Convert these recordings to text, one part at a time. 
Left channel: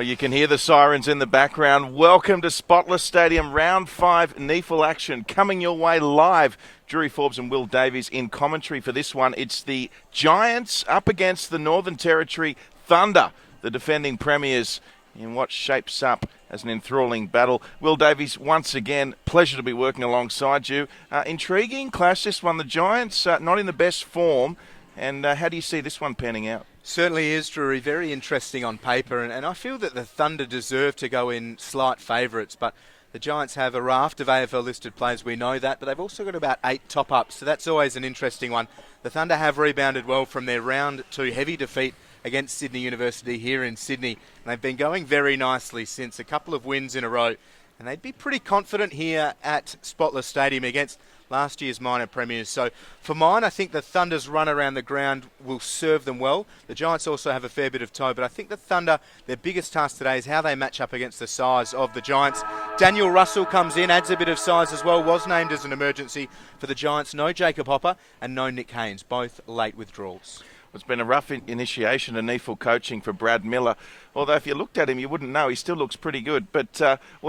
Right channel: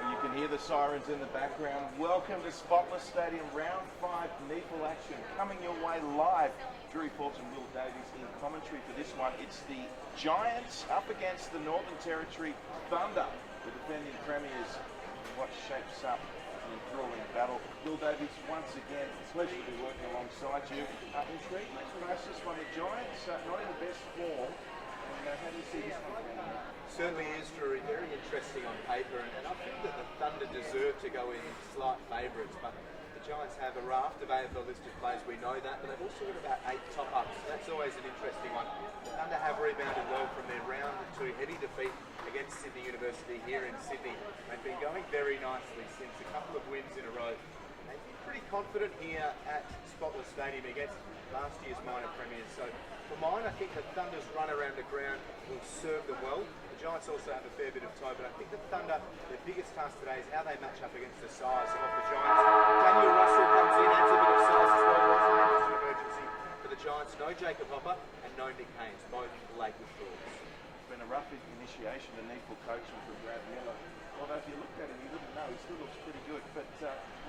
Well, you can hear the sirens in the background. Welcome to Spotless Stadium, round 5 NEAFL action coming your way live. Drury Forbes and Will Davies in commentary for this one. It's the Giants up against the Northern Territory Thunder, the defending premiers, in what shapes up as an enthralling battle. Will Davies, once again, pleasure to be working alongside you. Intriguing clash, this one. The Giants not in the best form. And how do you see this one panning out? Certainly is, Drury. Very interesting on paper, and I feel that the Thunder deserve to go in slight favourites, but the Giants have a raft of AFL listed players, we know that, but they've also got about 8 top-ups, so that's always an interesting one. The Thunder have rebounded well from their round 2 heavy defeat against Sydney University here in Sydney, and they've been going very nicely since a couple of wins in a row, and they'd be pretty confident here at Spotless Stadium against last year's minor premiers. So for mine, I think the Thunder's run around the ground will serve them well. The Giants also have a fair bit of toe, but I think the Thunder, their biggest task today is how they match up against the size of the Giants. Daniel Russell comes in, adds a bit of size as well, was named as an emergency for the Giants. No Jacob Hopper and no Nick Haynes, both late withdrawals. It's been a rough initiation to NEAFL coaching for Brad Miller. Although if you looked at him, you wouldn't know. He still looks pretty good. But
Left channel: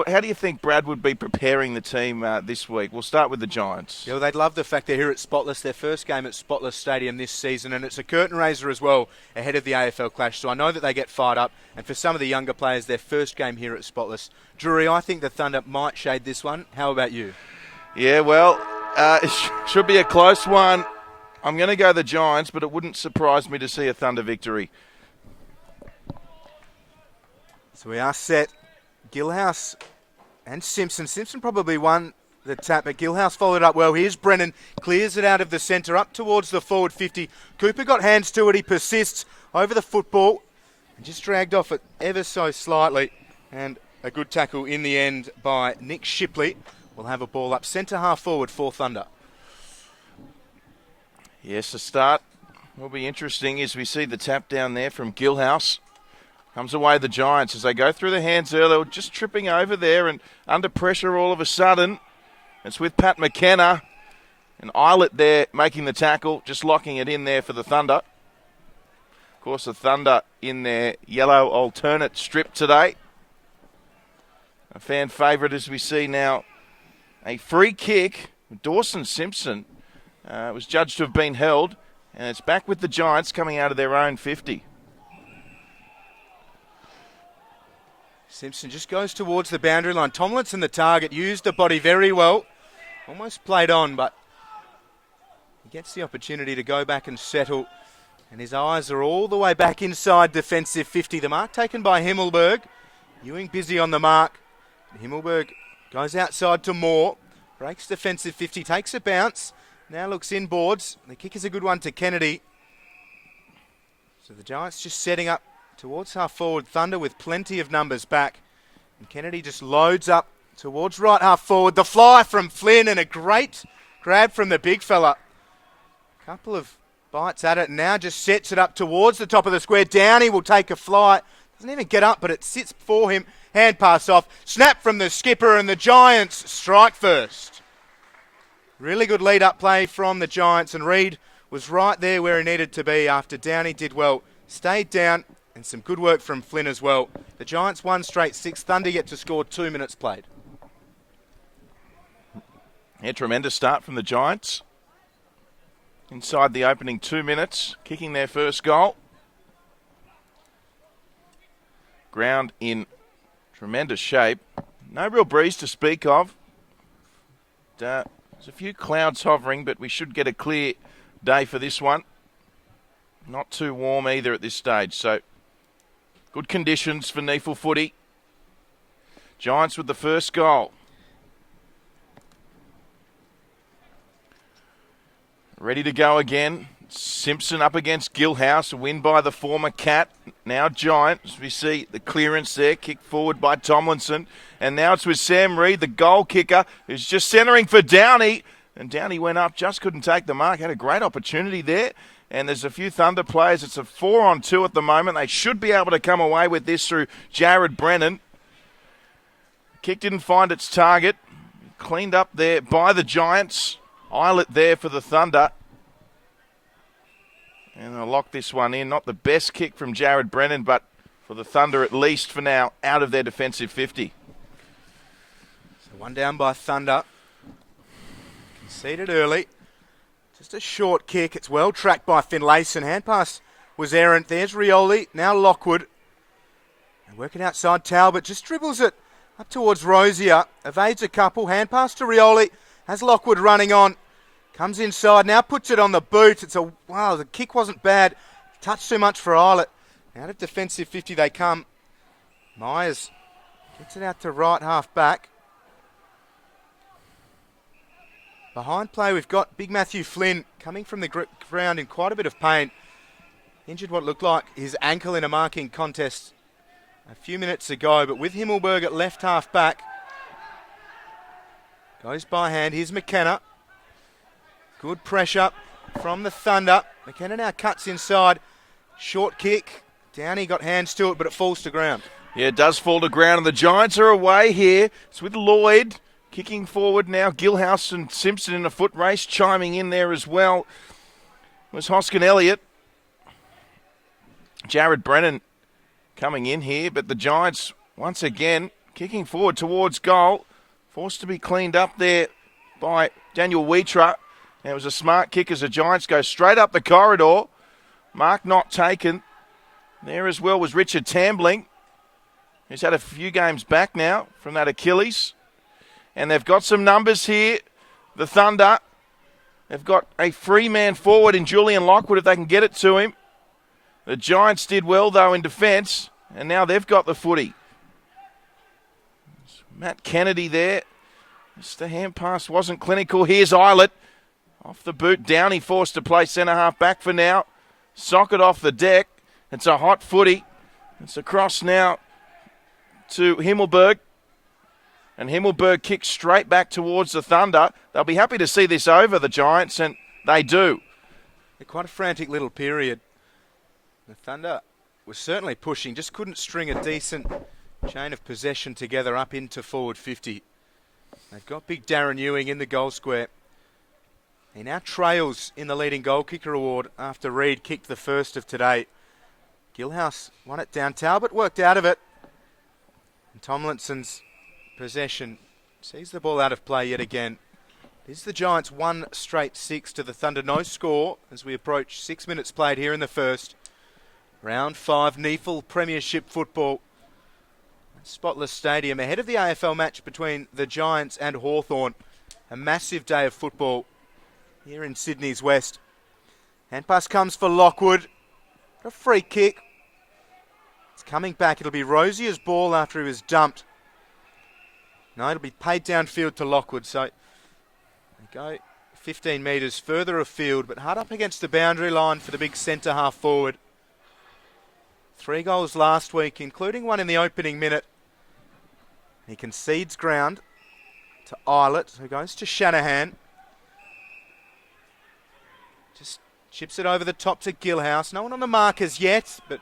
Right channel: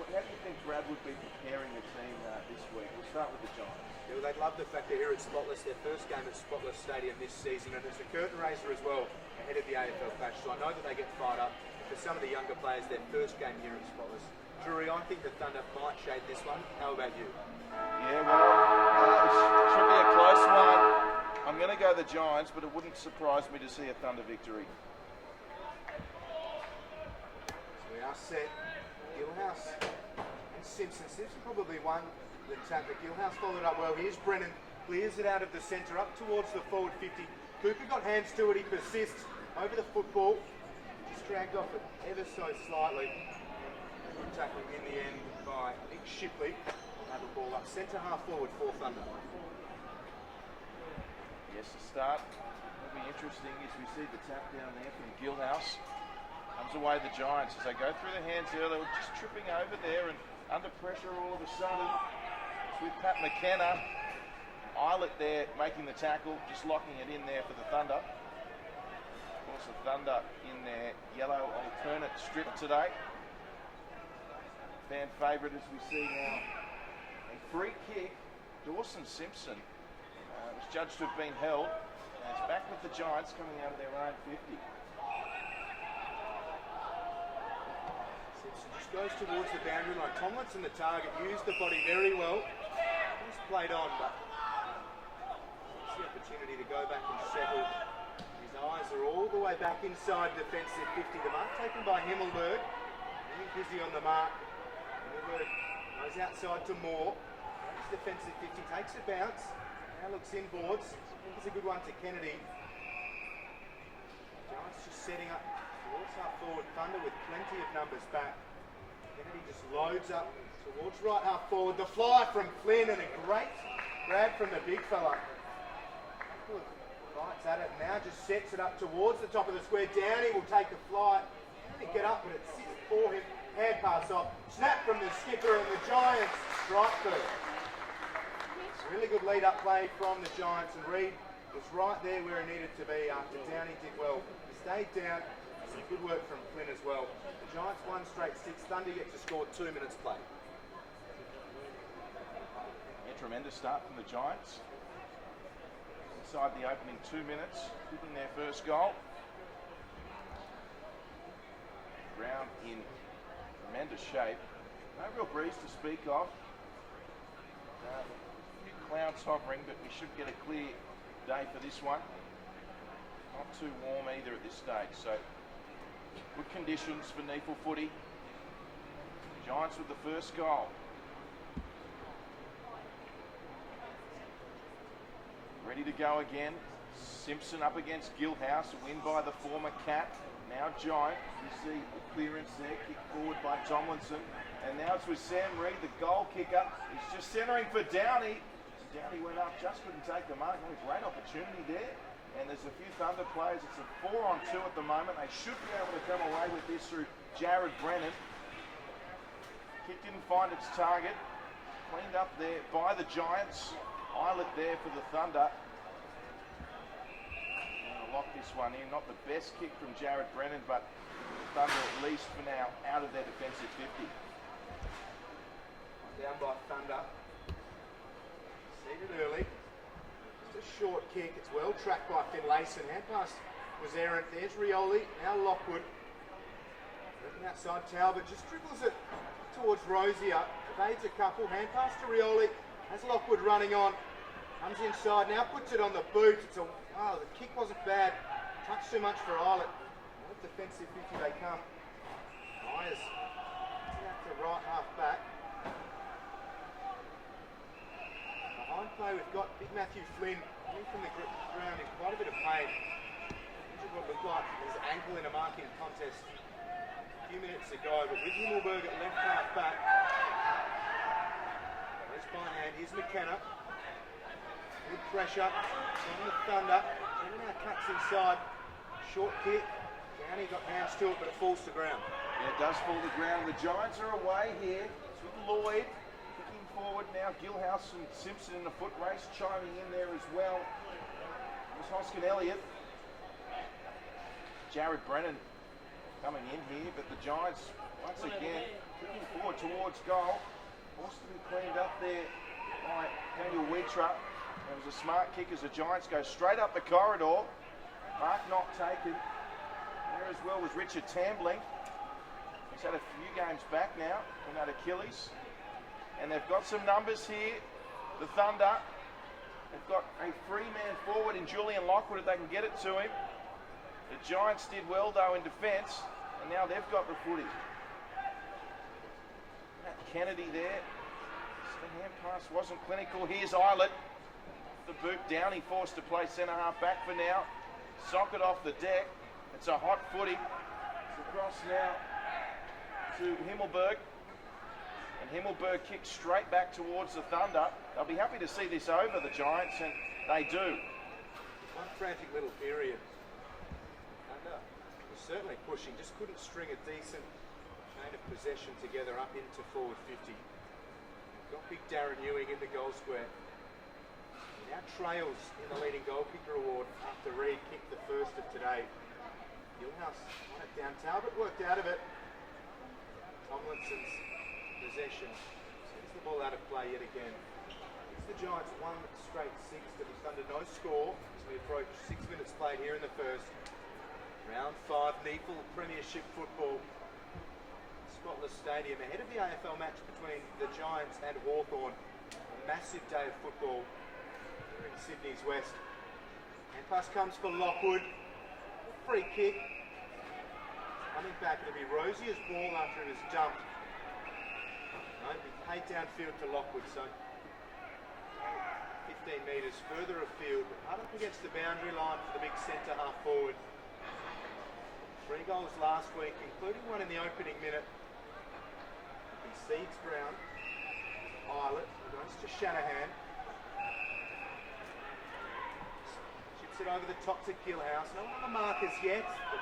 how do you think Brad would be preparing the team this week? We'll start with the Giants. Yeah, well, they'd love the fact they're here at Spotless, their first game at Spotless Stadium this season, and it's a curtain raiser as well ahead of the AFL clash. So I know that they get fired up, and for some of the younger players, their first game here at Spotless. Drury, I think the Thunder might shade this one. How about you? Yeah, well, it should be a close one. I'm going to go the Giants, but it wouldn't surprise me to see a Thunder victory. So we are set. Gilhouse and Simpson. Simpson probably won the tap, but Gilhouse followed up well. Here's Brennan, clears it out of the centre, up towards the forward 50. Cooper got hands to it. He persists over the football. Just dragged off it ever so slightly. And a good tackle in the end by Nick Shipley. We'll have a ball up centre half forward for Thunder. Yes, the start will be interesting as we see the tap down there from Gilhouse. Comes away the Giants as they go through the hands earlier, just tripping over there and under pressure all of a sudden. It's with Pat McKenna and Eilert there making the tackle, just locking it in there for the Thunder. Of course, the Thunder in their yellow alternate strip today. A fan favourite as we see now. A free kick. Dawson Simpson was judged to have been held, and it's back with the Giants coming out of their own 50. Simpson just goes towards the boundary line. Tomlinson, the target, used the body very well. Almost played on, but he gets the opportunity to go back and settle. And his eyes are all the way back inside defensive 50. The mark taken by Himmelberg. Ewing busy on the mark. Himmelberg goes outside to Moore. Breaks defensive 50, takes a bounce. Now looks inboards. The kick is a good one to Kennedy. So the Giants just setting up towards half forward. Thunder with plenty of numbers back. And Kennedy just loads up towards right half forward. The fly from Flynn and a great grab from the big fella. Couple of bites at it and now just sets it up towards the top of the square. Downey will take a fly. Doesn't even get up, but it sits for him. Hand pass off. Snap from the skipper and the Giants strike first. Really good lead-up play from the Giants, and Reid was right there where he needed to be after Downey did well. Stayed down, and some good work from Flynn as well. The Giants won straight 6. Thunder yet to score 2 minutes played. Yeah, tremendous start from the Giants. Inside the opening 2 minutes, kicking their first goal. Ground in tremendous shape. No real breeze to speak of. There's a few clouds hovering, but we should get a clear day for this one. Not too warm either at this stage, so good conditions for NEAFL footy. Giants with the first goal. Ready to go again. Simpson up against Gilhouse, a win by the former Cat, now Giant. As we see the clearance there, kicked forward by Tomlinson. And now it's with Sam Reid, the goal kicker, who's just centering for Downey. And Downey went up, just couldn't take the mark. Had a great opportunity there. And there's a few Thunder players. It's a 4-on-2 at the moment. They should be able to come away with this through Jared Brennan. Kick didn't find its target. Cleaned up there by the Giants. Eilert there for the Thunder. And I'll lock this one in. Not the best kick from Jared Brennan, but for the Thunder, at least for now, out of their defensive 50. So one down by Thunder. Conceded early. Just a short kick. It's well tracked by Finlayson. Hand pass was errant. There's Rioli. Now Lockwood. And working outside, Talbot just dribbles it up towards Rosier. Evades a couple. Hand pass to Rioli. Has Lockwood running on. Comes inside. Now puts it on the boot. Wow, the kick wasn't bad. Touched too much for Eilert. Out of defensive 50 they come. Myers gets it out to right half back. Behind play, we've got big Matthew Flynn coming from the ground in quite a bit of pain. Injured what looked like his ankle in a marking contest a few minutes ago, but with Himmelberg at left half back. Goes by hand. Here's McKenna. Good pressure from the Thunder. McKenna now cuts inside. Short kick. Downey got hands to it, but it falls to ground. Yeah, it does fall to ground, and the Giants are away here. It's with Lloyd kicking forward now. Gilhouse and Simpson in a foot race, chiming in there as well. It was Hoskin Elliott. Jared Brennan coming in here, but the Giants once again kicking forward towards goal. Forced to be cleaned up there by Daniel Wheatra. It was a smart kick as the Giants go straight up the corridor. Mark not taken. There as well was Richard Tambling. He's had a few games back now from that Achilles. And they've got some numbers here. The Thunder. They've got a free man forward in Julian Lockwood if they can get it to him. The Giants did well though in defence. And now they've got the footy. Matt Kennedy there. Just the hand pass wasn't clinical. Here's Eilert. Off the boot. Downey forced to play centre half back for now. Socket off the deck. It's a hot footy. It's across now to Himmelberg. And Himmelberg kicks straight back towards the Thunder. They'll be happy to see this over, the Giants, and they do. Quite a frantic little period. The Thunder was certainly pushing, just couldn't string a decent chain of possession together up into forward 50. They've got big Darren Ewing in the goal square. He now trails in the leading goal kicker award after Reid kicked the first of today. Gilhouse won it down. Talbot worked out of it. And Tomlinson's possession sees the ball out of play yet again. This is the Giants' 1 straight 6 to the Thunder. No score as we approach 6 minutes played here in the first. Round 5 NEAFL Premiership football. Spotless Stadium ahead of the AFL match between the Giants and Hawthorn. A massive day of football here in Sydney's West. Hand pass comes for Lockwood. A free kick. It's coming back. It'll be Rosier's ball after he was dumped. No, it'll be paid downfield to Lockwood. So go 15 metres further afield, but hard up against the boundary line for the big centre half forward. 3 goals last week, including one in the opening minute. He concedes ground to Eilert, who goes to Shanahan. Just chips it over the top to Gilhouse. No one on the mark as yet, but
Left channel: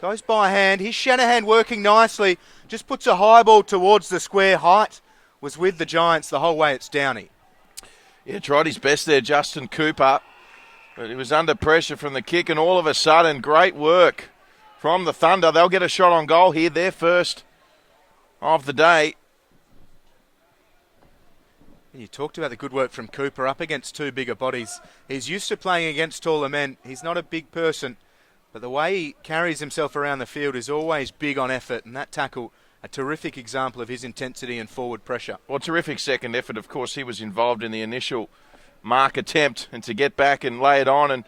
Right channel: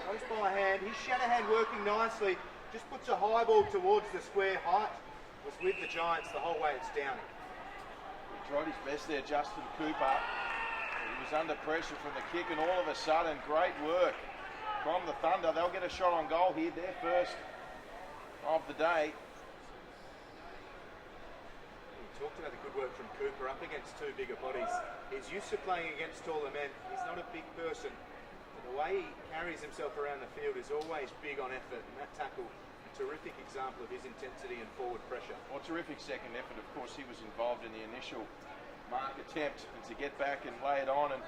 goes by hand. Here's Shanahan working nicely. Just puts a high ball towards the square. Height was with the Giants the whole way. It's Downey. Yeah, tried his best there, Justin Cooper. But he was under pressure from the kick, and all of a sudden, great work from the Thunder. They'll get a shot on goal here, their first of the day. You talked about the good work from Cooper up against 2 bigger bodies. He's used to playing against taller men. He's not a big person, but the way he carries himself around the field is always big on effort, and that tackle, a terrific example of his intensity and forward pressure. Well, terrific second effort. Of course, he was involved in the initial mark attempt, and to get back and lay it on, and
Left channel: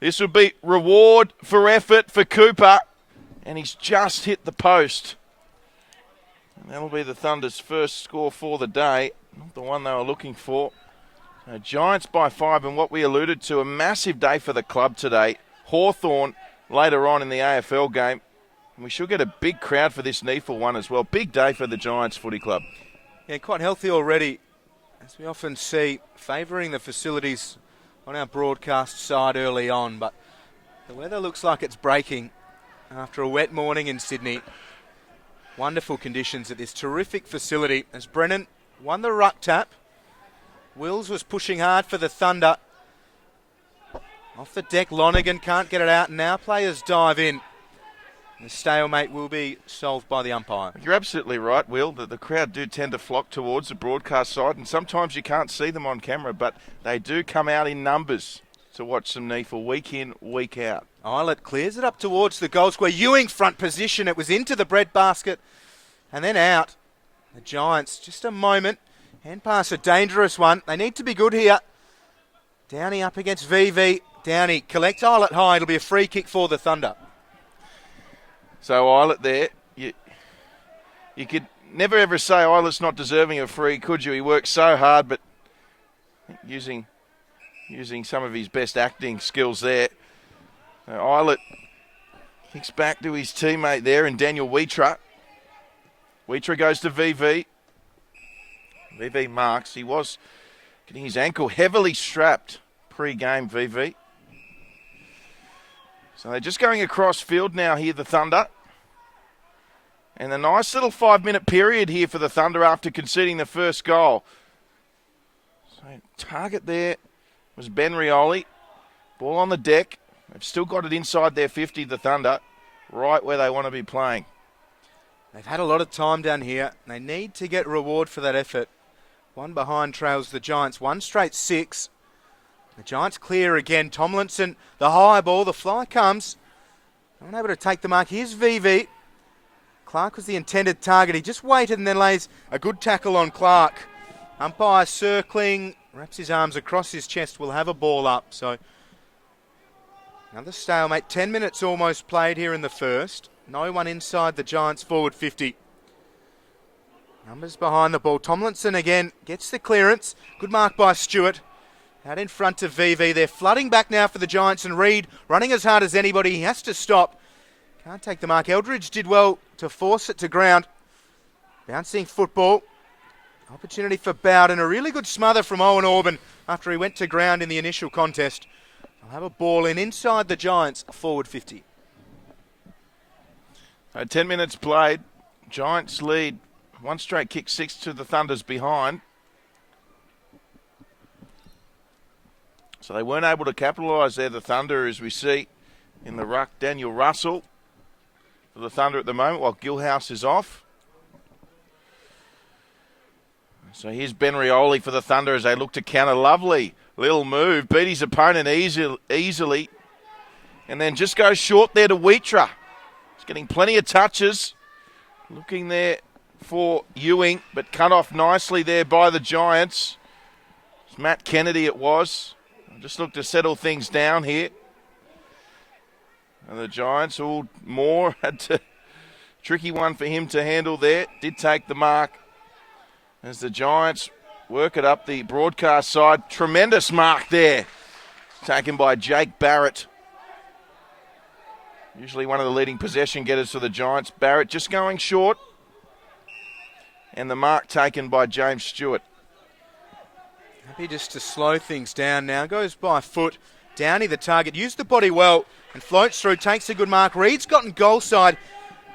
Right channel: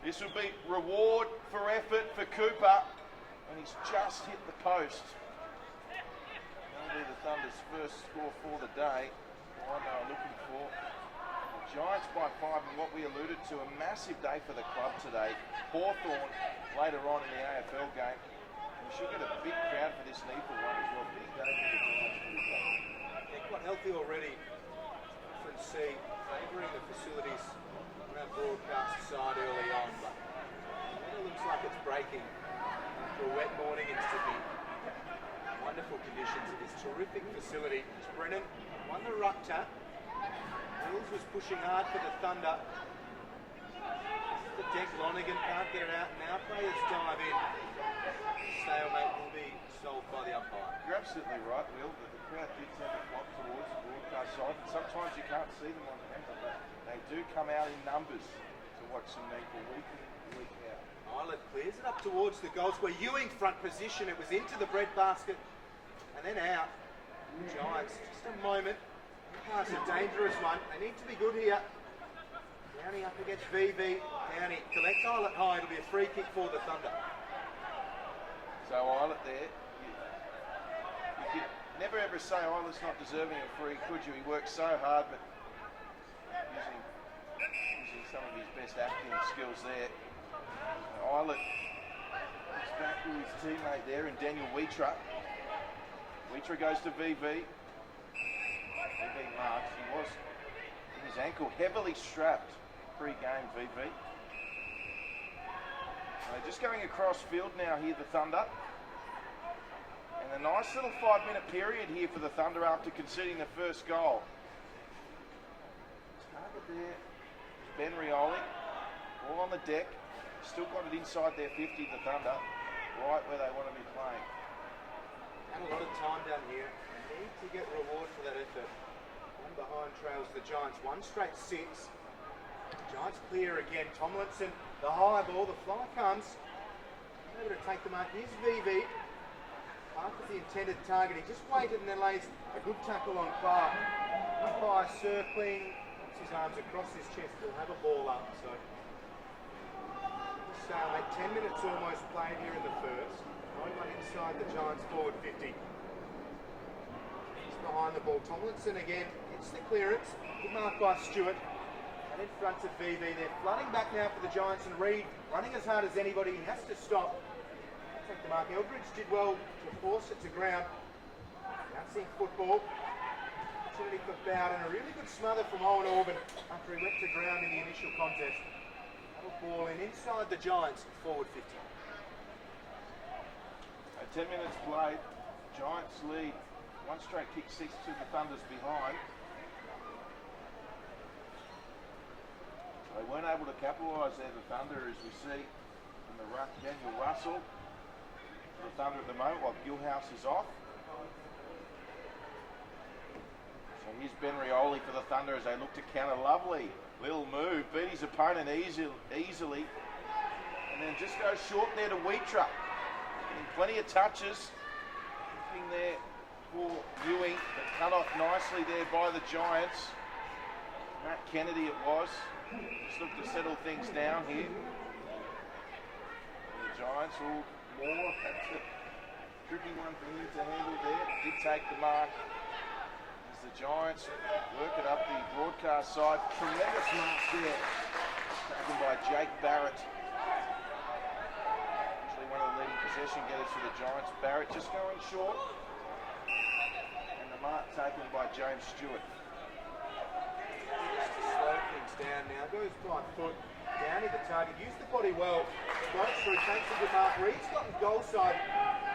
this will be reward for effort for Cooper, and he's just hit the post. And that'll be the Thunder's first score for the day, not the one they were looking for. Giants by 5, and what we alluded to, a massive day for the club today. Hawthorn later on in the AFL game. We should get a big crowd for this NEAFL one as well. Big day for the Giants Footy Club. Yeah, quite healthy already, as we often see, favouring the facilities on our broadcast side early on, but the weather looks like it's breaking after a wet morning in Sydney. Wonderful conditions at this terrific facility as Brennan won the ruck tap. Wills was pushing hard for the Thunder. Off the deck, Lonergan can't get it out, and now players dive in. The stalemate will be solved by the umpire. You're absolutely right, Will, that the crowd do tend to flock towards the broadcast side, and sometimes you can't see them on camera, but they do come out in numbers to watch some NEAFL week in, week out. Eilert clears it up towards the goal square. Ewing front position. It was into the breadbasket and then out. The Giants, just a moment. Hand pass, a dangerous one. They need to be good here. Downey up against VV. Downey collects Eilert high. It'll be a free kick for the Thunder. So Eilert there, you could never ever say Eilert's not deserving of free, could you? He works so hard, but using some of his best acting skills there. Eilert kicks back to his teammate there in Daniel Wheatra. Wheatra goes to VV. VV marks. He was getting his ankle heavily strapped pre-game, VV. So they're just going across field now here, the Thunder. And a nice little 5-minute period here for the Thunder after conceding the first goal. So target there was Ben Rioli. Ball on the deck. They've still got it inside their 50, the Thunder, right where they want to be playing. They've had a lot of time down here. They need to get reward for that effort. One behind trails the Giants. One straight 6. The Giants clear again. Tomlinson, the high ball. The fly comes. Unable to take the mark. Here's VV. Clark was the intended target. He just waited and then lays a good tackle on Clark. Umpire circling. Wraps his arms across his chest. Will have a ball up. So another stalemate. 10 minutes almost played here in the first. No one inside the Giants forward 50. Numbers behind the ball. Tomlinson again gets the clearance. Good mark by Stewart. Out in front of VV. They're flooding back now for the Giants, and Reid running as hard as anybody. He has to stop. Can't take the mark. Eldridge did well to force it to ground. Bouncing football. Opportunity for Bowden. A really good smother from Owen Orban after he went to ground in the initial contest. They'll have a ball in inside the Giants forward 50. 10 minutes played. Giants lead. One straight kick, 6 to the Thunder's behind. So they weren't able to capitalise there, the Thunder, as we see in the ruck. Daniel Russell for the Thunder at the moment, while Gilhouse is off. So here's Ben Rioli for the Thunder as they look to counter. Lovely little move. Beat his opponent easily. And then just goes short there to Wheatra. He's getting plenty of touches. Looking there for Ewing, but cut off nicely there by the Giants. It's Matt Kennedy it was. Just look to settle things down here. And the Giants, all more had to, tricky one for him to handle there. Did take the mark as the Giants work it up the broadcast side. Tremendous mark there, taken by Jake Barrett. Usually one of the leading possession getters for the Giants. Barrett just going short. And the mark taken by James Stewart. Maybe just to slow things down now. Goes by foot. Downey, the target, used the body well and floats through, takes a good mark. Reid's gotten goal side.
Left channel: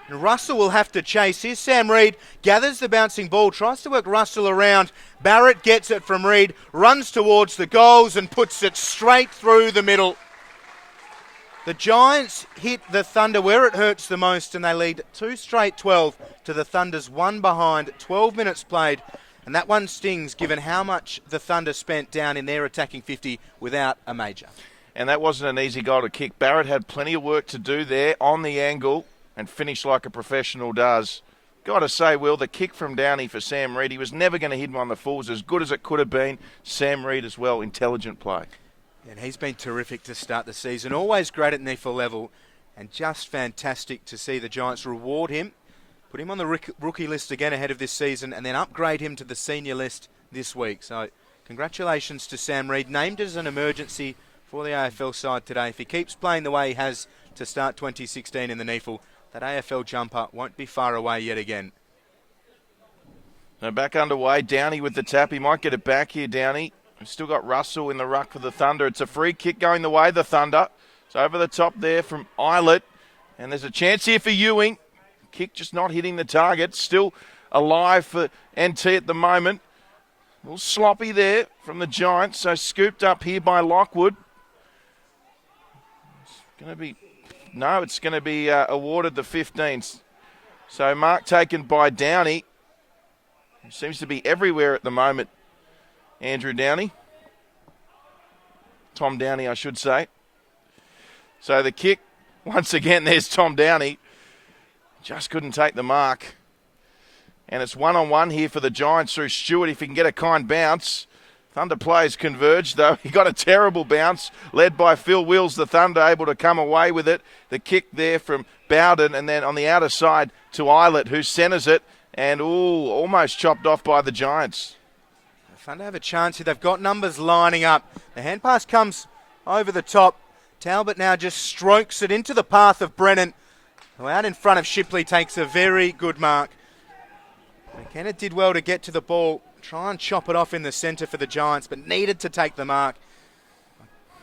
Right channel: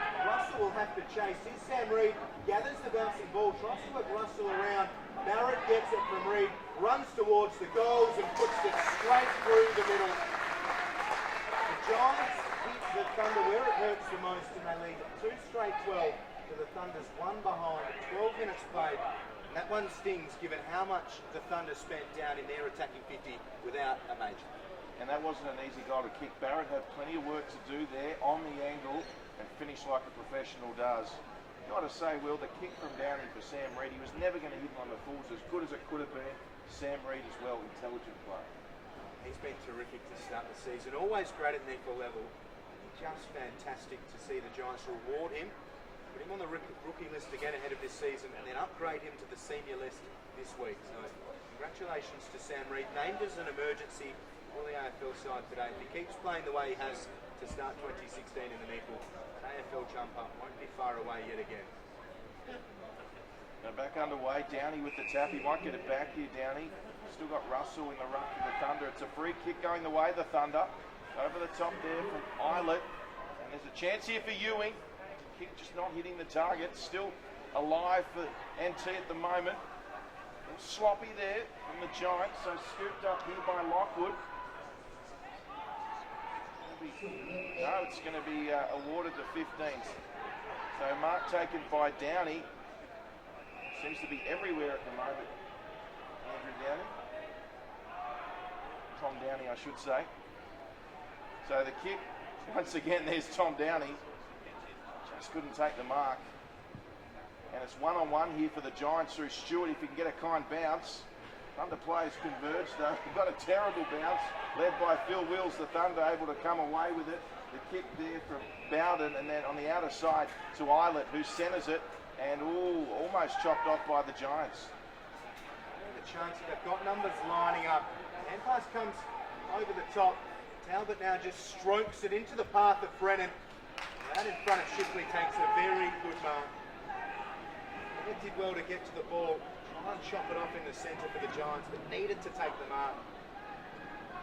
And Russell will have to chase. Here's Sam Reid. Gathers the bouncing ball. Tries to work Russell around. Barrett gets it from Reid. Runs towards the goals and puts it straight through the middle. The Giants hit the Thunder where it hurts the most, and they lead 2 straight 12 to the Thunder's 1 behind. 12 minutes played, and that one stings given how much the Thunder spent down in their attacking 50 without a major. And that wasn't an easy goal to kick. Barrett had plenty of work to do there on the angle and finish like a professional does. Got to say, Will, the kick from Downey for Sam Reid, he was never going to hit him on the full. It was as good as it could have been. Sam Reid as well, intelligent play. And he's been terrific to start the season. Always great at NEAFL level, and just fantastic to see the Giants reward him. Put him on the rookie list again ahead of this season, and then upgrade him to the senior list this week. So congratulations to Sam Reid, named as an emergency for the AFL side today. If he keeps playing the way he has to start 2016 in the NEAFL, that AFL jumper won't be far away yet again. Now back underway. Downey with the tap. He might get it back here, Downey. We've still got Russell in the ruck for the Thunder. It's a free kick going the way of the Thunder. It's over the top there from Eilert. And there's a chance here for Ewing. Kick just not hitting the target. Still alive for NT at the moment. A little sloppy there from the Giants. So scooped up here by Lockwood. It's going to No, it's going to be awarded the 15th. So mark taken by Downey. Seems to be everywhere at the moment, Andrew Downey. Tom Downey, I should say. So the kick, once again, there's Tom Downey. Just couldn't take the mark. And it's one-on-one here for the Giants through Stewart if he can get a kind bounce. Thunder players converged, though. He got a terrible bounce, led by Phil Wills, the Thunder, able to come away with it. The kick there from Bowden, and then on the outer side to Eilert, who centres it, and almost chopped off by the Giants. Thunder have a chance here. They've got numbers lining up. The hand pass comes over the top. Talbot now just strokes it into the path of Brennan, who out in front of Shipley takes a very good mark. Kennett did well to get to the ball, try and chop it off in the centre for the Giants, but needed to take the mark.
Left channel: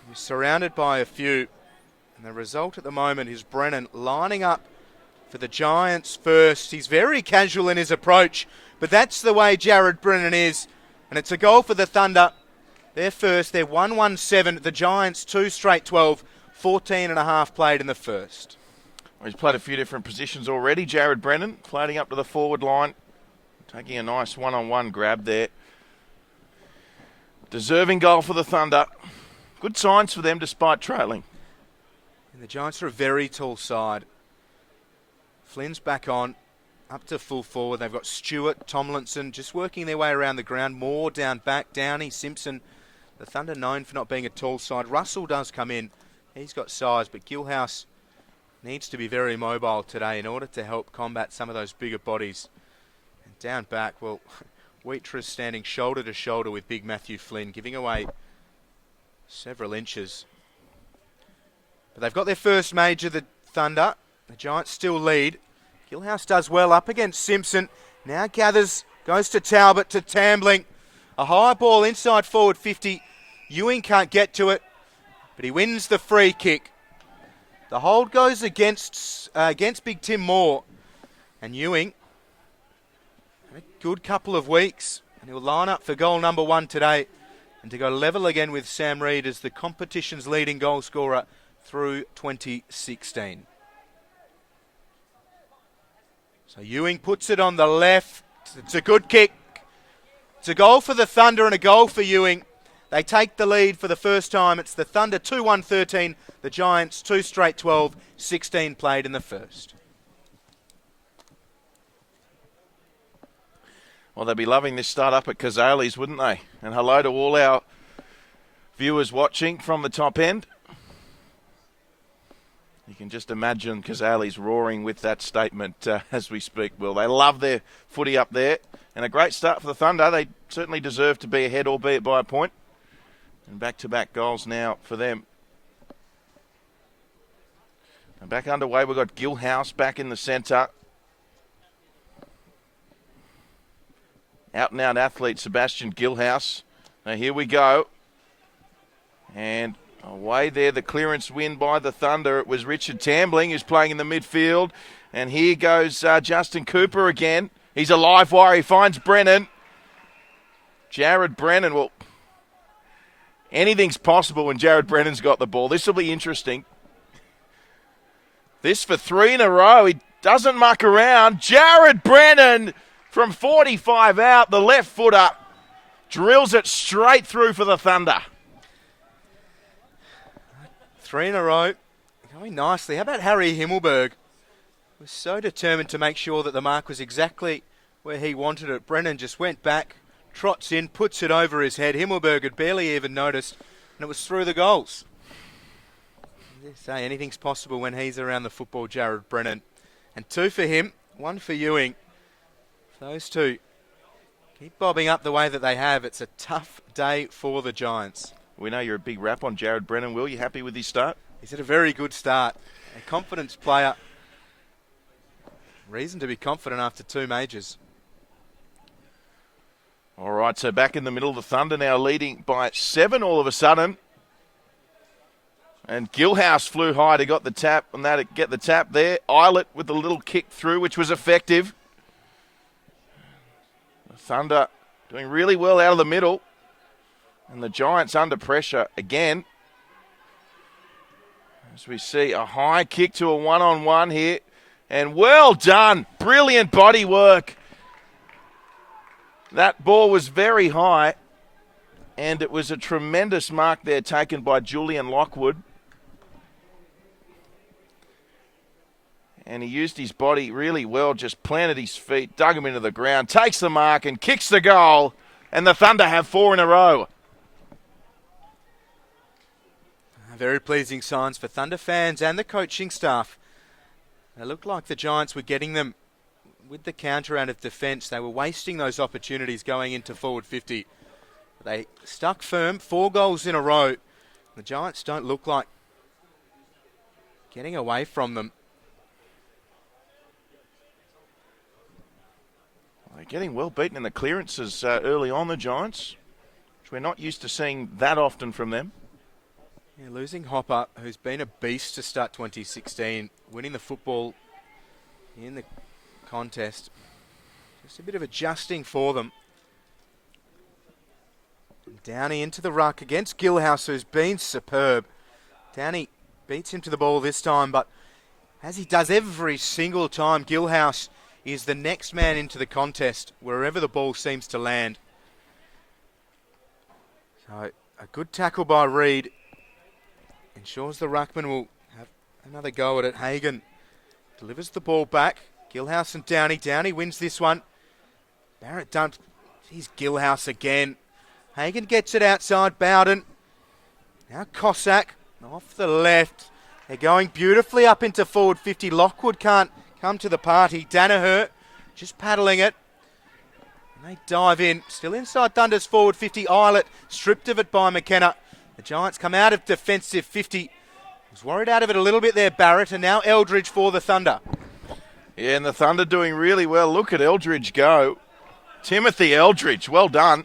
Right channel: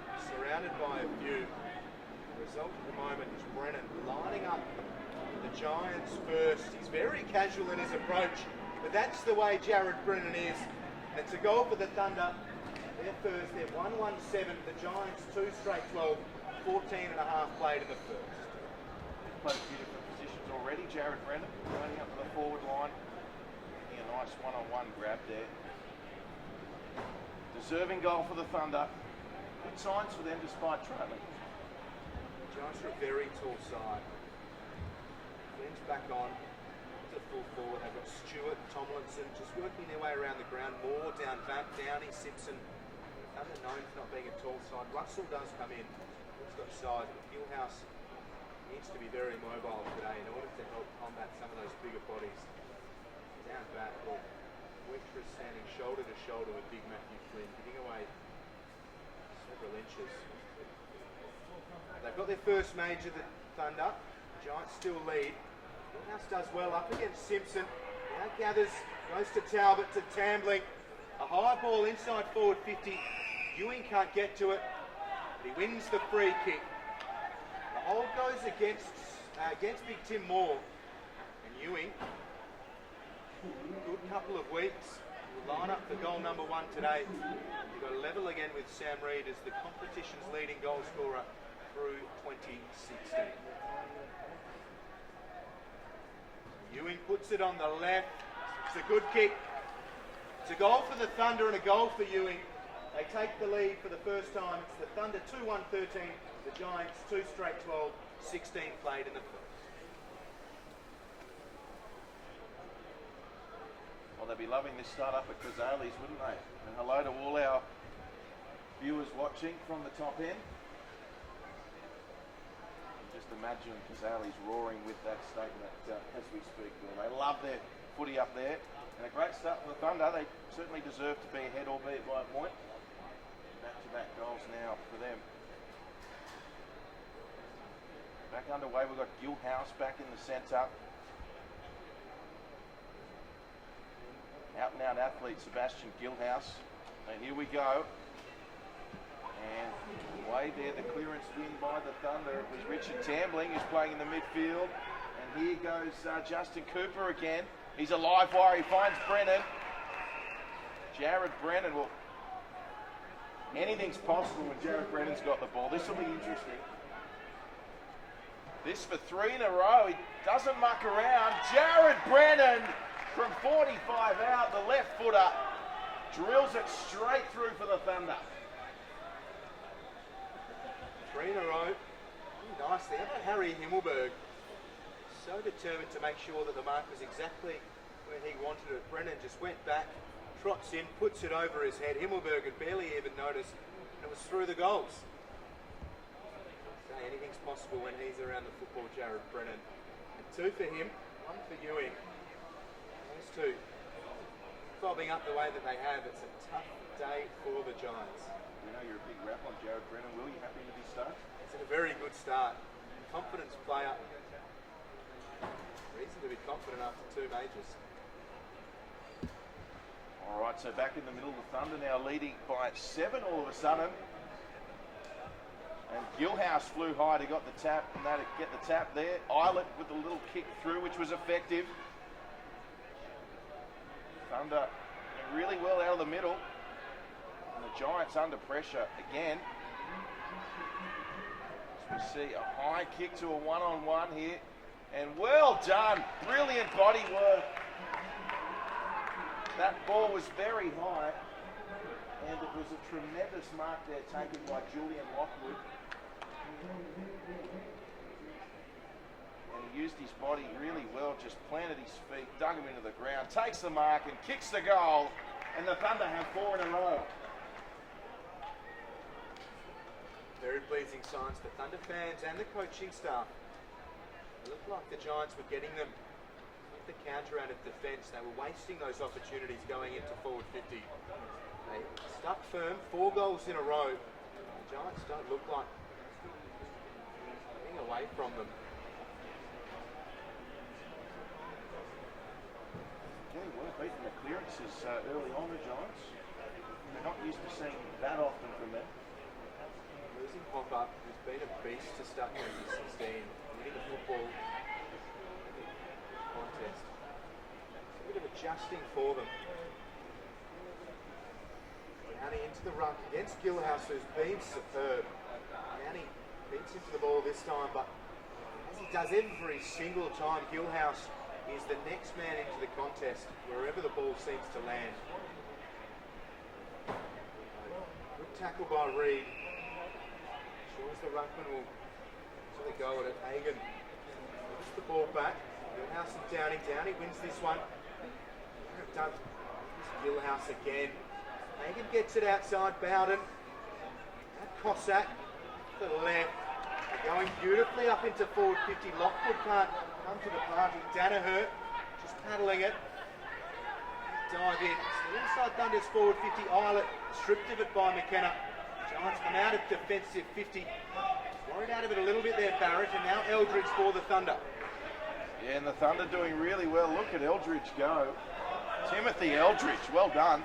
He was surrounded by a few. And the result at the moment is Brennan lining up for the Giants first. He's very casual in his approach, but that's the way Jared Brennan is. And it's a goal for the Thunder. They're first. They're 1-1-7. The Giants 2 straight 12. 14 and a half played in the first. He's played a few different positions already, Jared Brennan, floating up to the forward line. Taking a nice one-on-one grab there. Deserving goal for the Thunder. Good signs for them despite trailing. The Giants are a very tall side. Flynn's back on, up to full forward. They've got Stewart, Tomlinson just working their way around the ground. Moore down back, Downey, Simpson. The Thunder known for not being a tall side. Russell does come in. He's got size, but Gilhouse needs to be very mobile today in order to help combat some of those bigger bodies. Down back, well, Wheatress standing shoulder to shoulder with big Matthew Flynn, giving away several inches. But they've got their first major, the Thunder. The Giants still lead. Gilhouse does well up against Simpson. Now gathers, goes to Talbot, to Tambling. A high ball inside forward 50. Ewing can't get to it, but he wins the free kick. The hold goes against Big Tim Moore. And Ewing, good couple of weeks. He'll line up for goal number 1 today and to go level again with Sam Reid as the competition's leading goal scorer through 2016. So Ewing puts it on the left. It's a good kick. It's a goal for the Thunder and a goal for Ewing. They take the lead for the first time. It's the Thunder 2-1-13. The Giants 2 straight 12. 16 played in the first. Well, they'd be loving this start up at Kazali's, wouldn't they? And hello to all our viewers watching from the top end. You can just imagine Kazali's roaring with that statement as we speak, Will. They love their footy up there. And a great start for the Thunder. They certainly deserve to be ahead, albeit by a point. And back-to-back goals now for them. And back underway, we've got Gilhouse back in the centre. Out-and-out athlete Sebastian Gilhouse. Now here we go. And away there, the clearance win by the Thunder. It was Richard Tambling who's playing in the midfield. And here goes Justin Cooper again. He's a live wire. He finds Brennan. Jared Brennan. Well, anything's possible when Jared Brennan's got the ball. This will be interesting. This for 3 in a row. He doesn't muck around. Jared Brennan from 45 out, the left footer, drills it straight through for the Thunder. 3 in a row, going nicely. How about Harry Himmelberg? He's so determined to make sure that the mark was exactly where he wanted it. Brennan just went back, trots in, puts it over his head. Himmelberg had barely even noticed, and it was through the goals. I did say anything's possible when he's around the football, Jared Brennan. And 2 for him, 1 for Ewing. Those two keep bobbing up the way that they have. It's a tough day for the Giants. We know you're a big rap on Jared Brennan, Will. You happy with his start? He's had a very good start. A confidence player. Reason to be confident after 2 majors. All right, so back in the middle, the Thunder now leading by 7 all of a sudden. And Gilhouse flew high to get the tap there. Eilert with the little kick through, which was effective. Thunder doing really well out of the middle. And the Giants under pressure again. As we see a high kick to a one-on-one here. And well done. Brilliant body work. That ball was very high. And it was a tremendous mark there taken by Julian Lockwood. And he used his body really well, just planted his feet, dug him into the ground, takes the mark and kicks the goal. And the Thunder have 4 in a row. Very pleasing signs for Thunder fans and the coaching staff. It looked like the Giants were getting them with the counter out of defence. They were wasting those opportunities going into forward 50. They stuck firm, 4 goals in a row. The Giants don't look like getting away from them. Getting well beaten in the clearances early on, the Giants. We're not used to seeing that often from them. Yeah, losing Hopper, who's been a beast to start 2016, winning the football in the contest. It's a bit of adjusting for them. Downey into the ruck against Gillhouse, who's been superb. Downey beats him to the ball this time, but as he does every single time, Gillhouse is the next man into the contest wherever the ball seems to land. So a good tackle by Reed. Ensures the ruckman will have another go at it. Hagan delivers the ball back. Gillhouse and Downey. Downey wins this one. Barrett dumps. He's Gillhouse again. Hagan gets it outside Bowden. Now Cossack off the left. They're going beautifully up into forward 50. Lockwood can't come to the party. Danaher just paddling it. They dive in. Still inside Thunder's forward 50. Eilert stripped of it by McKenna. The Giants come out of defensive 50. Was worried out of it a little bit there, Barrett. And now Eldridge for the Thunder. Yeah, and the Thunder doing really well. Look at Eldridge go. Timothy Eldridge, well done.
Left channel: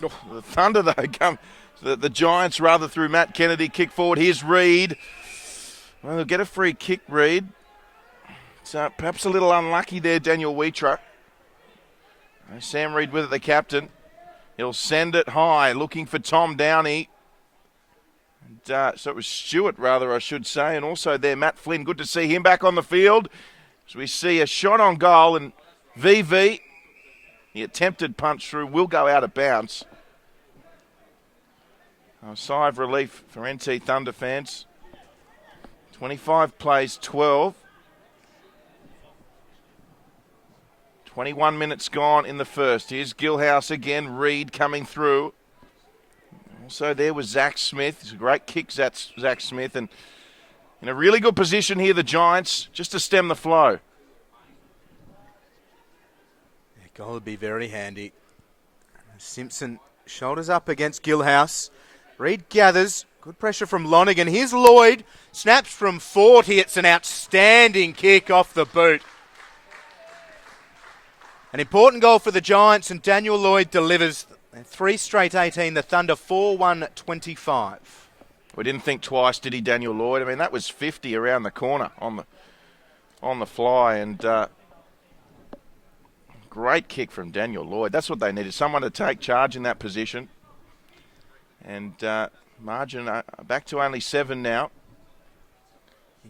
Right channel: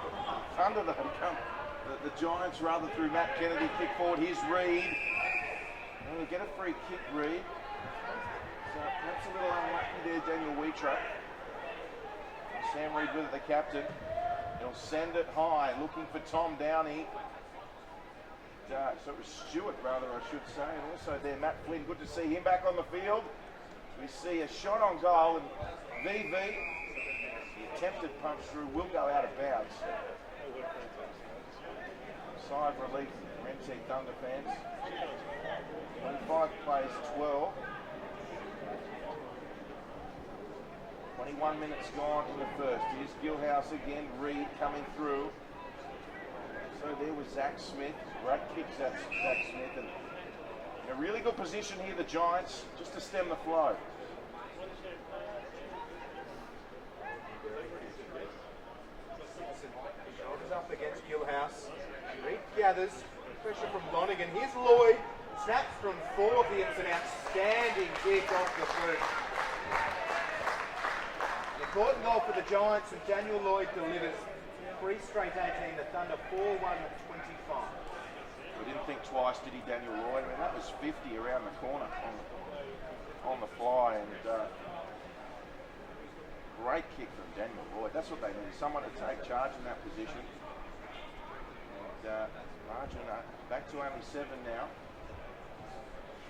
The Thunder, though, come. The Giants, rather, through Matt Kennedy, kick forward. Here's Reed. Well, they'll get a free kick, Reed. So perhaps a little unlucky there, Daniel Wheatra. Sam Reed with it, the captain. He'll send it high, looking for Tom Downey. And, so it was Stewart, rather, I should say. And also there, Matt Flynn. Good to see him back on the field. So we see a shot on goal, and VV, the attempted punch through, will go out of bounds. A sigh of relief for NT Thunder fans. 25 plays 12. 21 minutes gone in the first. Here's Gillhouse again. Reed coming through. So there was Zach Smith. It's a great kick, Zach Smith. And in a really good position here, the Giants, just to stem the flow. Yeah, goal would be very handy. Simpson shoulders up against Gillhouse. Reed gathers. Good pressure from Lonigan. Here's Lloyd. Snaps from 40. It's an outstanding kick off the boot. An important goal for the Giants, and Daniel Lloyd delivers. And 3 straight 18, the Thunder 4-1-25. We didn't think twice, did he, Daniel Lloyd? I mean, that was 50 around the corner on the fly, and great kick from Daniel Lloyd. That's what they needed, someone to take charge in that position. And margin back to only 7 now.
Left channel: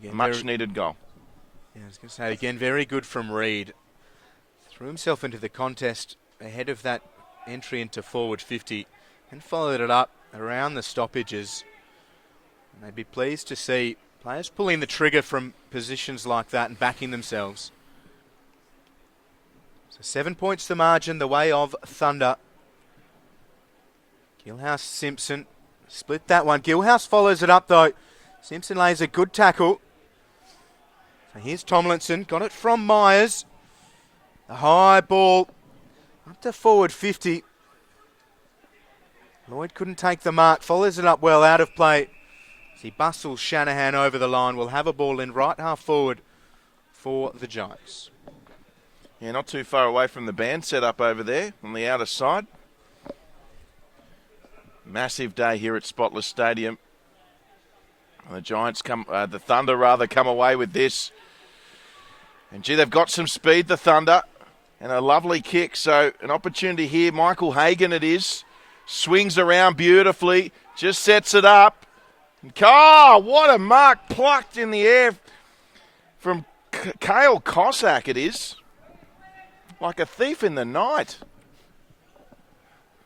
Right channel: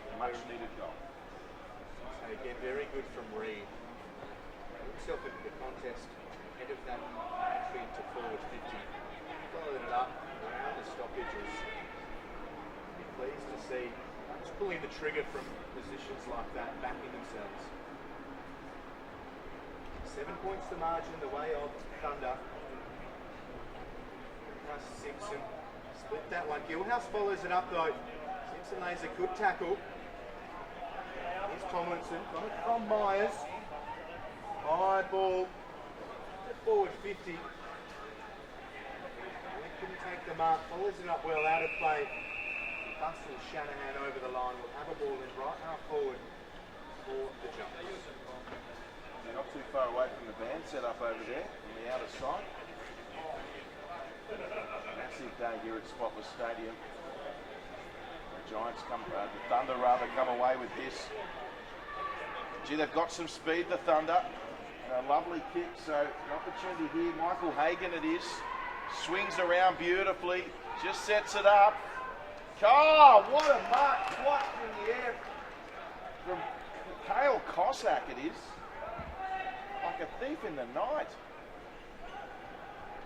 Again, much needed goal. Yeah, I was going to say again, very good from Reed. Threw himself into the contest ahead of that entry into forward 50 and followed it up around the stoppages. And they'd be pleased to see players pulling the trigger from positions like that and backing themselves. So 7 points the margin the way of Thunder. Gillhouse Simpson split that one. Gillhouse follows it up though. Simpson lays a good tackle. And here's Tomlinson, got it from Myers. A high ball up to forward 50. Lloyd couldn't take the mark, follows it up well out of play. As he bustles Shanahan over the line, will have a ball in right half forward for the Giants. Yeah, not too far away from the band set up over there on the outer side. Massive day here at Spotless Stadium. The Giants the Thunder rather, come away with this. And gee, they've got some speed, the Thunder, and a lovely kick. So an opportunity here. Michael Hagan it is. Swings around beautifully, just sets it up. Oh, what a mark plucked in the air from Kale Cossack it is. Like a thief in the night.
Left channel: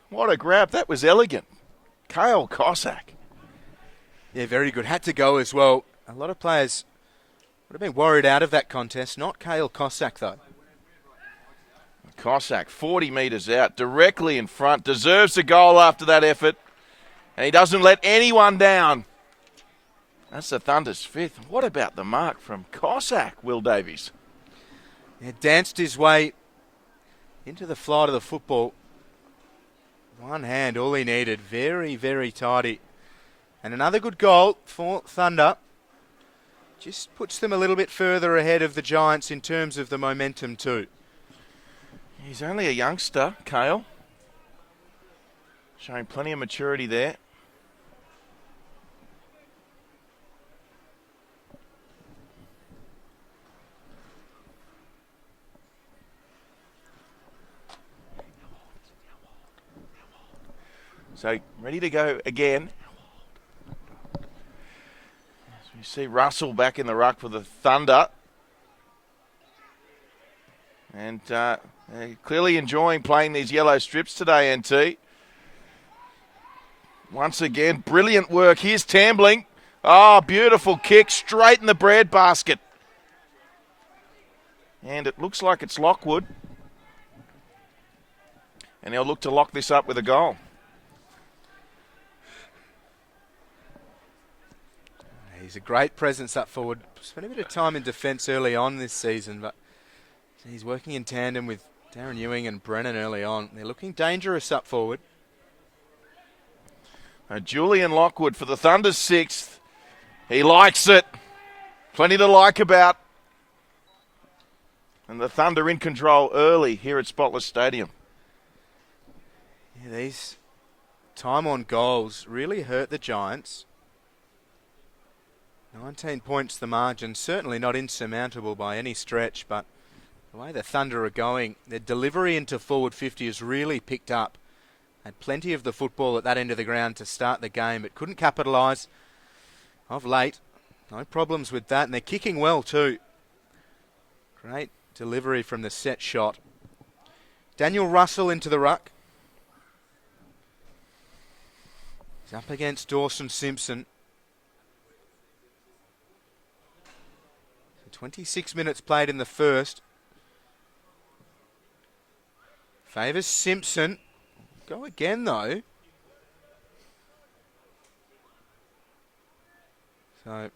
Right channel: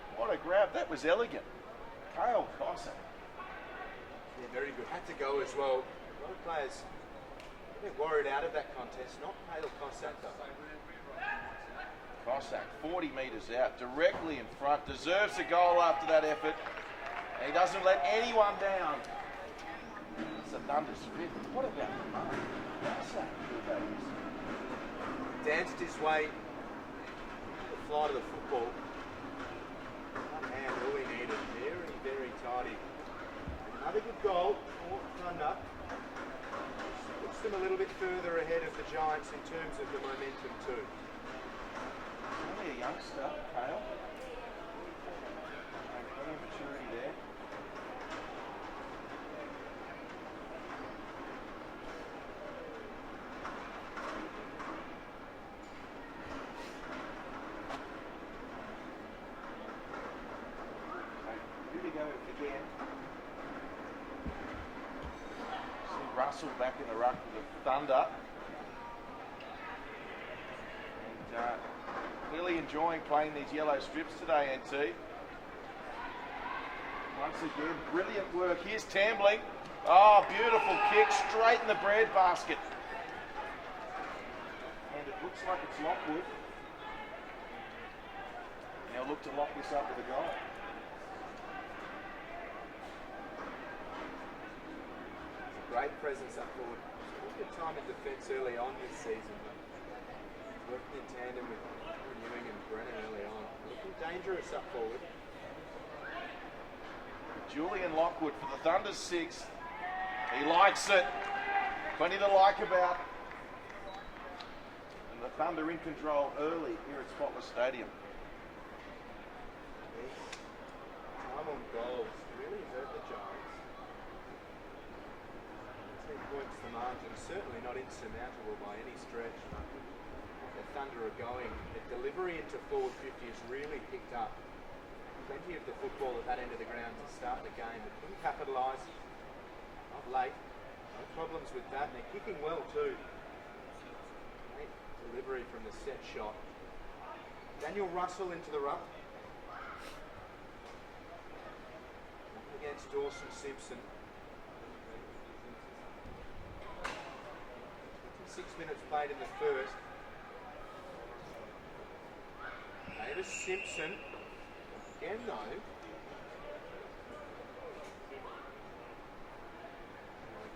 What a grab. That was elegant. Kale Cossack. Yeah, very good. Had to go as well. A lot of players would have been worried out of that contest. Not Kale Cossack, though. Cossack, 40 metres out, directly in front. Deserves a goal after that effort. And he doesn't let anyone down. That's the Thunder's fifth. What about the mark from Cossack, Will Davies? He danced his way into the flight of the football. One hand, all he needed. Very, very tidy. And another good goal for Thunder. Just puts them a little bit further ahead of the Giants in terms of the momentum too. He's only a youngster, Kale. Showing plenty of maturity there. So ready to go again. So we see Russell back in the ruck for the Thunder. And they're clearly enjoying playing these yellow strips today, NT. Once again, brilliant work. Here's Tambling. Oh, beautiful kick straight in the bread basket. And it looks like it's Lockwood. And he'll look to lock this up with a goal. He's a great presence up forward. Spent a bit of time in defence early on this season, but he's working in tandem with Darren Ewing and Brennan early on. They're looking dangerous up forward. Now Julian Lockwood for the Thunder's sixth. He likes it. Plenty to like about. And the Thunder in control early here at Spotless Stadium. Yeah, these time on goals really hurt the Giants. 19 points the margin, certainly not insurmountable by any stretch, but the way the Thunder are going, their delivery into forward 50 has really picked up. Had plenty of the football at that end of the ground to start the game, but couldn't capitalise of late. No problems with that, and they're kicking well too. Great delivery from the set shot. Daniel Russell into the ruck. He's up against Dawson Simpson. 26 minutes played in the first. Favours Simpson. Go again though. So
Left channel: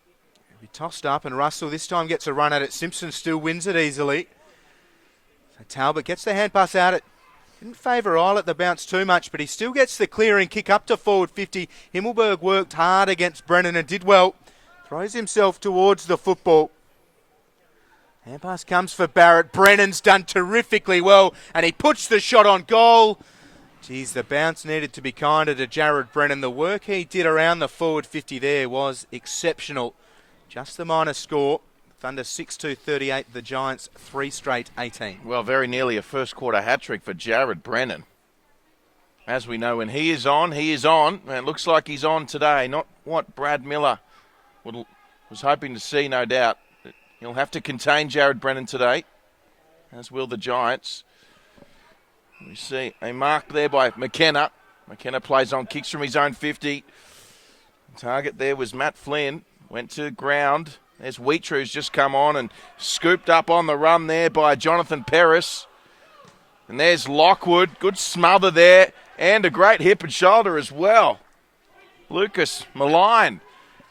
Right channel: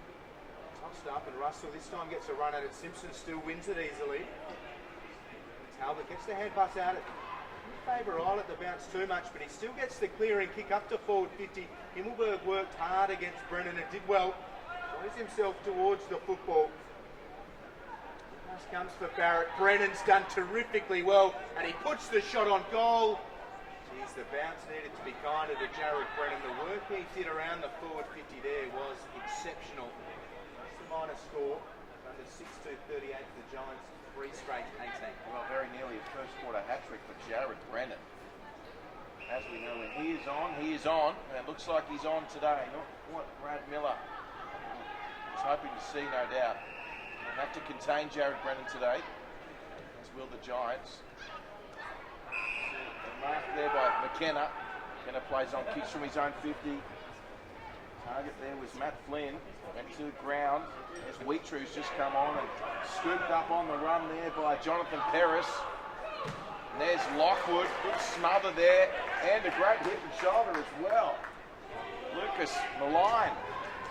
he tossed up, and Russell this time gets a run at it. Simpson still wins it easily. So Talbot gets the hand pass out. It didn't favour Eilert the bounce too much, but he still gets the clearing kick up to forward 50. Himmelberg worked hard against Brennan and did well. Throws himself towards the football. Hand pass comes for Barrett. Brennan's done terrifically well, and he puts the shot on goal. Geez, the bounce needed to be kinder to Jared Brennan. The work he did around the forward 50 there was exceptional. Just the minor score. Thunder 6-2-38, the Giants 3 straight 18. Well, very nearly a first quarter hat-trick for Jared Brennan. As we know, when he is on, he is on. And it looks like he's on today. Not what Brad Miller was hoping to see, no doubt. He'll have to contain Jared Brennan today, as will the Giants. You see a mark there by McKenna. McKenna plays on, kicks from his own 50. Target there was Matt Flynn. Went to ground. There's Wheatrue who's just come on and scooped up on the run there by Jonathan Paris. And there's Lockwood. Good smother there. And a great hip and shoulder as well. Lucas Malign.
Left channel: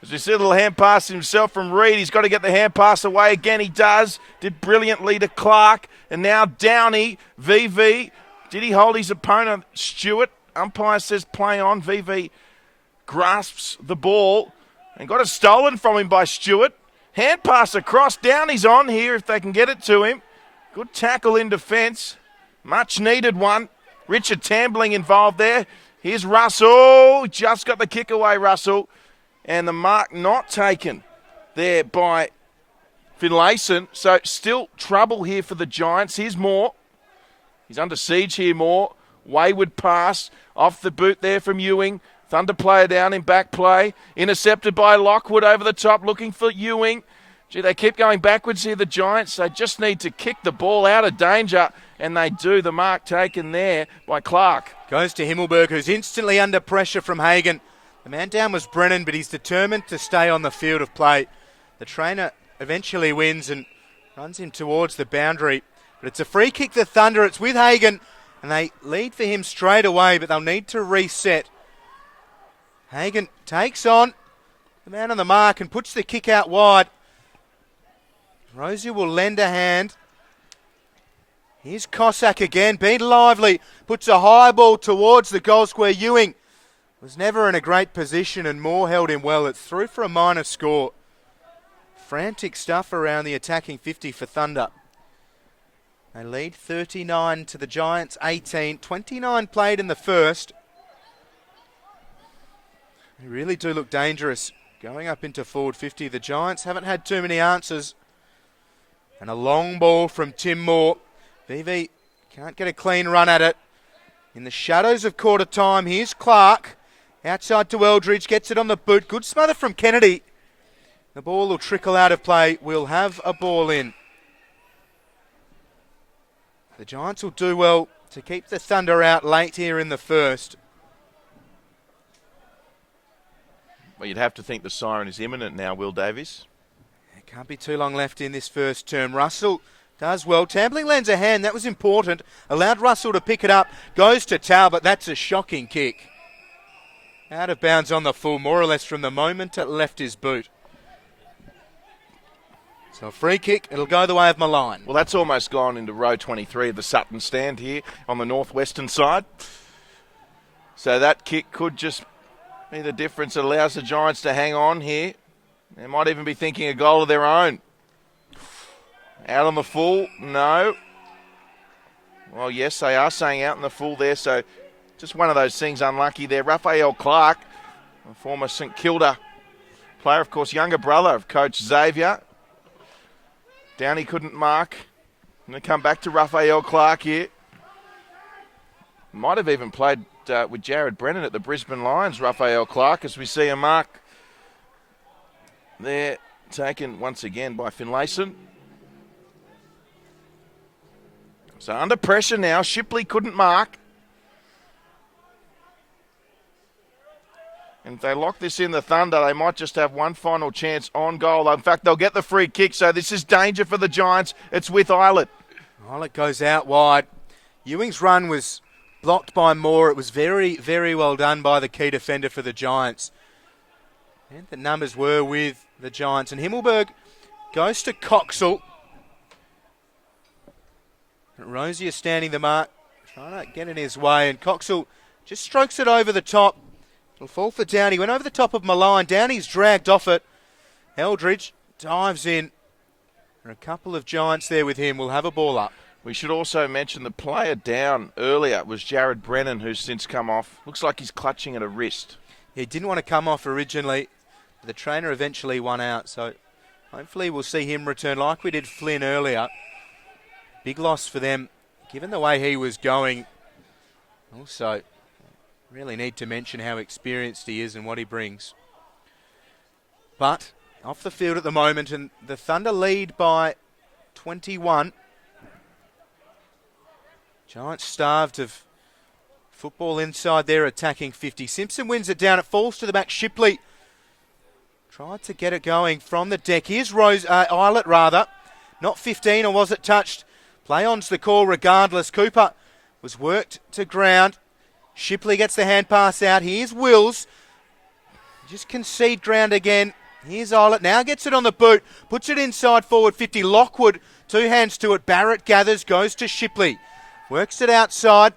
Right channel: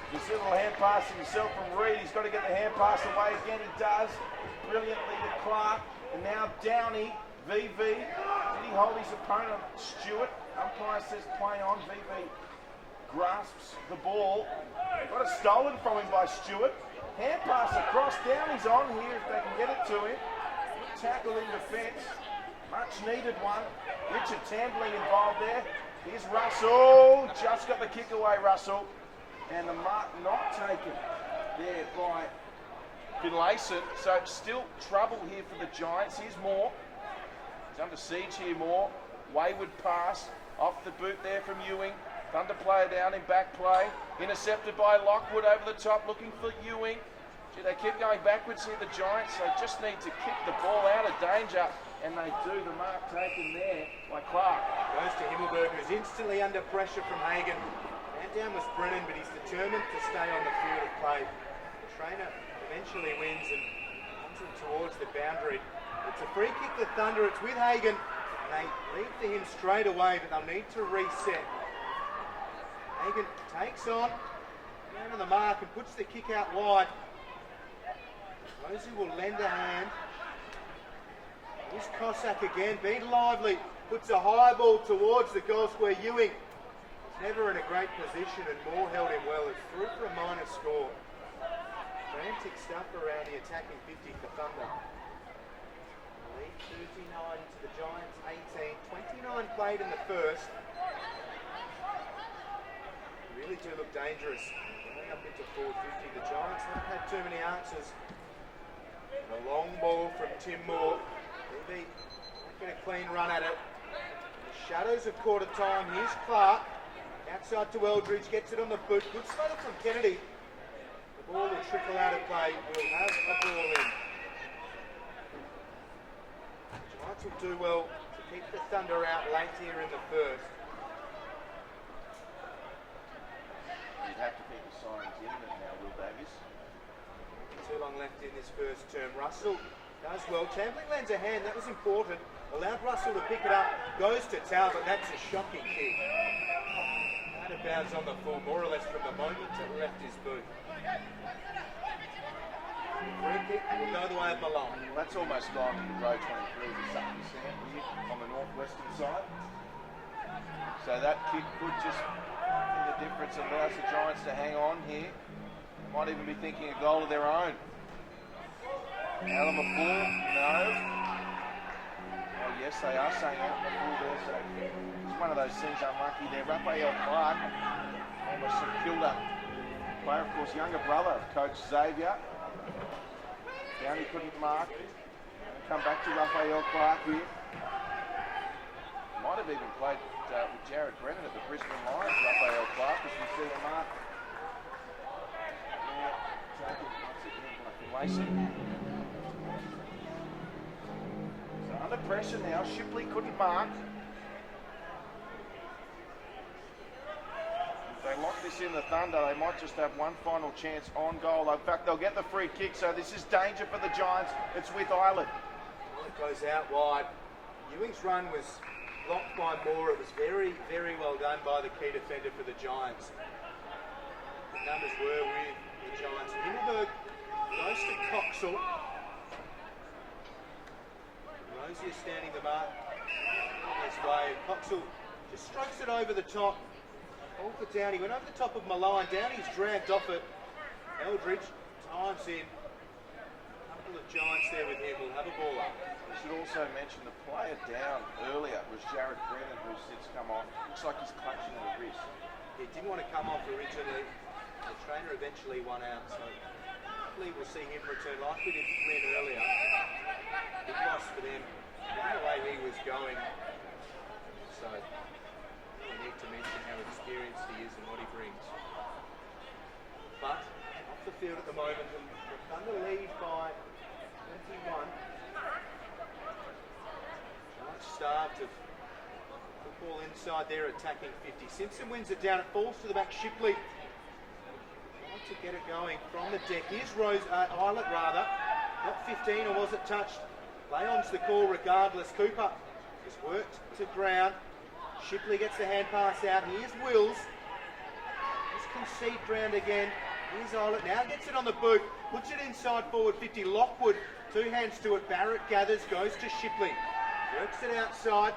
As you see a little hand pass himself from Reed. He's got to get the hand pass away again. He does. Did brilliantly to Clark. And now Downey. VV. Did he hold his opponent? Stewart. Umpire says play on. VV grasps the ball and got it stolen from him by Stewart. Hand pass across. Downey's on here if they can get it to him. Good tackle in defence. Much needed one. Richard Tambling involved there. Here's Russell. Just got the kick away, Russell. And the mark not taken there by Finlayson. So still trouble here for the Giants. Here's Moore. He's under siege here, Moore. Wayward pass off the boot there from Ewing. Thunder player down in back play. Intercepted by Lockwood over the top, looking for Ewing. Gee, they keep going backwards here, the Giants. They just need to kick the ball out of danger, and they do. The mark taken there by Clark. Goes to Himmelberg, who's instantly under pressure from Hagen. The man down was Brennan, but he's determined to stay on the field of play. The trainer eventually wins and runs him towards the boundary. But it's a free kick to Thunder. It's with Hagen, and they lead for him straight away, but they'll need to reset. Hagen takes on the man on the mark and puts the kick out wide. Rosie will lend a hand. Here's Cossack again, being lively. Puts a high ball towards the goal square. Ewing was never in a great position and Moore held him well. It's through for a minor score. Frantic stuff around the attacking 50 for Thunder. They lead 39 to the Giants, 18. 29 played in the first. They really do look dangerous going up into forward 50. The Giants haven't had too many answers. And a long ball from Tim Moore. BV can't get a clean run at it. In the shadows of quarter time, here's Clark. Outside to Eldridge, gets it on the boot. Good smother from Kennedy. The ball will trickle out of play. We'll have a ball in. The Giants will do well to keep the Thunder out late here in the first. Well, you'd have to think the siren is imminent now, Will Davies. Can't be too long left in this first term. Russell does well. Tambling lends a hand. That was important. Allowed Russell to pick it up. Goes to Talbot. That's a shocking kick. Out of bounds on the full, more or less from the moment it left his boot. So a free kick. It'll go the way of Malign. Well, that's almost gone into row 23 of the Sutton stand here on the northwestern side. So that kick could just be the difference that allows the Giants to hang on here. They might even be thinking a goal of their own. Out on the full, no. Well, yes, they are saying out in the full there, so just one of those things unlucky there. Raphael Clark, former St Kilda player, of course, younger brother of Coach Xavier. Downey couldn't mark. Going to come back to Raphael Clark here. Might have even played with Jared Brennan at the Brisbane Lions, Raphael Clark, as we see a mark there, taken once again by Finlayson. So under pressure now, Shipley couldn't mark. And if they lock this in the Thunder, they might just have one final chance on goal. In fact, they'll get the free kick, so this is danger for the Giants. It's with Eilert. Eilert goes out wide. Ewing's run was blocked by Moore. It was very, very well done by the key defender for the Giants. And the numbers were with the Giants. And Himmelberg goes to Coxall. Rosie is standing the mark. Trying to get in his way. And Coxall just strokes it over the top. It'll fall for Downey. Went over the top of Malign. Downey's dragged off it. Eldridge dives in. There are a couple of Giants there with him. We'll have a ball up. We should also mention the player down earlier was Jared Brennan, who's since come off. Looks like he's clutching at a wrist. He didn't want to come off originally. The trainer eventually won out, so hopefully we'll see him return like we did Flynn earlier. Big loss for them, given the way he was going. Also, really need to mention how experienced he is and what he brings. But off the field at the moment, and the Thunder lead by 21. Giants starved of football inside their attacking 50. Simpson wins it down. It falls to the back. Shipley tried to get it going from the deck. Here's Eilert, rather. Not 15, or was it touched? Play on's the call regardless. Cooper was worked to ground. Shipley gets the hand pass out. Here's Wills. Just concede ground again. Here's Eilert. Now gets it on the boot. Puts it inside forward 50. Lockwood, two hands to it. Barrett gathers, goes to Shipley. Works it outside.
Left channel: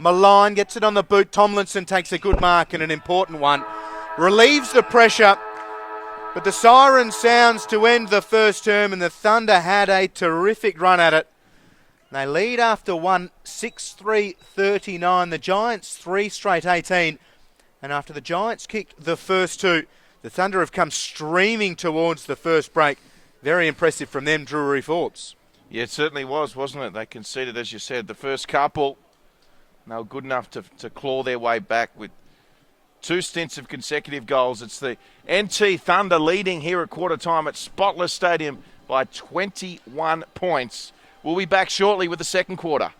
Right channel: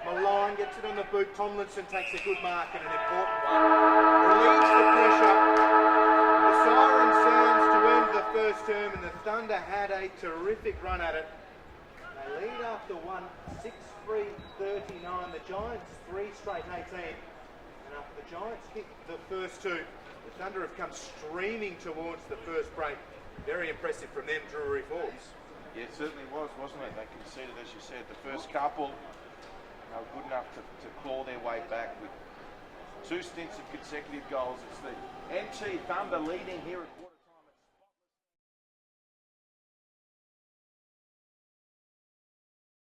Malign gets it on the boot. Tomlinson takes a good mark and an important one. Relieves the pressure. But the siren sounds to end the first term, and the Thunder had a terrific run at it. They lead after one, 6-3-39. The Giants 3 straight 18. And after the Giants kicked the first two, the Thunder have come streaming towards the first break. Very impressive from them, Drury Forbes. Yeah, it certainly was, wasn't it? They conceded, as you said, the first couple. They were good enough to claw their way back with 2 stints of consecutive goals. It's the NT Thunder leading here at quarter time at Spotless Stadium by 21 points. We'll be back shortly with the second quarter.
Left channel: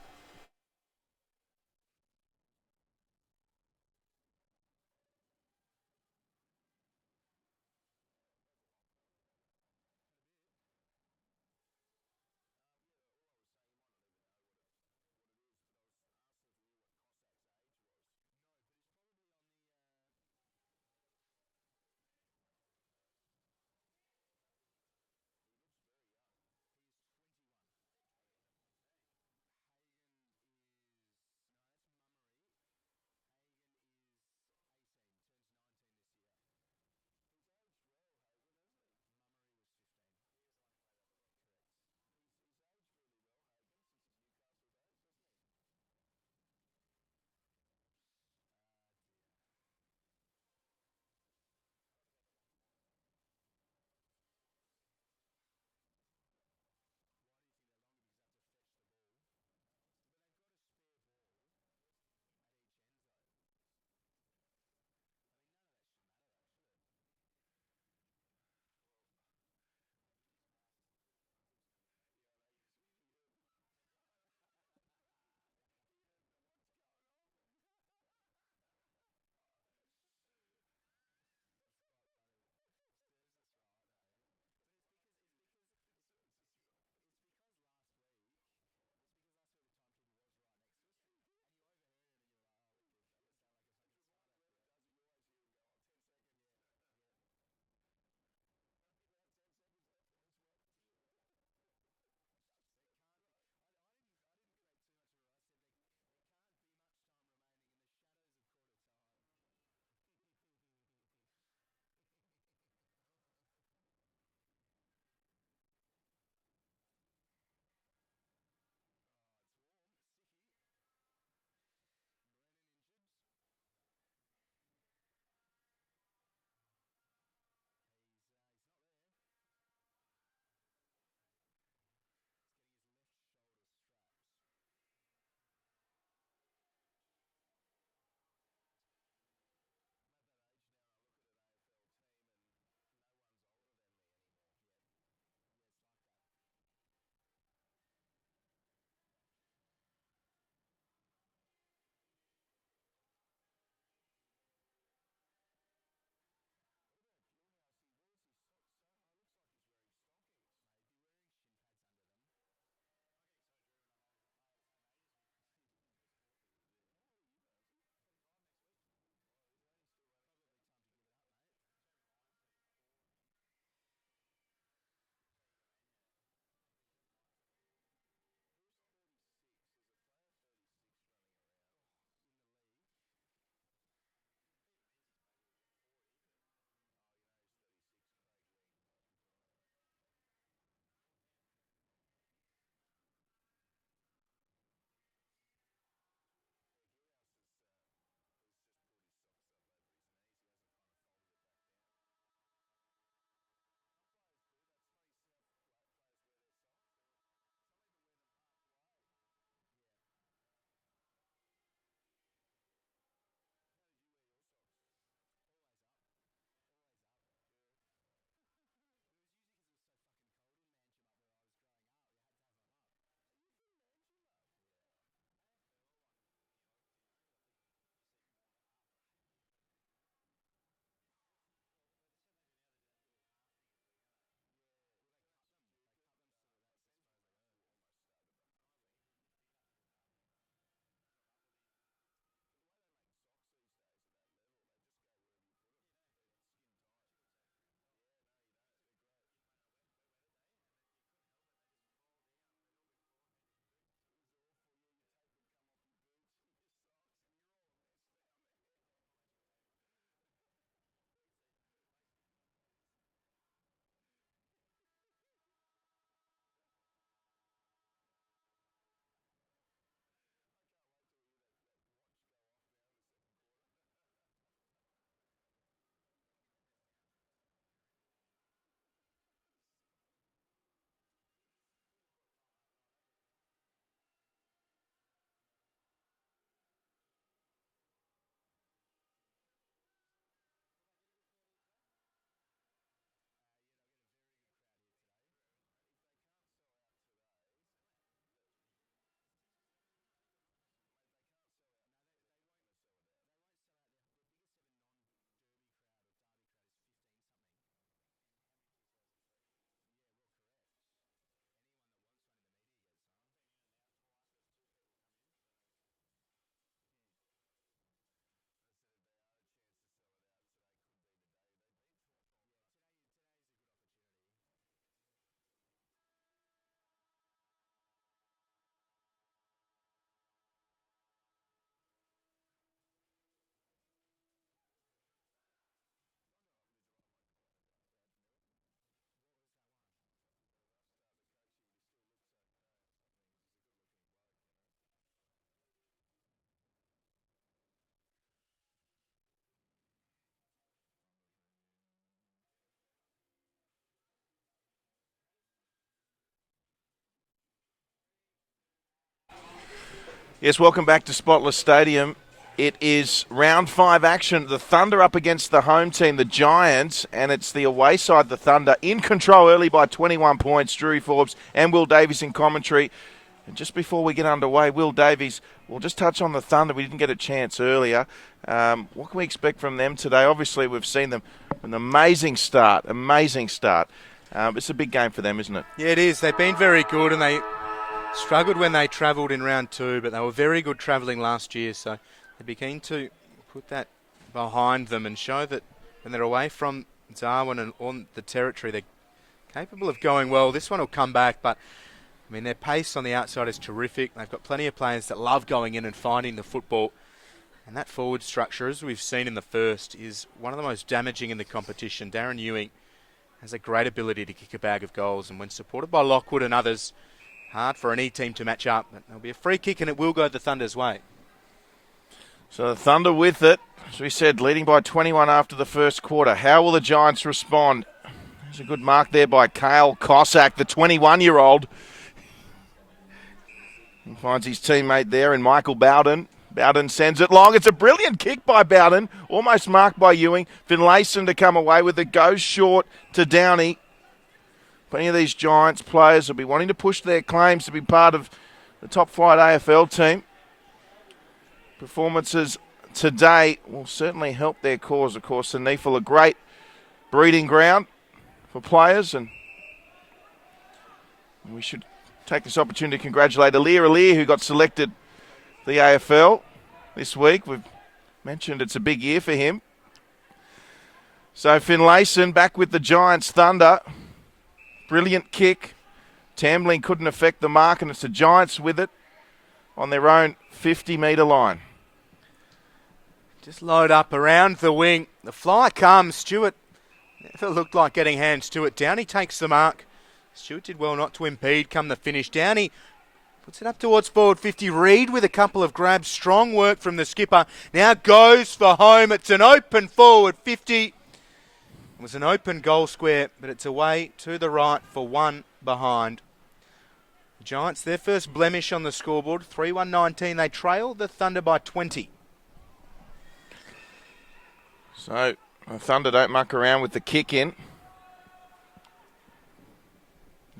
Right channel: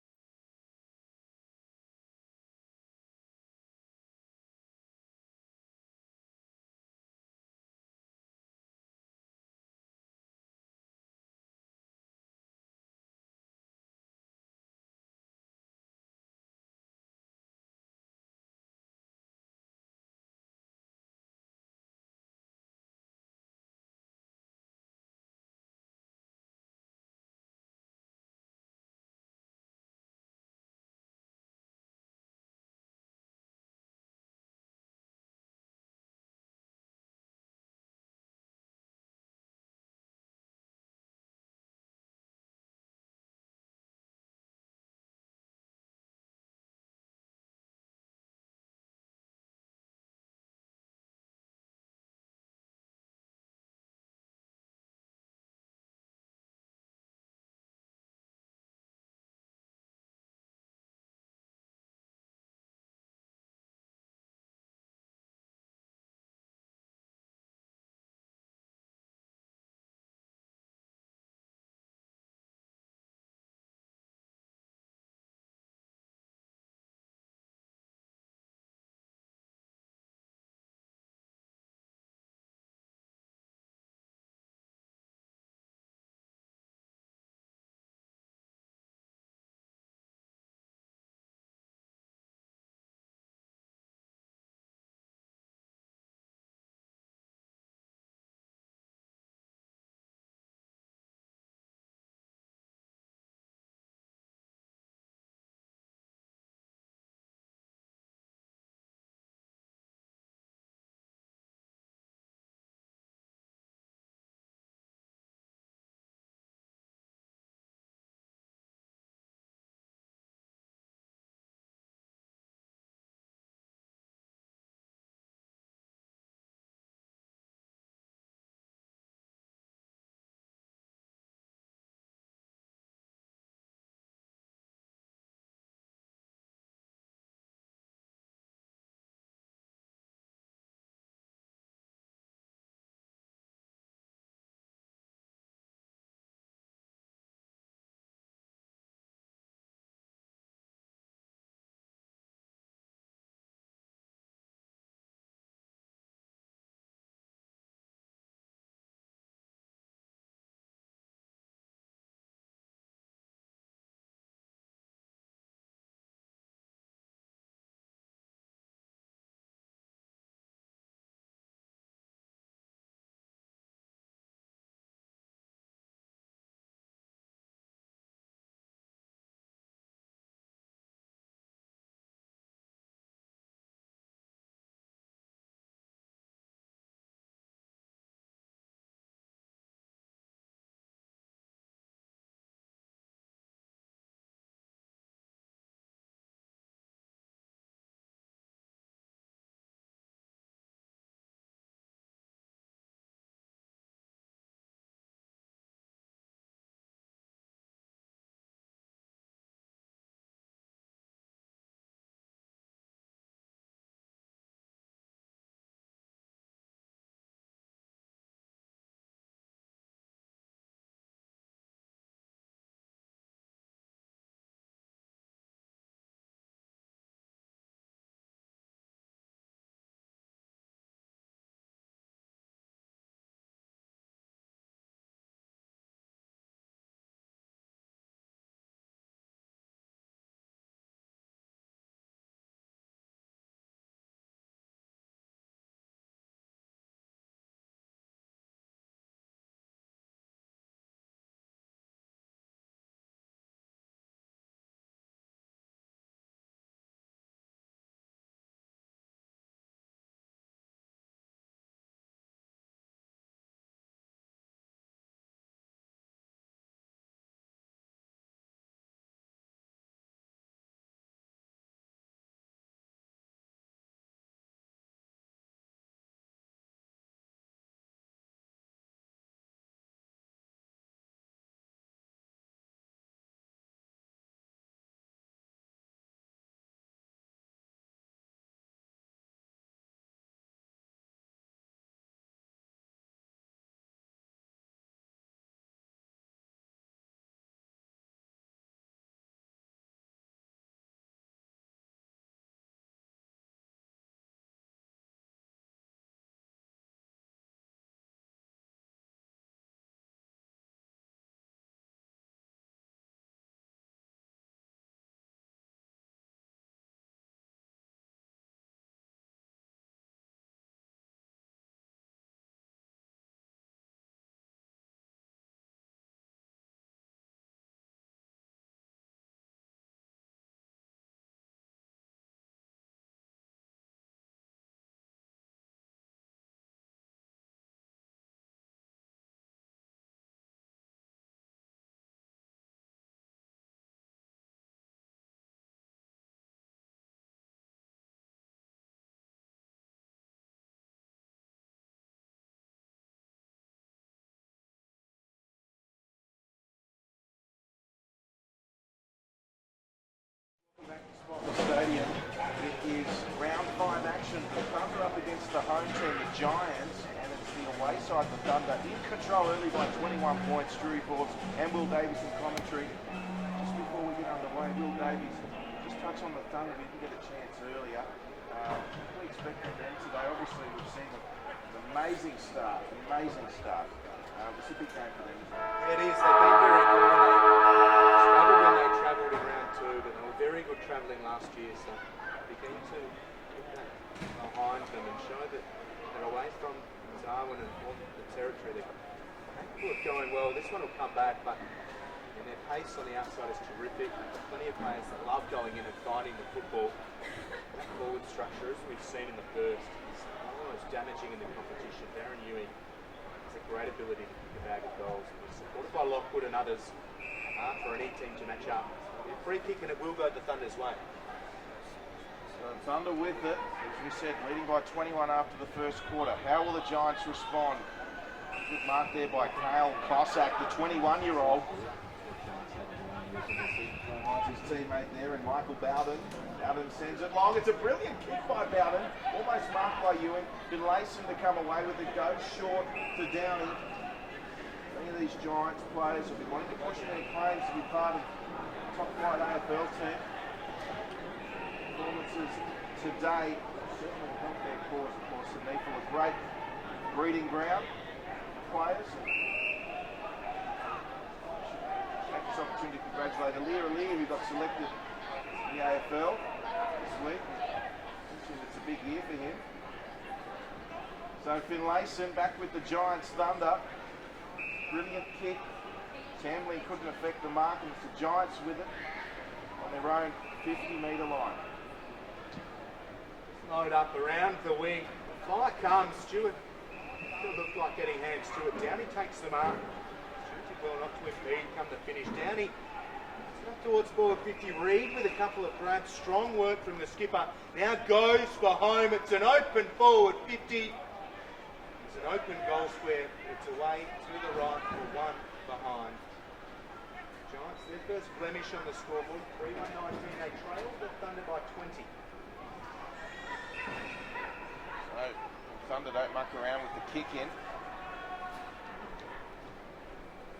Yes, welcome back to Spotless Stadium. It is round 5 action. The Thunder up against the home team, the Giants, and it's the away side, the Thunder, in control early by 21 points. Drew Forbes and Will Davies in commentary. Just before we get underway, Will Davies, we'll just touch on the Thunder. We didn't get a chance earlier. What can we expect from them today? Obviously, we've seen them an amazing start. It's a big game for them, isn't it? Yeah, it is. They've been very good, and they struggled when they travelled in round 2, but they were very good travelling last year, so they'd be keen to put that behind them and show that when they're away from Darwin and on the territory, they're capable of going well. This one will come back, but I mean, their pace on the outside is terrific. They've got plenty of players that love going in and finding the football. And that forward structure, as we've seen in the first, is one of the most damaging in the competition. Darren Ewing has a great ability to kick a bag of goals, and when supported by Lockwood and others, hard for any team to match up. It'll be a free kick, and it will go the Thunder's way. So the Thunder with it, as we said, leading by 21 after the first quarter. How will the Giants respond? There's a good mark there by Kale Cossack, the 21-year-old. Finds his teammate there in Michael Bowden. Bowden sends it long. It's a brilliant kick by Bowden, almost marked by Ewing. Finlayson to come away with it, goes short to Downey. Plenty of these Giants players will be wanting to push their claims to be part of the top flight AFL team. Performances today will certainly help their cause. Of course, the NEAFL, a great breeding ground for players, and we should take this opportunity to congratulate Alir, who got selected the AFL this week. We've mentioned it's a big year for him. So Finlayson back with the Giants Thunder. Brilliant kick. Tambling couldn't affect the mark, and it's the Giants with it on their own 50-metre line. Just load up around the wing. The fly comes. Stewart never looked like getting hands to it. Downey takes the mark. Stewart did well not to impede come the finish. Downey puts it up towards forward 50. Reid with a couple of grabs. Strong work from the skipper. Now goes for home. It's an open forward 50. It was an open goal square, but it's away to the right for one behind. The Giants, their first blemish on the scoreboard. 3-1-19. They trail the Thunder by 20. So the Thunder don't muck around with the kick in.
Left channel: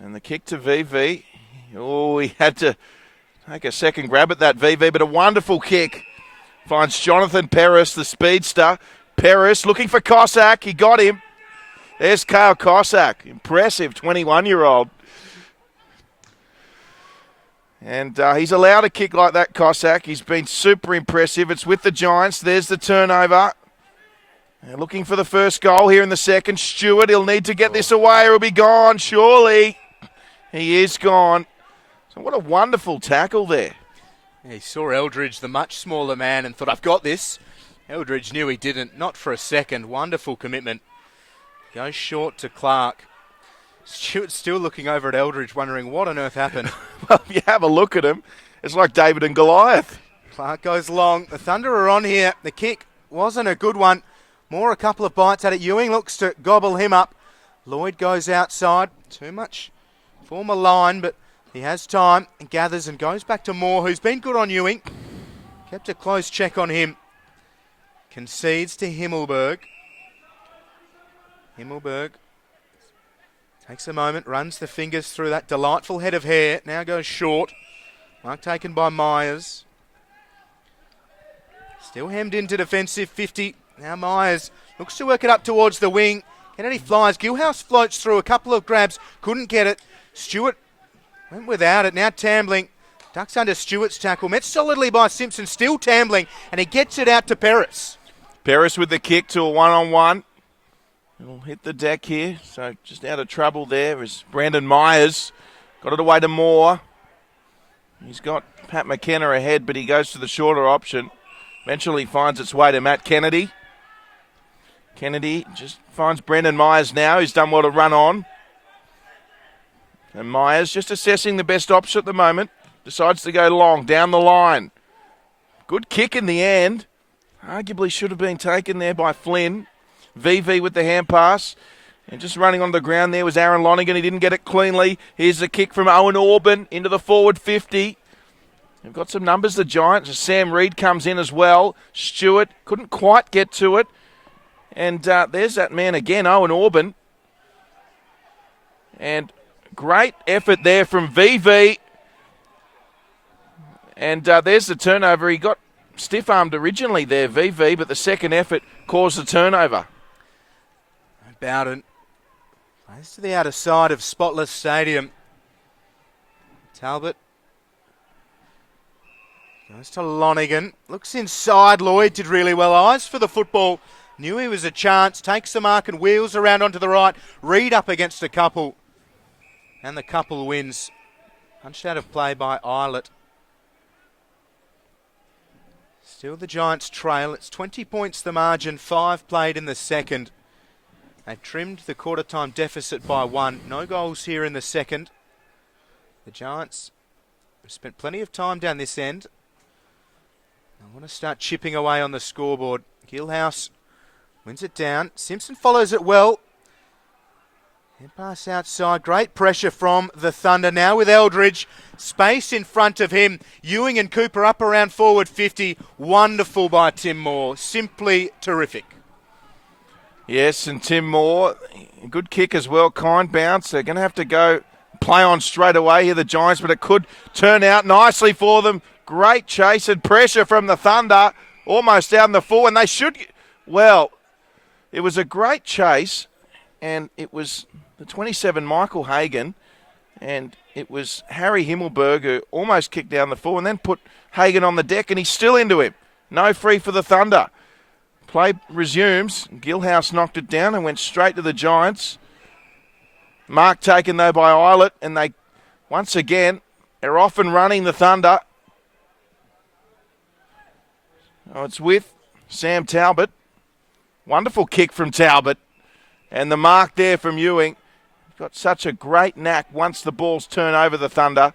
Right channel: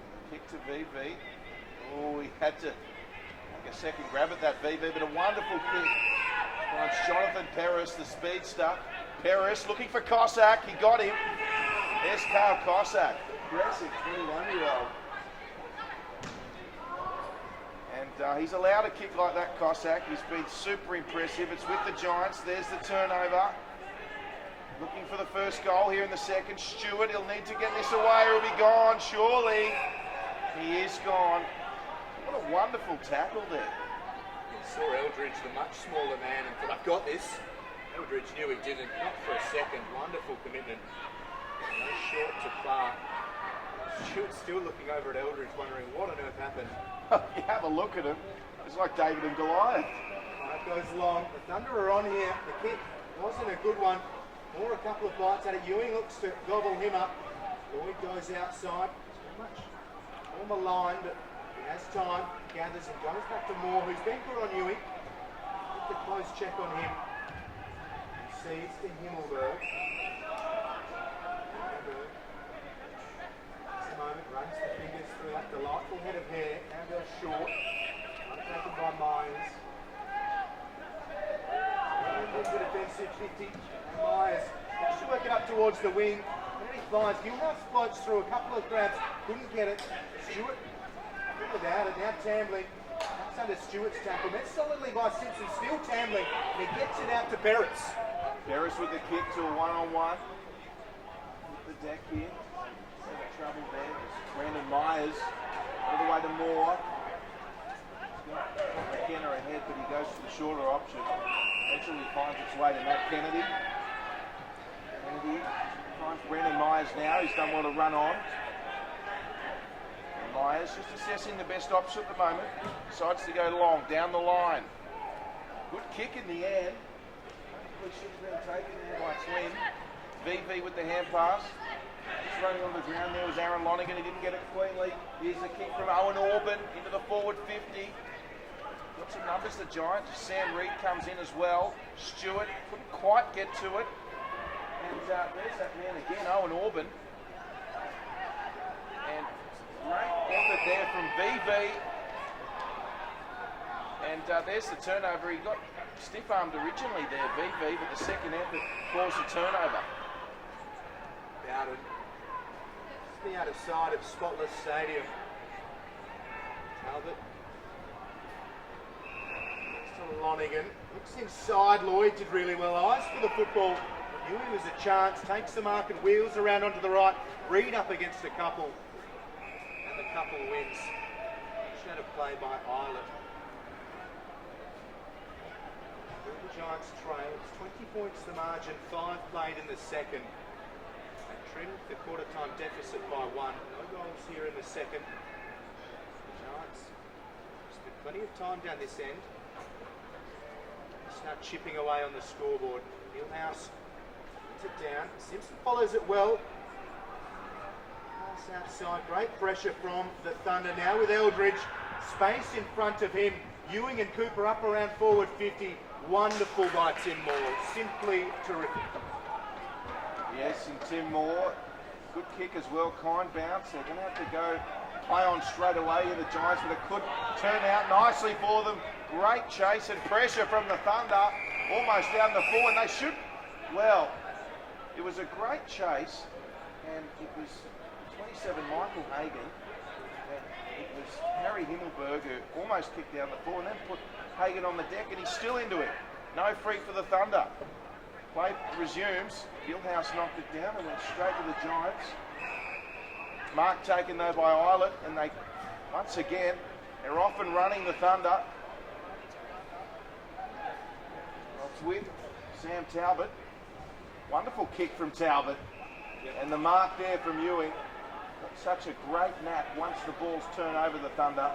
And the kick to VV. Oh, he had to take a second grab at that VV, but a wonderful kick. Finds Jonathan Paris, the speedster. Paris looking for Cossack. He got him. There's Kale Cossack. Impressive 21-year-old. And he's allowed a kick like that, Cossack. He's been super impressive. It's with the Giants. There's the turnover. They're looking for the first goal here in the second. Stewart, he'll need to get this away or he'll be gone, surely. He is gone. So what a wonderful tackle there. He saw Eldridge, the much smaller man, and thought, I've got this. Eldridge knew he didn't, not for a second. Wonderful commitment. Goes short to Clark. Stewart's still looking over at Eldridge, wondering what on earth happened. Well, if you have a look at him, it's like David and Goliath. Clark goes long. The Thunder are on here. The kick wasn't a good one. Moore a couple of bites at it. Ewing looks to gobble him up. Lloyd goes outside. Too much form a line, but he has time and gathers and goes back to Moore, who's been good on Ewing. Kept a close check on him. Concedes to Himmelberg. Himmelberg takes a moment, runs the fingers through that delightful head of hair. Now goes short. Mark taken by Myers. Still hemmed into defensive 50. Now Myers looks to work it up towards the wing. Kennedy flies. Gilhouse floats through a couple of grabs. Couldn't get it. Stewart went without it. Now Tambling ducks under Stewart's tackle. Met solidly by Simpson. Still Tambling. And he gets it out to Paris. Paris with the kick to a one-on-one. We'll hit the deck here. So just out of trouble there is Brandon Myers. Got it away to Moore. He's got Pat McKenna ahead, but he goes to the shorter option. Eventually finds its way to Matt Kennedy. Kennedy just finds Brendan Myers now. He's done well to run on. And Myers just assessing the best option at the moment. Decides to go long, down the line. Good kick in the end. Arguably should have been taken there by Flynn. VV with the hand pass. And just running on the ground there was Aaron Lonergan. He didn't get it cleanly. Here's a kick from Owen Orban into the forward 50. They've got some numbers, the Giants. Sam Reid comes in as well. Stewart couldn't quite get to it. And there's that man again, Owen Orban. And great effort there from VV. And there's the turnover. He got stiff-armed originally there, VV, but the second effort caused the turnover. Bowden. That's to the outer side of Spotless Stadium. Talbot. Goes to Lonigan. Looks inside. Lloyd did really well. Eyes for the football. Knew he was a chance. Takes the mark and wheels around onto the right. Reid up against a couple. And the couple wins. Punched out of play by Eilert. Still the Giants trail. It's 20 points the margin. 5 played in the second. They've trimmed the quarter time deficit by 1. No goals here in the second. The Giants have spent plenty of time down this end. They want to start chipping away on the scoreboard. Gillhouse wins it down. Simpson follows it well. Pass outside. Great pressure from the Thunder. Now with Eldridge. Space in front of him. Ewing and Cooper up around forward 50. Wonderful by Tim Moore. Simply terrific. Yes, and Tim Moore, good kick as well. Kind bounce. They're going to have to go play on straight away here, the Giants, but it could turn out nicely for them. Great chase and pressure from the Thunder. Almost down the full, and they should... Well, it was a great chase, and it was the 27, Michael Hagan, and it was Harry Himmelberg who almost kicked down the full and then put Hagan on the deck, and he's still into him. No free for the Thunder. Play resumes. Gillhouse knocked it down and went straight to the Giants. Mark taken though by Eilert, and they once again are off and running, the Thunder. Oh, it's with Sam Talbot. Wonderful kick from Talbot. And the mark there from Ewing. Got such a great knack once the balls turn over the Thunder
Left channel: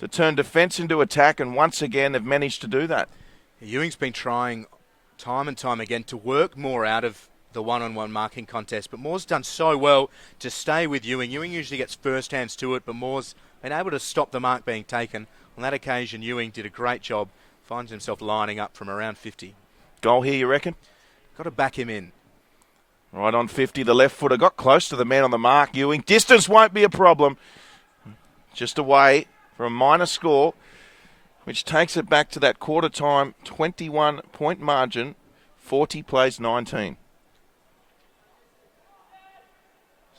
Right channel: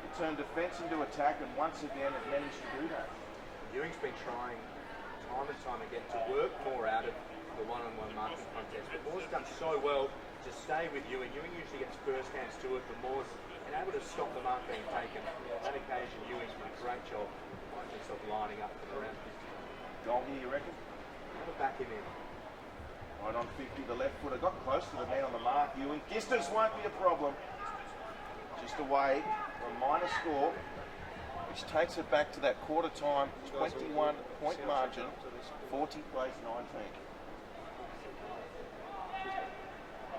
to turn defence into attack, and once again they've managed to do that. Ewing's been trying time and time again to work more out of the one-on-one marking contest, but Moore's done so well to stay with Ewing. Ewing usually gets first hands to it, but Moore's been able to stop the mark being taken. On that occasion, Ewing did a great job. Finds himself lining up from around 50. Goal here, you reckon? Got to back him in. Right on 50, the left footer got close to the man on the mark, Ewing. Distance won't be a problem. Just away for a minor score, which takes it back to that quarter time 21-point margin. 40 plays 19.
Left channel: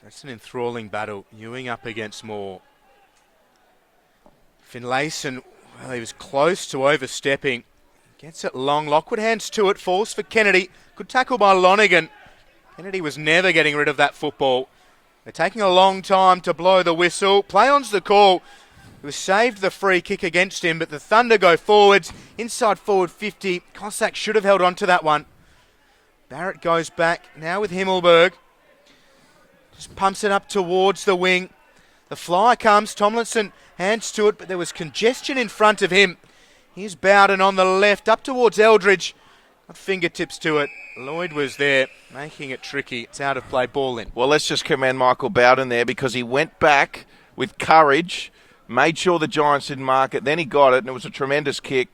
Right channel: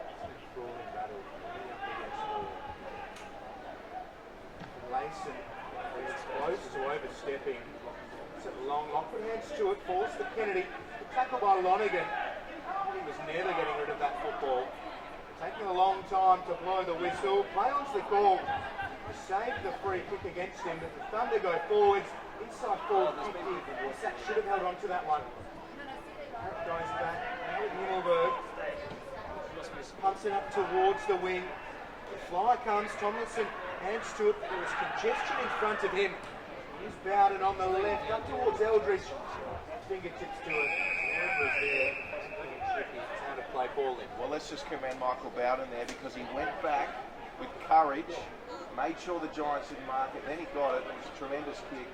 That's an enthralling battle. Ewing up against Moore. Finlayson, well, he was close to overstepping. Gets it long. Lockwood hands to it. Falls for Kennedy. Good tackle by Lonigan. Kennedy was never getting rid of that football. They're taking a long time to blow the whistle. Play on's the call. It was saved the free kick against him, but the Thunder go forwards. Inside forward 50. Cossack should have held on to that one. Barrett goes back. Now with Himmelberg. Just pumps it up towards the wing. The fly comes. Tomlinson hands to it, but there was congestion in front of him. Here's Bowden on the left, up towards Eldridge. Fingertips to it. Lloyd was there, making it tricky. It's out of play, ball in. Well, let's just commend Michael Bowden there, because he went back with courage, made sure the Giants didn't mark it, then he got it, and it was a tremendous kick.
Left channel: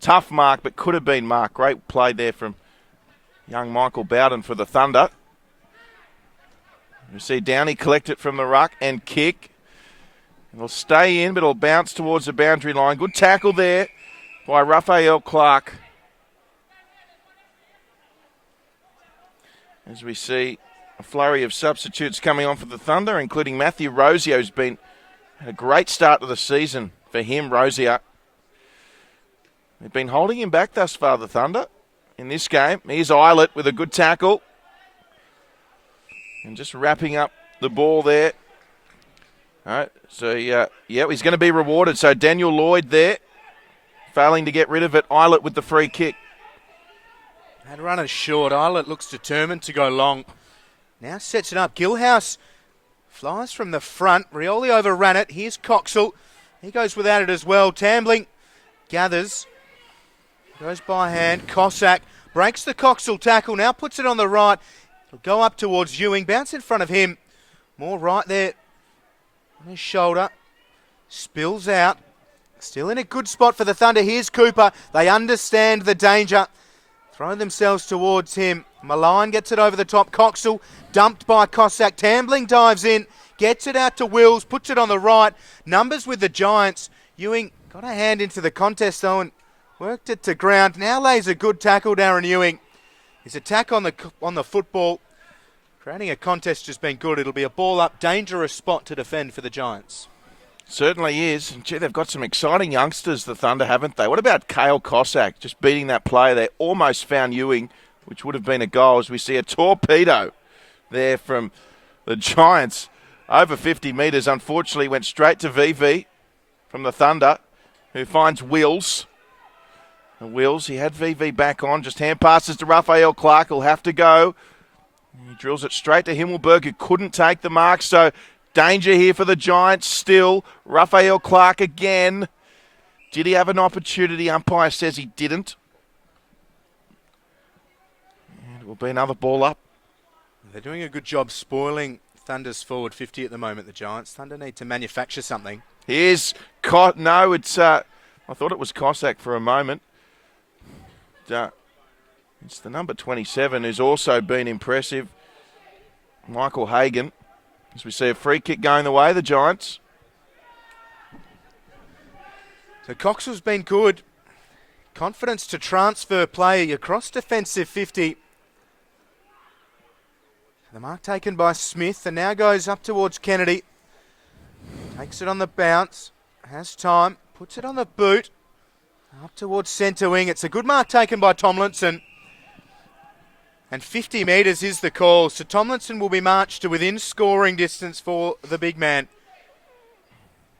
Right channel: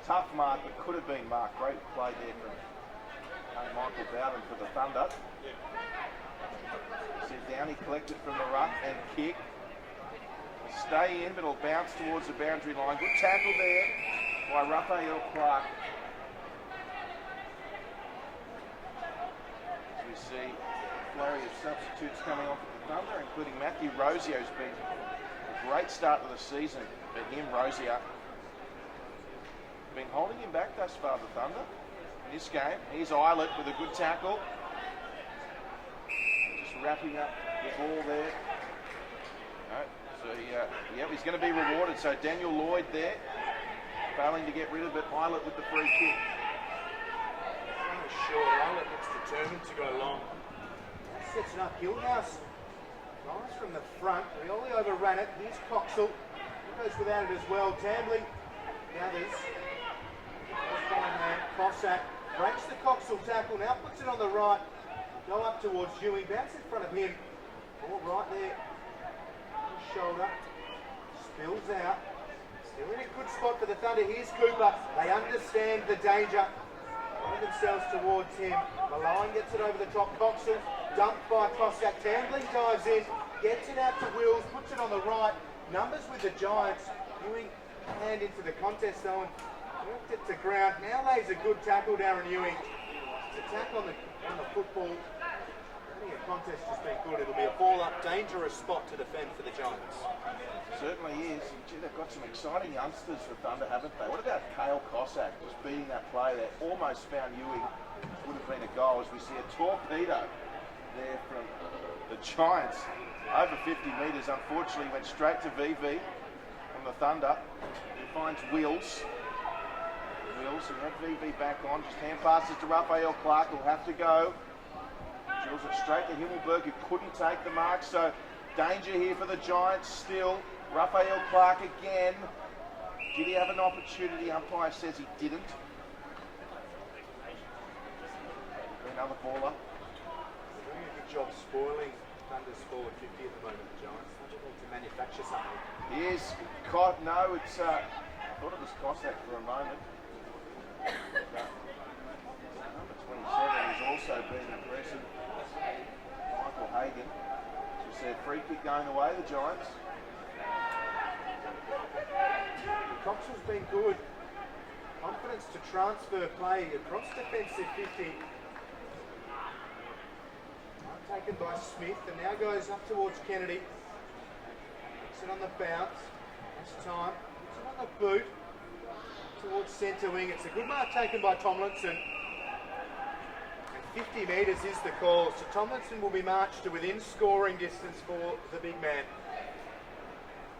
Tough mark, but could have been marked. Great play there from young Michael Bowden for the Thunder. You see Downey collect it from the ruck and kick. It'll stay in, but it'll bounce towards the boundary line. Good tackle there by Raphael Clark. As we see a flurry of substitutes coming on for the Thunder, including Matthew Rosier, who's been a great start to the season for him, Rosier. They've been holding him back thus far, the Thunder, in this game. Here's Eilert with a good tackle. And just wrapping up the ball there. All right, so yeah, he's going to be rewarded. So Daniel Lloyd there, failing to get rid of it. Eilert with the free kick. That runner short. Eilert looks determined to go long. Now sets it up. Gillhouse flies from the front. Rioli overran it. Here's Coxall. He goes without it as well. Tambling gathers. Goes by hand. Cossack breaks the Coxall tackle. Now puts it on the right. Will go up towards Ewing. Bounce in front of him. More right there. On his shoulder. spills out. Still in a good spot for the Thunder. Here's Cooper. They understand the danger. Throw themselves towards him. Malign gets it over the top. Coxell dumped by Cossack. Tambling dives in. Gets it out to Wills. Puts it on the right. Numbers with the Giants. Ewing got a hand into the contest though and worked it to ground. Now lays a good tackle, Darren Ewing. His attack on the football. Creating a contest has been good. It'll be a ball up, dangerous spot to defend for the Giants. Certainly is. Gee, they've got some exciting youngsters, the Thunder, haven't they? What about Cale Cossack just beating that player there? Almost found Ewing, which would have been a goal, as we see a torpedo there from the Giants. Over 50 metres, unfortunately, went straight to VV from the Thunder, who finds Wills. And Wills, he had VV back on, just hand passes to Raphael Clark, he'll have to go. He drills it straight to Himmelberg, who couldn't take the mark, so danger here for the Giants still. Raphael Clark again. Did he have an opportunity? Umpire says he didn't. It will be another ball up. They're doing a good job spoiling Thunder's forward 50 at the moment, the Giants. Thunder need to manufacture something. Here's no, it's I thought it was Cossack for a moment. It's the number 27 who's also been impressive, Michael Hagan. As we see a free kick going the way of the Giants. So Coxell's been good. Confidence to transfer play across defensive 50. The mark taken by Smith and now goes up towards Kennedy. Takes it on the bounce. Has time. Puts it on the boot. Up towards centre wing. It's a good mark taken by Tomlinson. And 50 metres is the call. So Tomlinson will be marched to within scoring distance for the big man.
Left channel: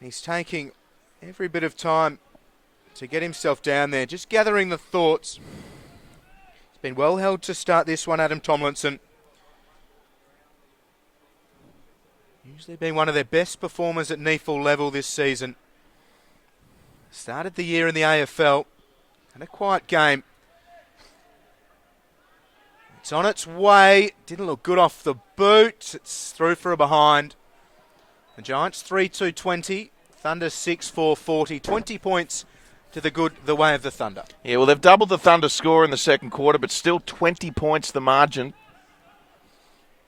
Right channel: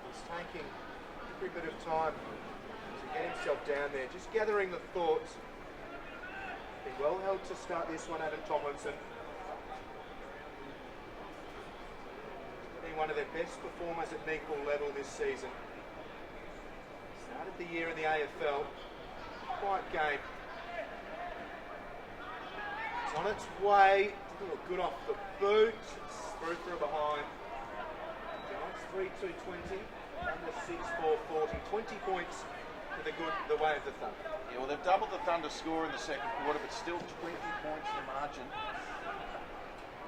He's taking every bit of time to get himself down there. Just gathering the thoughts. Been well held to start this one, Adam Tomlinson. Usually been one of their best performers at NEAFL level this season. Started the year in the AFL. In a quiet game. It's on its way. Didn't look good off the boot. It's through for a behind. The Giants 3-2-20. Thunder 6-4-40. 20 points to the way of the Thunder. Yeah, well, they've doubled the Thunder score in the second quarter, but still 20 points the margin.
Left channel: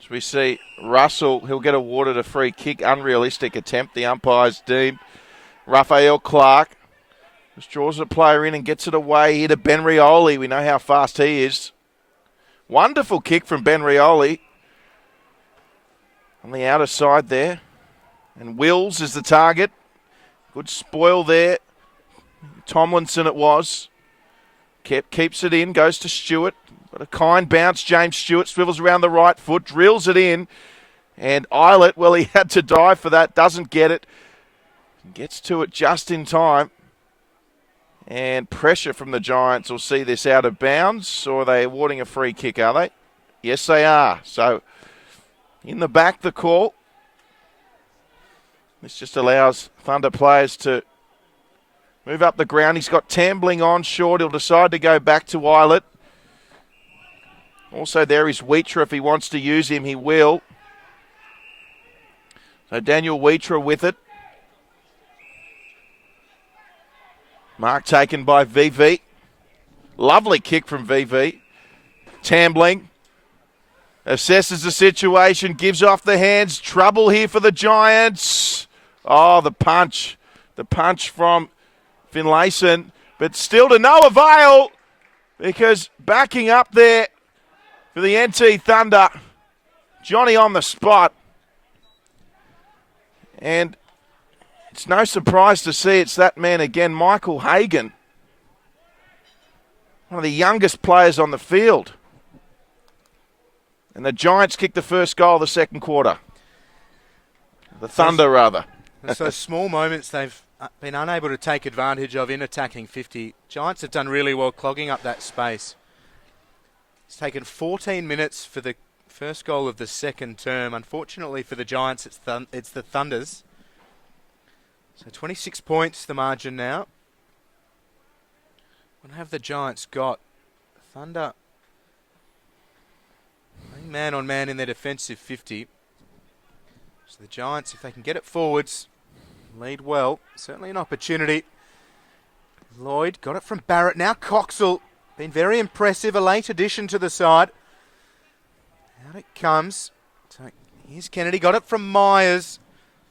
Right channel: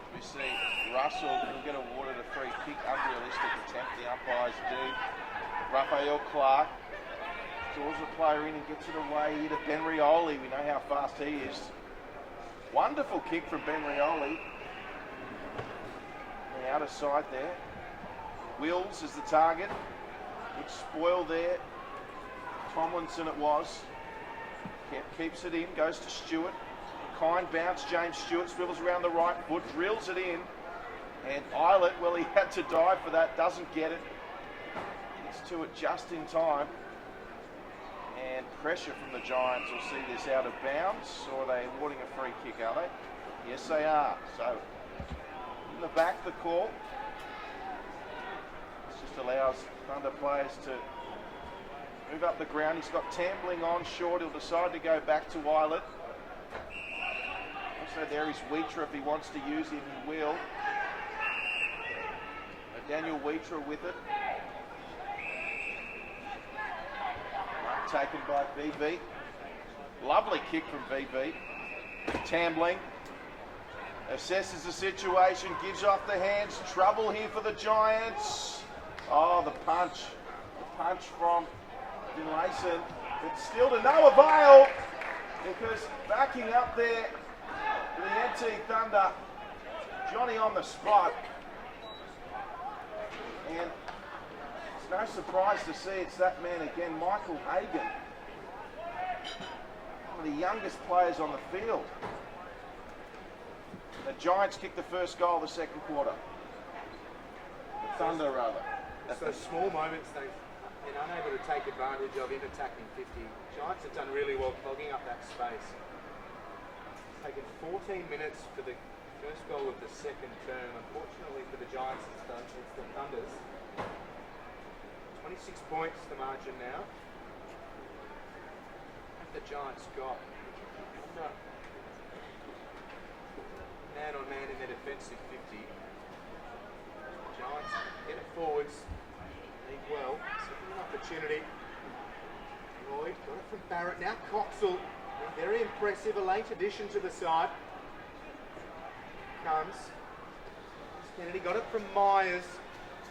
As we see Russell, he'll get awarded a free kick. Unrealistic attempt, the umpires deem. Raphael Clark just draws the player in and gets it away here to Ben Rioli. We know how fast he is. Wonderful kick from Ben Rioli on the outer side there. And Wills is the target. Good spoil there. Tomlinson it was. Keeps it in, goes to Stewart. Got a kind bounce. James Stewart swivels around the right foot, drills it in. And Eilert, well, he had to dive for that, doesn't get it. Gets to it just in time. And pressure from the Giants will see this out of bounds. Or are they awarding a free kick, are they? Yes, they are. So in the back, the call. This just allows Thunder players to move up the ground. He's got Tambling on short. He'll decide to go back to Eilert. Also there is Wheatra. If he wants to use him, he will. So Daniel Wheatra with it. Mark taken by VV. Lovely kick from VV. Tambling assesses the situation, gives off the hands. Trouble here for the Giants. Oh, the punch. The punch from Finlayson. But still to no avail, because backing up there for the NT Thunder, Johnny on the spot. And it's no surprise to see it's that man again, Michael Hagan. One of the youngest players on the field. And the Giants kicked the first goal of the second quarter. The Thunder, rather. It's those small moments they've been unable to take advantage of in attacking 50. Giants have done really well clogging up that space. It's taken 14 minutes for the first goal of the second term. Unfortunately for the Giants, it's the Thunders. So 26 points the margin now. What have the Giants got? Thunder man on man in their defensive 50. So the Giants, if they can get it forwards, lead well. Certainly an opportunity. Lloyd got it from Barrett. Now Coxall, been very impressive. A late addition to the side. Out it comes. So here's Kennedy, got it from Myers.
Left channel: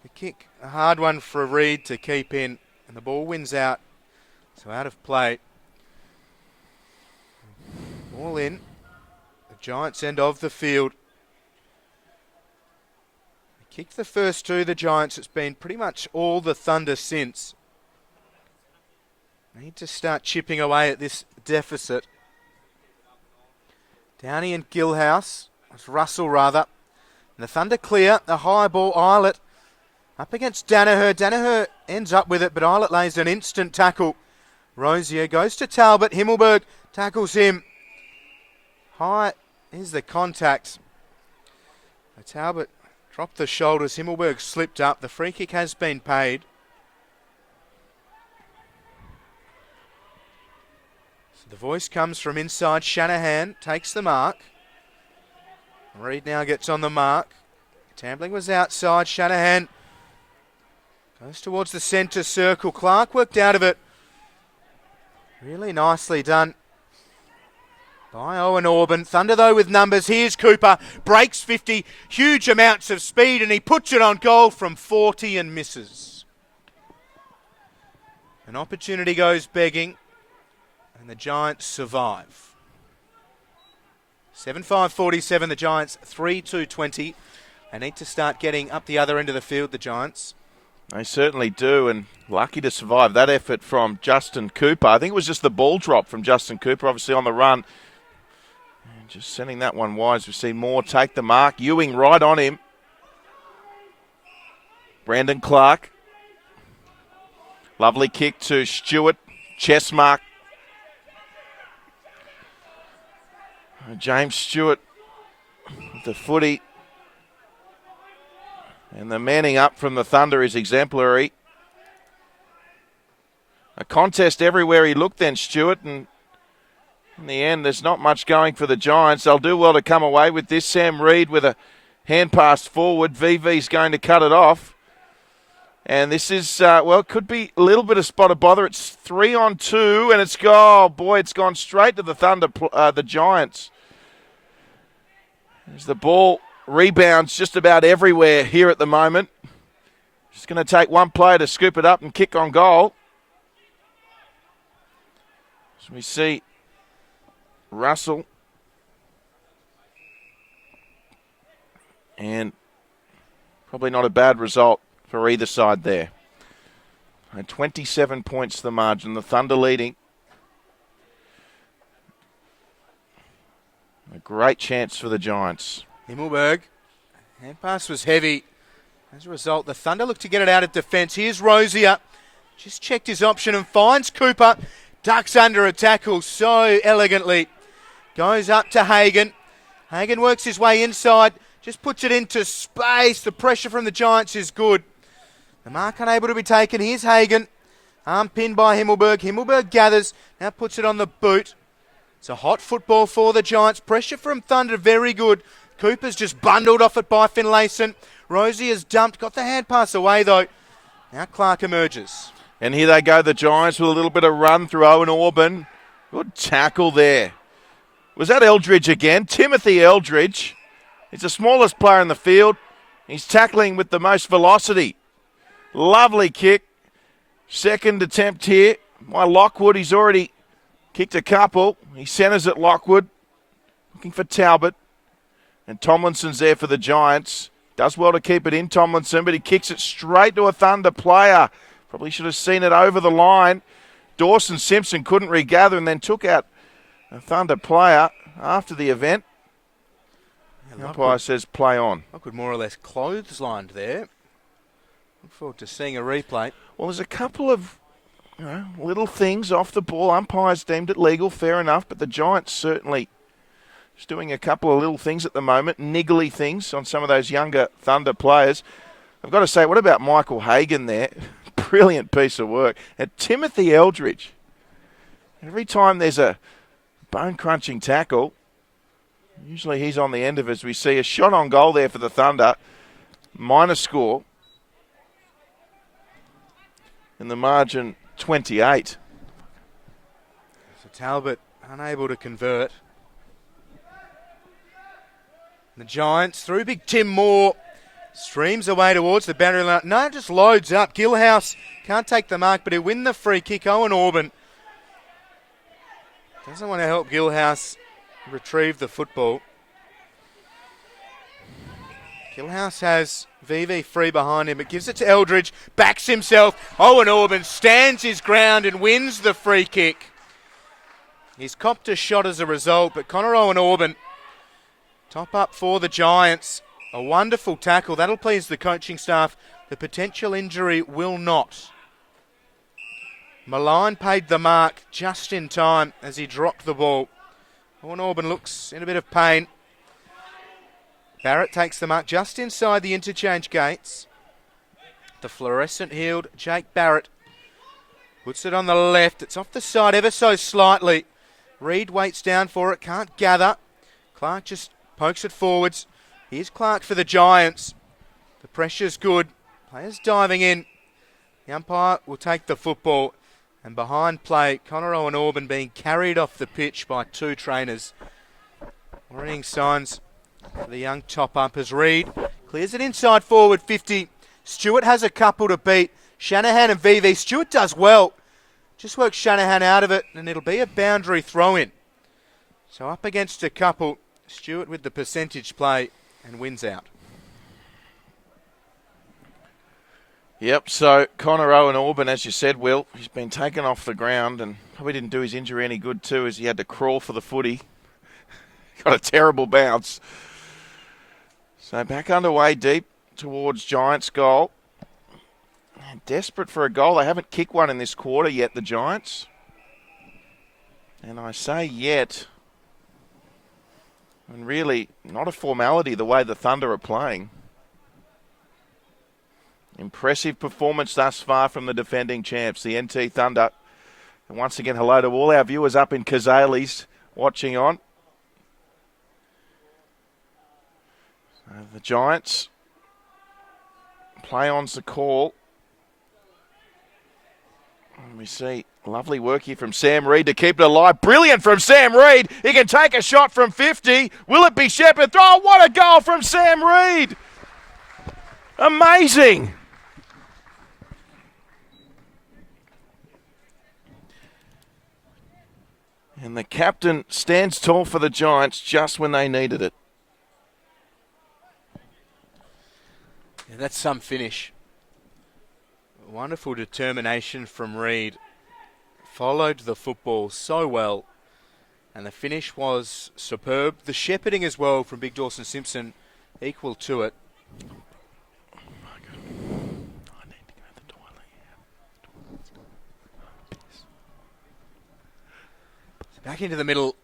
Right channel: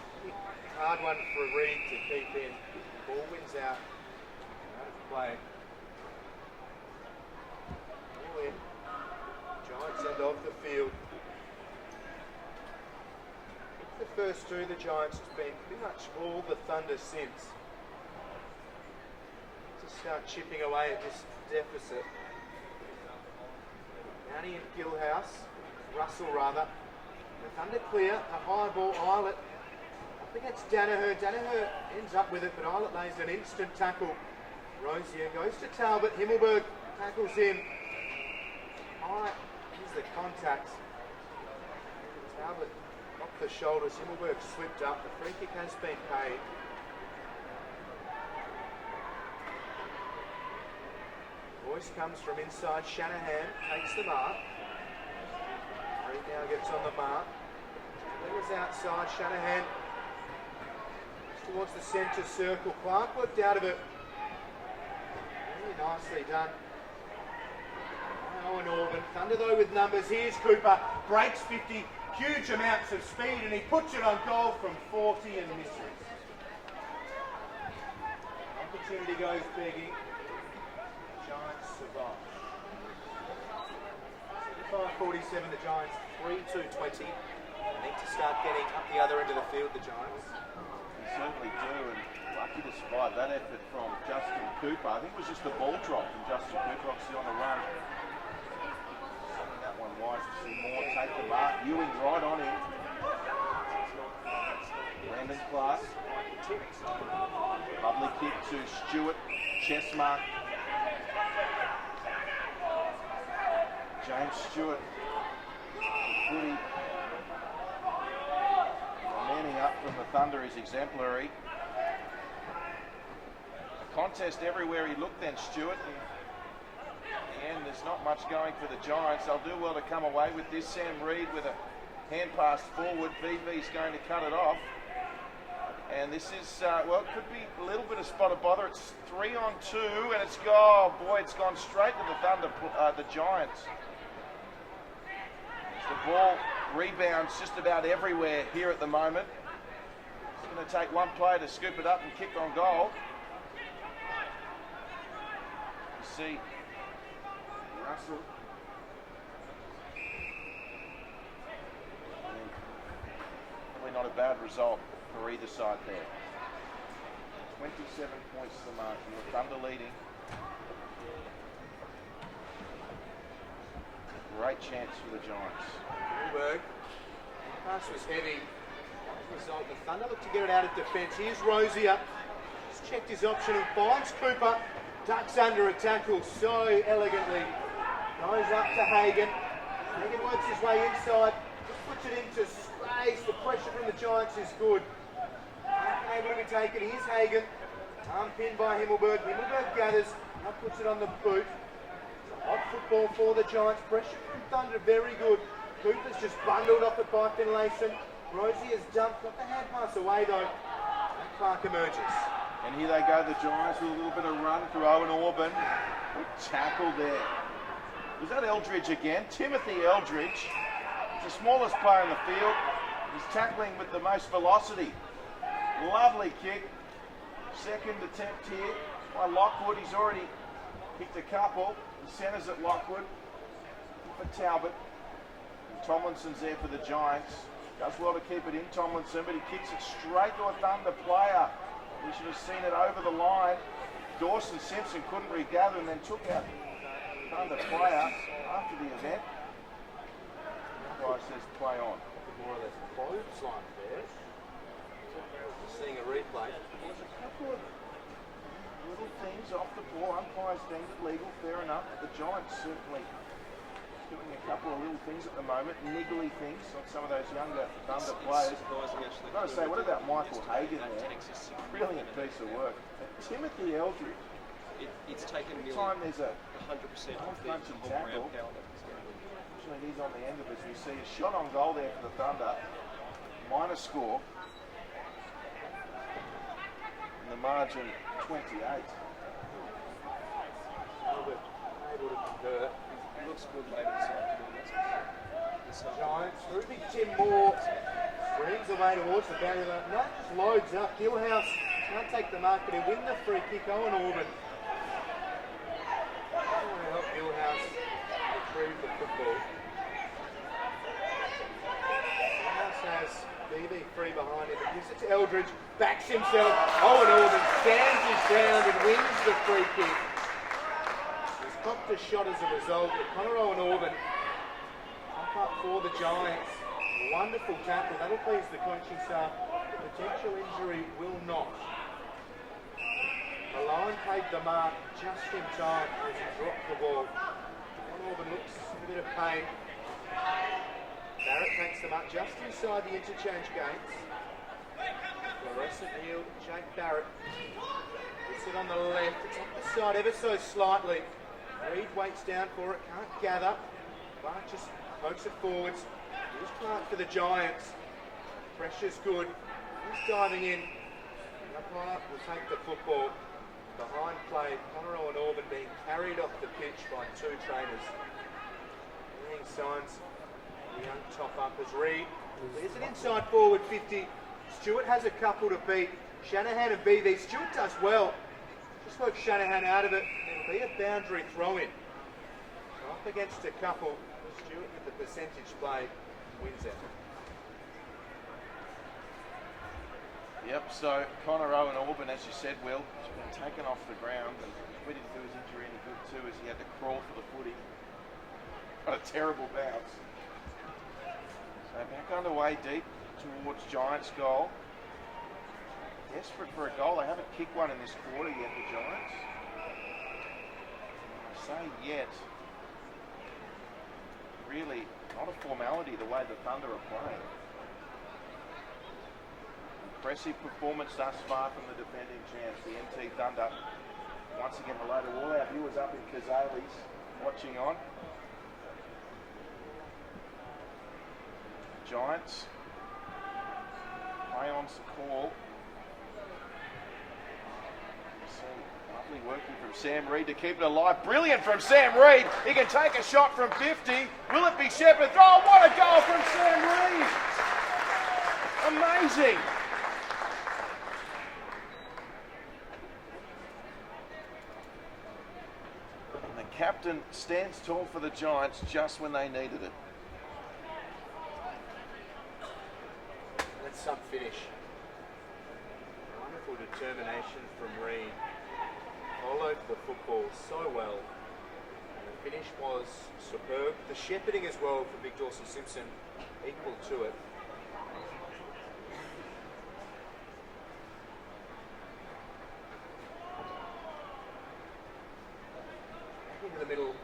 The kick, a hard one for Reid to keep in. And the ball wins out. So out of play. All in. The Giants' end of the field. Kicked the first two, the Giants. It's been pretty much all the Thunder since. Need to start chipping away at this deficit. Downey and Gillhouse. It's Russell rather. And the Thunder clear. The high ball, Eilert up against Danaher. Danaher ends up with it, but Eilert lays an instant tackle. Rosier goes to Talbot. Himmelberg tackles him. High is the contact. Talbot dropped the shoulders. Himmelberg slipped up. The free kick has been paid. So the voice comes from inside. Shanahan takes the mark. Reid now gets on the mark. Tambling was outside. Shanahan goes towards the centre circle. Clark worked out of it. Really nicely done by Owen Orban. Thunder though with numbers. Here's Cooper. Breaks 50. Huge amounts of speed and he puts it on goal from 40 and misses. An opportunity goes begging and the Giants survive. 7-5-47 the Giants. 3-2-20. They need to start getting up the other end of the field, the Giants. They certainly do, and lucky to survive that effort from Justin Cooper. I think it was just the ball drop from Justin Cooper, obviously on the run. Just sending that one wide as we see Moore take the mark. Ewing right on him. Brandon Clark. Lovely kick to Stewart. Chest mark. And James Stewart with the footy. And the manning up from the Thunder is exemplary. A contest everywhere he looked then, Stewart, and in the end there's not much going for the Giants. They'll do well to come away with this. Sam Reid with a hand pass forward. VV's going to cut it off. And this is, well, it could be a little bit of spot of bother. It's 3-on-2 and it's it's gone straight to the Thunder, the Giants. As the ball rebounds just about everywhere here at the moment. Just going to take one player to scoop it up and kick on goal. So we see Russell. And probably not a bad result for either side there. And 27 points the margin. The Thunder leading. A great chance for the Giants. Himmelberg. Hand pass was heavy. As a result, the Thunder look to get it out of defence. Here's Rosier. Just checked his option and finds Cooper. Ducks under a tackle so elegantly. Goes up to Hagan. Hagan works his way inside. Just puts it into space. The pressure from the Giants is good. The mark unable to be taken. Here's Hagan. Arm pinned by Himmelberg. Himmelberg gathers. Now puts it on the boot. It's a hot football for the Giants. Pressure from Thunder very good. Cooper's just bundled off it by Finlayson. Rosier's dumped. Got the hand pass away though. Now Clark emerges. And here they go, the Giants, with a little bit of run through Owen Orban. Good tackle there. Was that Eldridge again? Timothy Eldridge. He's the smallest player in the field. He's tackling with the most velocity. Lovely kick. Second attempt here by Lockwood. He's already kicked a couple. He centres at Lockwood. Looking for Talbot. And Tomlinson's there for the Giants. Does well to keep it in, Tomlinson, but he kicks it straight to a Thunder player. Probably should have seen it over the line. Dawson Simpson couldn't regather and then took out a Thunder player after the event. The umpire says play on. Lockwood more or less clotheslined there. Look forward to seeing a replay. Well, there's a couple of little things off the ball. Umpires deemed it legal, fair enough, but the Giants certainly just doing a couple of little things at the moment, niggly things on some of those younger Thunder players. I've got to say, what about Michael Hagan there? Brilliant piece of work. And Timothy Eldridge. Every time there's a bone-crunching tackle, usually he's on the end of it. As we see a shot on goal there for the Thunder. Minor score. and the margin 28. So Talbot unable to convert. The Giants through big Tim Moore. Streams away towards the boundary line. No, just loads up. Gillhouse can't take the mark, but he'll win the free kick. Owen Orban doesn't want to help Gillhouse retrieve the football. Gillhouse has VV free behind him, but gives it to Eldridge. Backs himself. Owen Orban stands his ground and wins the free kick. He's copped a shot as a result, but Connor Owen Orban, top up for the Giants. A wonderful tackle. That'll please the coaching staff. The potential injury will not. Malign paid the mark just in time as he dropped the ball. Owen Orban looks in a bit of pain. Barrett takes the mark just inside the interchange gates. The fluorescent-heeled Jake Barrett puts it on the left. It's off the side ever so slightly. Reed waits down for it, can't gather. Clark just pokes it forwards. Here's Clark for the Giants. The pressure's good. Players diving in. The umpire will take the football. And behind play, Connor Owen Orban being carried off the pitch by two trainers. Warning signs for the young top-up as Reed clears it inside forward 50. Stewart has a couple to beat. Shanahan and VV. Stewart does well. Just works Shanahan out of it, and it'll be a boundary throw-in. So up against a couple. Stewart with the percentage play and wins out. Yep, so Connor Owen Orban, as you said, Will, he's been taken off the ground and probably didn't do his injury any good too, as he had to crawl for the footy. Got a terrible bounce. So back underway deep towards Giants goal. Man, desperate for a goal. They haven't kicked one in this quarter yet, the Giants. And I say yet, and really not a formality the way the Thunder are playing. Impressive performance thus far from the defending champs, the NT Thunder. Once again, hello to all our viewers up in Kazales watching on. The Giants, play on's the call. Let me see, lovely work here from Sam Reid to keep it alive. Brilliant from Sam Reid. He can take a shot from 50. Will it be Shepherd? Oh, what a goal from Sam Reid. Amazing. And the captain stands tall for the Giants just when they needed it. That's some finish. Wonderful determination from Reid. Followed the football so well. And the finish was superb. The shepherding as well from Big Dawson Simpson equal to it. Back into the middle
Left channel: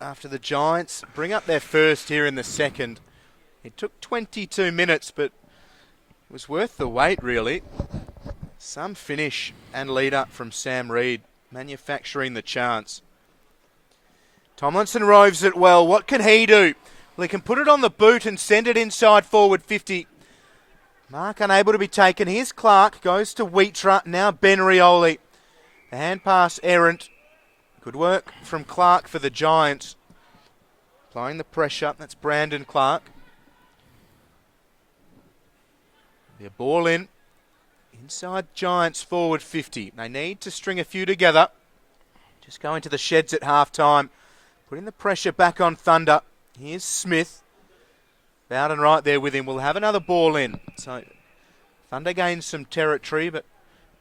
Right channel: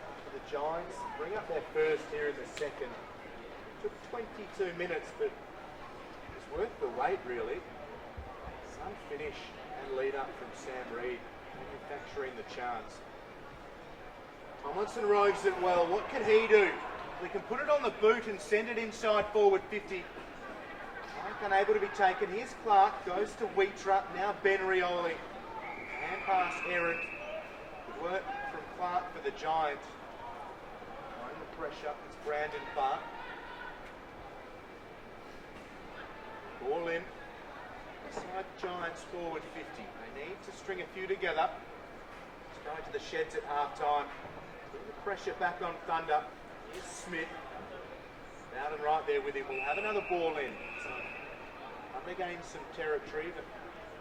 after the Giants bring up their first here in the second. It took 22 minutes, but it was worth the wait, really. Some finish and lead up from Sam Reid, manufacturing the chance. Tomlinson roves it well. What can he do? Well, he can put it on the boot and send it inside forward 50. Mark unable to be taken. Here's Clark, goes to Wheatra, now Ben Rioli. The hand pass errant. Good work from Clark for the Giants. Applying the pressure, that's Brandon Clark. The ball in. Inside Giants forward 50. They need to string a few together. Just going to the sheds at half time. Putting the pressure back on Thunder. Here's Smith. Bowden right there with him. We'll have another ball in. So Thunder gains some territory, but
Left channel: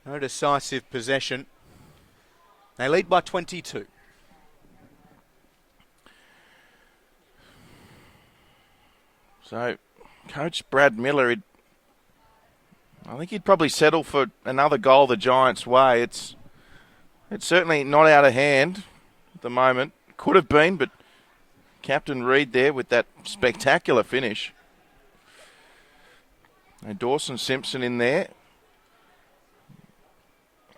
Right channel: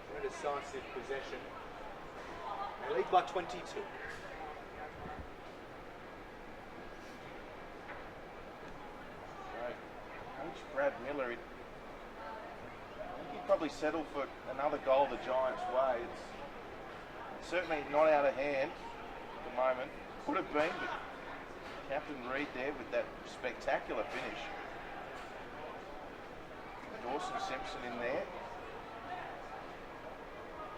no decisive possession. They lead by 22. So Coach Brad Miller, I think he'd probably settle for another goal the Giants' way. It's certainly not out of hand at the moment. Could have been, but Captain Reid there with that spectacular finish. And Dawson Simpson in there.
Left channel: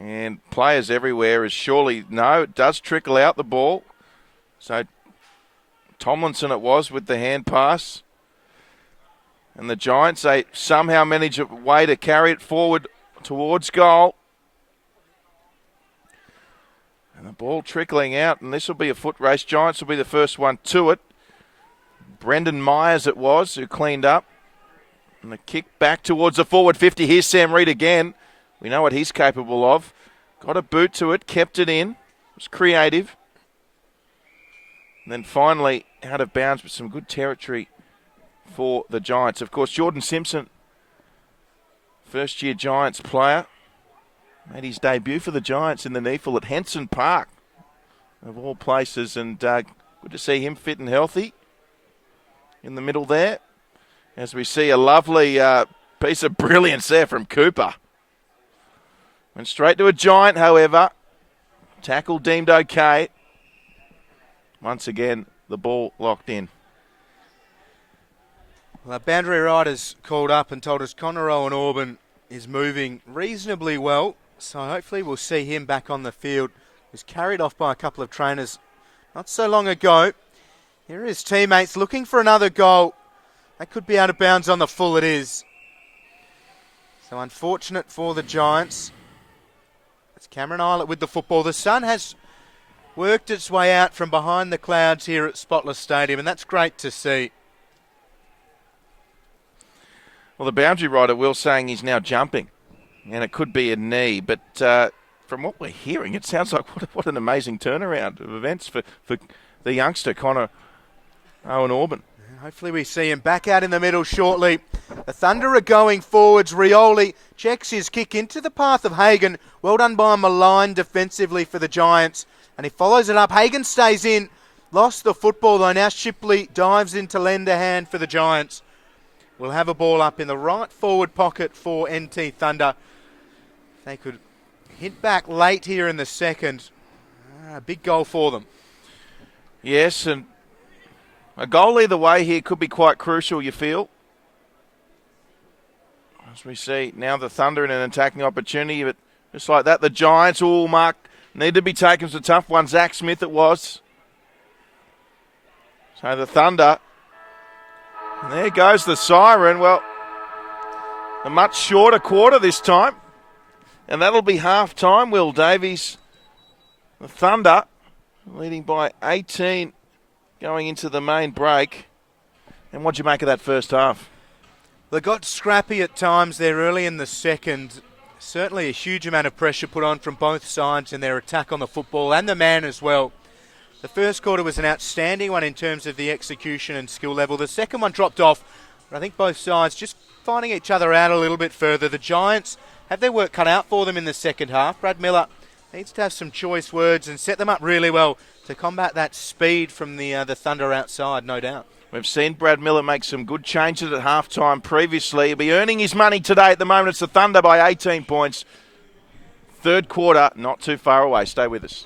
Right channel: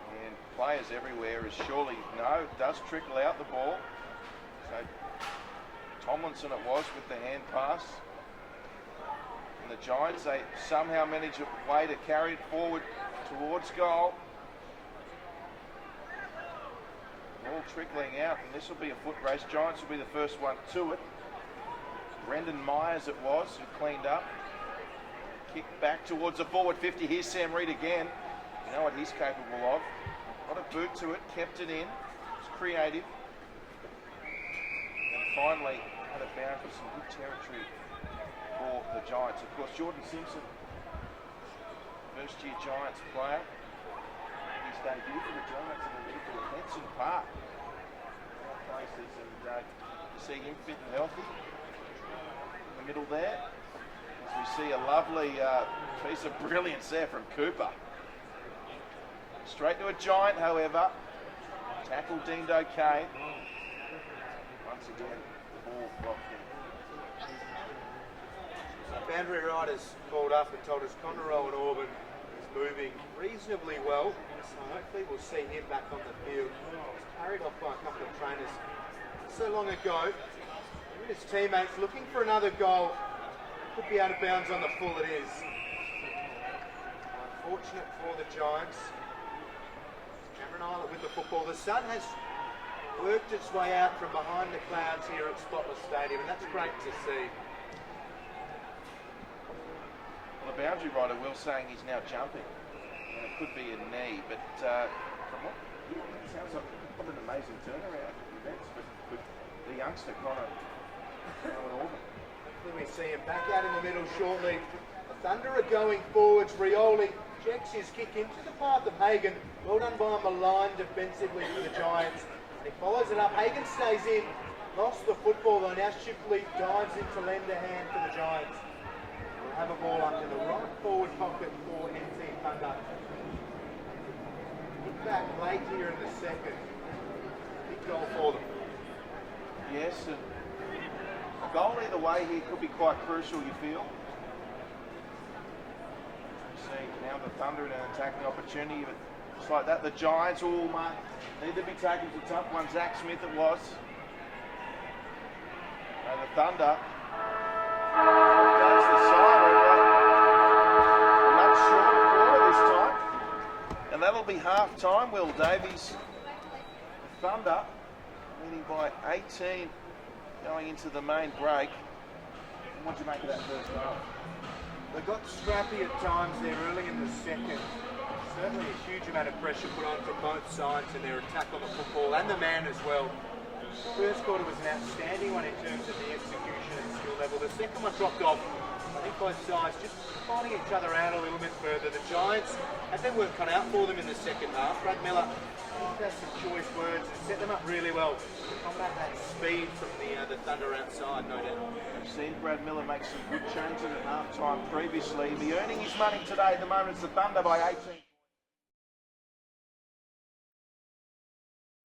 And players everywhere is surely, no, it does trickle out the ball. So Tomlinson it was with the hand pass. And the Giants, they somehow manage a way to carry it forward towards goal. And the ball trickling out, and this will be a foot race. Giants will be the first one to it. Brendan Myers it was who cleaned up. And the kick back towards the forward 50. Here's Sam Reid again. We know what he's capable of. Got a boot to it, kept it in. Was creative. And then finally out of bounds with some good territory for the Giants. Of course, Jordan Simpson, first-year Giants player, made his debut for the Giants in the NEAFL at Henson Park, of all places, and good to see him fit and healthy in the middle there. As we see a lovely piece of brilliance there from Cooper. And straight to a Giant, however. Tackle deemed okay. Once again, the ball locked in. Well, boundary riders called up and told us Connor Owen Auburn is moving reasonably well, so hopefully we'll see him back on the field. He was carried off by a couple of trainers not so long ago. Here are his teammates looking for another goal. That could be out of bounds on the full, it is. So unfortunate for the Giants. It's Cameron Eilert with the football. The sun has worked its way out from behind the clouds here at Spotless Stadium, and that's great to see. Well, the boundary rider, Will, saying he's now jumping, and it could be a knee, but from what we're hearing, it sounds like what an amazing turnaround of events for the youngster, Connor Owen Auburn. Hopefully we see him back out in the middle shortly. The Thunder are going forwards. Rioli checks his kick into the path of Hagan. Well done by Malign defensively for the Giants. And he follows it up. Hagan stays in. Lost the football though. Now Shipley dives into lender hand for the Giants. We'll have a ball up in the right forward pocket for NT Thunder. They could hit back late here in the second. A big goal for them. Yes, and a goal either way here could be quite crucial, you feel. As we see now the Thunder in an attacking opportunity, but just like that, the Giants, Mark, need to be taken. It's a tough one. Zach Smith it was. So the Thunder, there goes the siren. Well, a much shorter quarter this time. And that'll be half time, Will Davies. The Thunder leading by 18 going into the main break. And what'd you make of that first half? They got scrappy at times there early in the second. Certainly a huge amount of pressure put on from both sides in their attack on the football and the man as well. The first quarter was an outstanding one in terms of the execution and skill level. The second one dropped off. I think both sides just finding each other out a little bit further. The Giants have their work cut out for them in the second half. Brad Miller needs to have some choice words and set them up really well to combat that speed from the Thunder outside, no doubt. We've seen Brad Miller make some good changes at halftime previously. He'll be earning his money today. At the moment, it's the Thunder by 18 points. Third quarter, not too far away. Stay with us.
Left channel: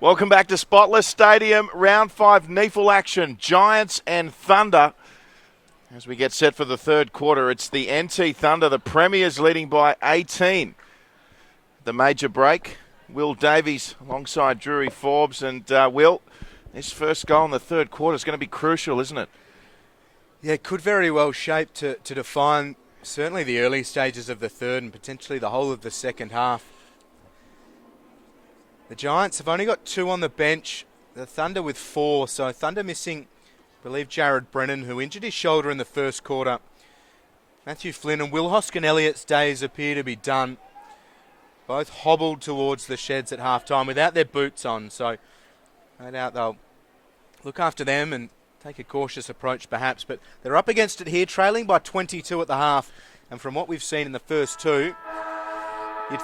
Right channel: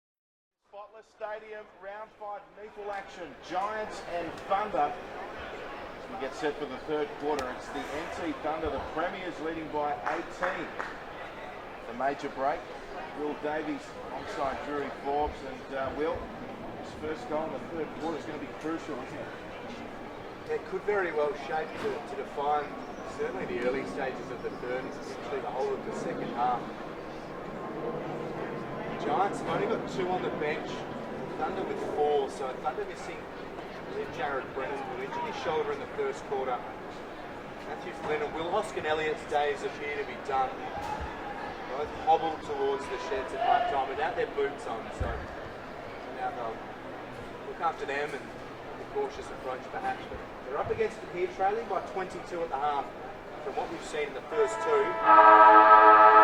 Welcome back to Spotless Stadium, round 5 NEAFL action, Giants and Thunder. As we get set for the third quarter, it's the NT Thunder, the Premiers leading by 18. The major break, Will Davies alongside Drury Forbes, and Will, his first goal in the third quarter is going to be crucial, isn't it? Yeah, it could very well shape to define certainly the early stages of the third and potentially the whole of the second half. The Giants have only got 2 on the bench, the Thunder with 4, so Thunder missing, I believe, Jared Brennan, who injured his shoulder in the first quarter. Matthew Flynn and Will Hoskin-Elliott's days appear to be done. Both hobbled towards the sheds at halftime without their boots on, so no doubt they'll look after them and take a cautious approach perhaps, but they're up against it here, trailing by 22 at the half, and from what we've seen in the first 2, you'd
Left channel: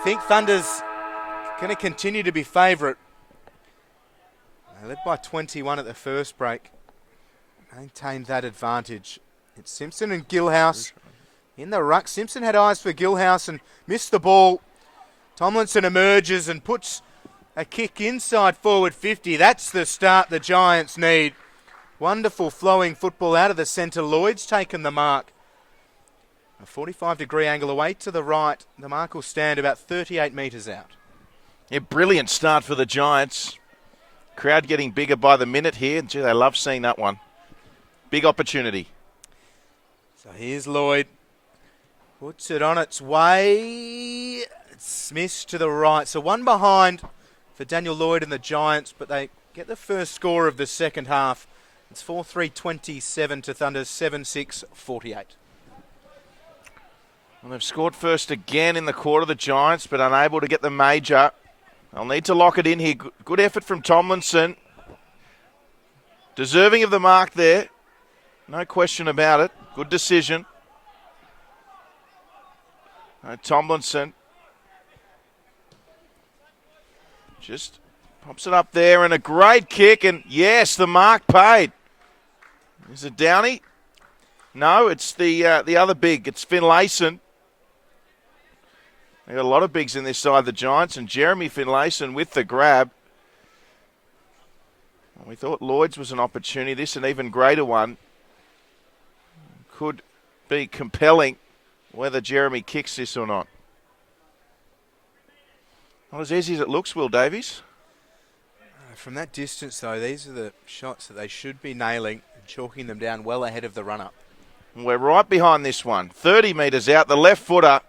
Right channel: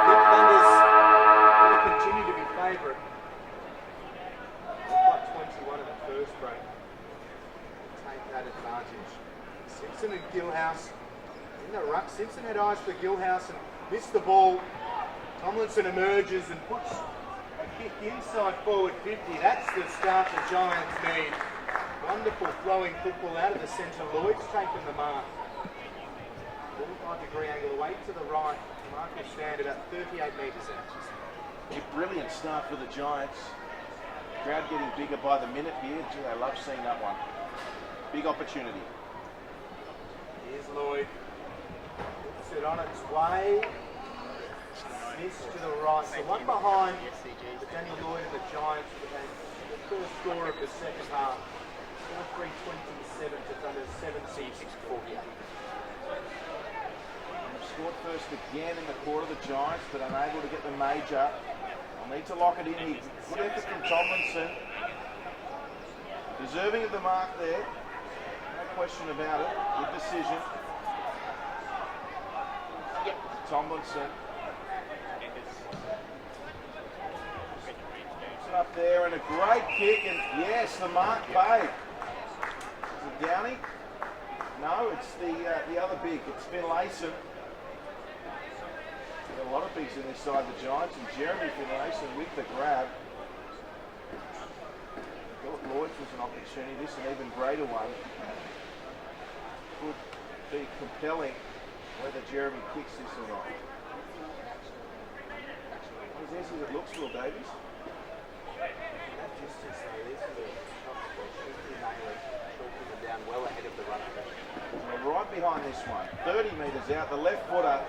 think Thunder's going to continue to be favourite. Led by 21 at the first break, maintained that advantage. It's Simpson and Gilhouse in the ruck. Simpson had eyes for Gilhouse and missed the ball. Tomlinson emerges and puts a kick inside forward 50. That's the start the Giants need. Wonderful flowing football out of the centre. Lloyd's taken the mark. A 45-degree angle away to the right. The mark will stand about 38 metres out. A brilliant start for the Giants. Crowd getting bigger by the minute here. Gee, they love seeing that one. Big opportunity. So here's Lloyd. Puts it on its way. Smith to the right. So one behind for Daniel Lloyd and the Giants, but they get the first score of the second half. It's 4-3-27 to Thunder's 7-6-48. Well, they've scored first again in the quarter, the Giants, but unable to get the major. They'll need to lock it in here. Good effort from Tomlinson. Deserving of the mark there. No question about it. Good decision. Tomlinson just pops it up there, and a great kick, and yes, the mark paid. Is it Downey? No, it's the other big. It's Finlayson. They've got a lot of bigs in this side, the Giants, and Jeremy Finlayson with the grab. We thought Lloyd's was an opportunity. This an even greater one. Could be compelling whether Jeremy kicks this or not. Not as easy as it looks, Will Davies. From that distance, though, these are the shots that they should be nailing, chalking them down well ahead of the run-up. We're right behind this one. 30 metres out, the left footer,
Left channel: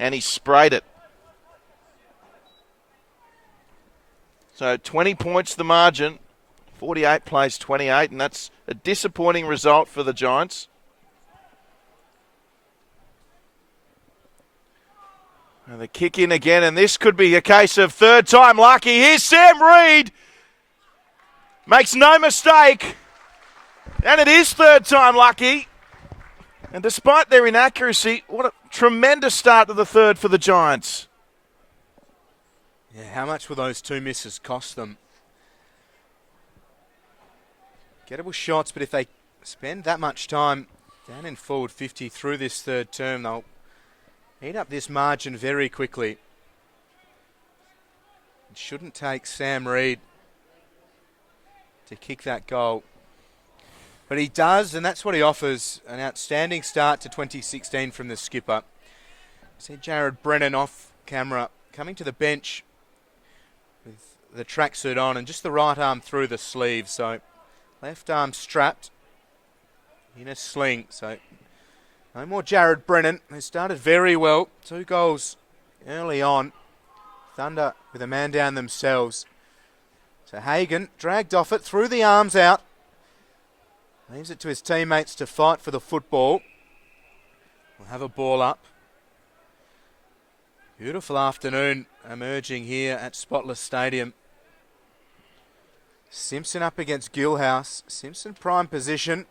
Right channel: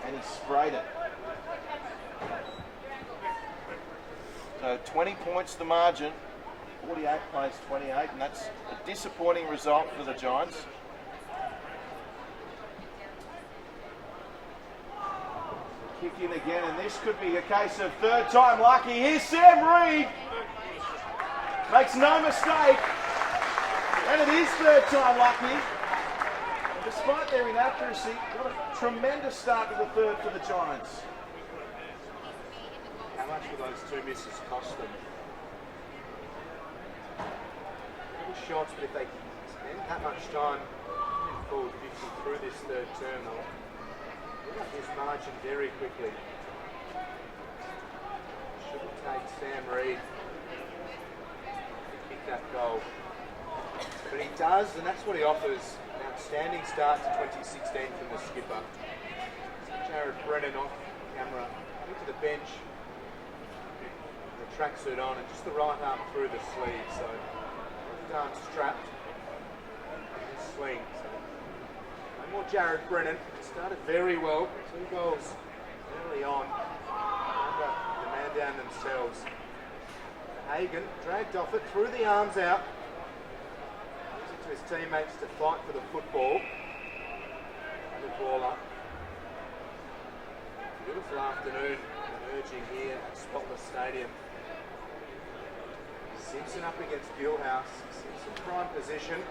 and he sprayed it. So 20 points the margin. 48 plays 28, and that's a disappointing result for the Giants. And the kick in again, and this could be a case of third time lucky. Here's Sam Reid. Makes no mistake. And it is third time lucky. And despite their inaccuracy, what a tremendous start to the third for the Giants. Yeah, how much will those 2 misses cost them? Gettable shots, but if they spend that much time down in forward 50 through this third term, they'll heat up this margin very quickly. It shouldn't take Sam Reid to kick that goal. But he does, and that's what he offers. An outstanding start to 2016 from the skipper. See Jared Brennan off camera coming to the bench with the tracksuit on and just the right arm through the sleeve. So left arm strapped in a sling. So no more Jared Brennan, who started very well. 2 goals early on. Thunder with a man down themselves. So Hagan dragged off it, threw the arms out. Leaves it to his teammates to fight for the football. Have a ball up. Beautiful afternoon emerging here at Spotless Stadium. Simpson up against Gilhouse. Simpson prime position.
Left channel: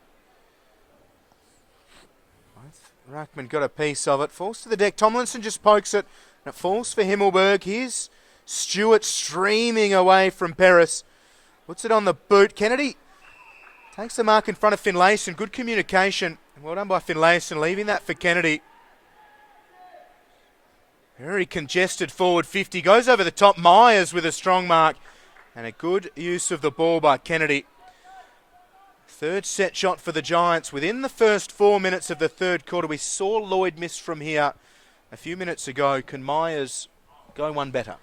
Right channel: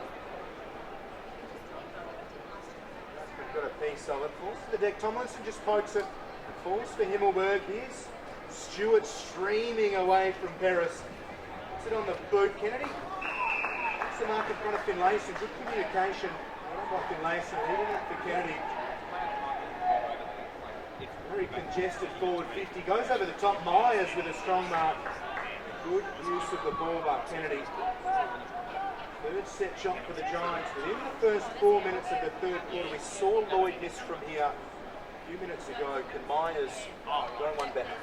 Ruckman got a piece of it. Falls to the deck. Tomlinson just pokes it. It falls for Himmelberg. Here's Stewart streaming away from Peris. Puts it on the boot. Kennedy takes the mark in front of Finlayson. Good communication. Well done by Finlayson, leaving that for Kennedy. Very congested forward 50. Goes over the top. Myers with a strong mark. And a good use of the ball by Kennedy. Third set shot for the Giants within the first 4 minutes of the third quarter. We saw Lloyd miss from here a few minutes ago. Can Myers go one better?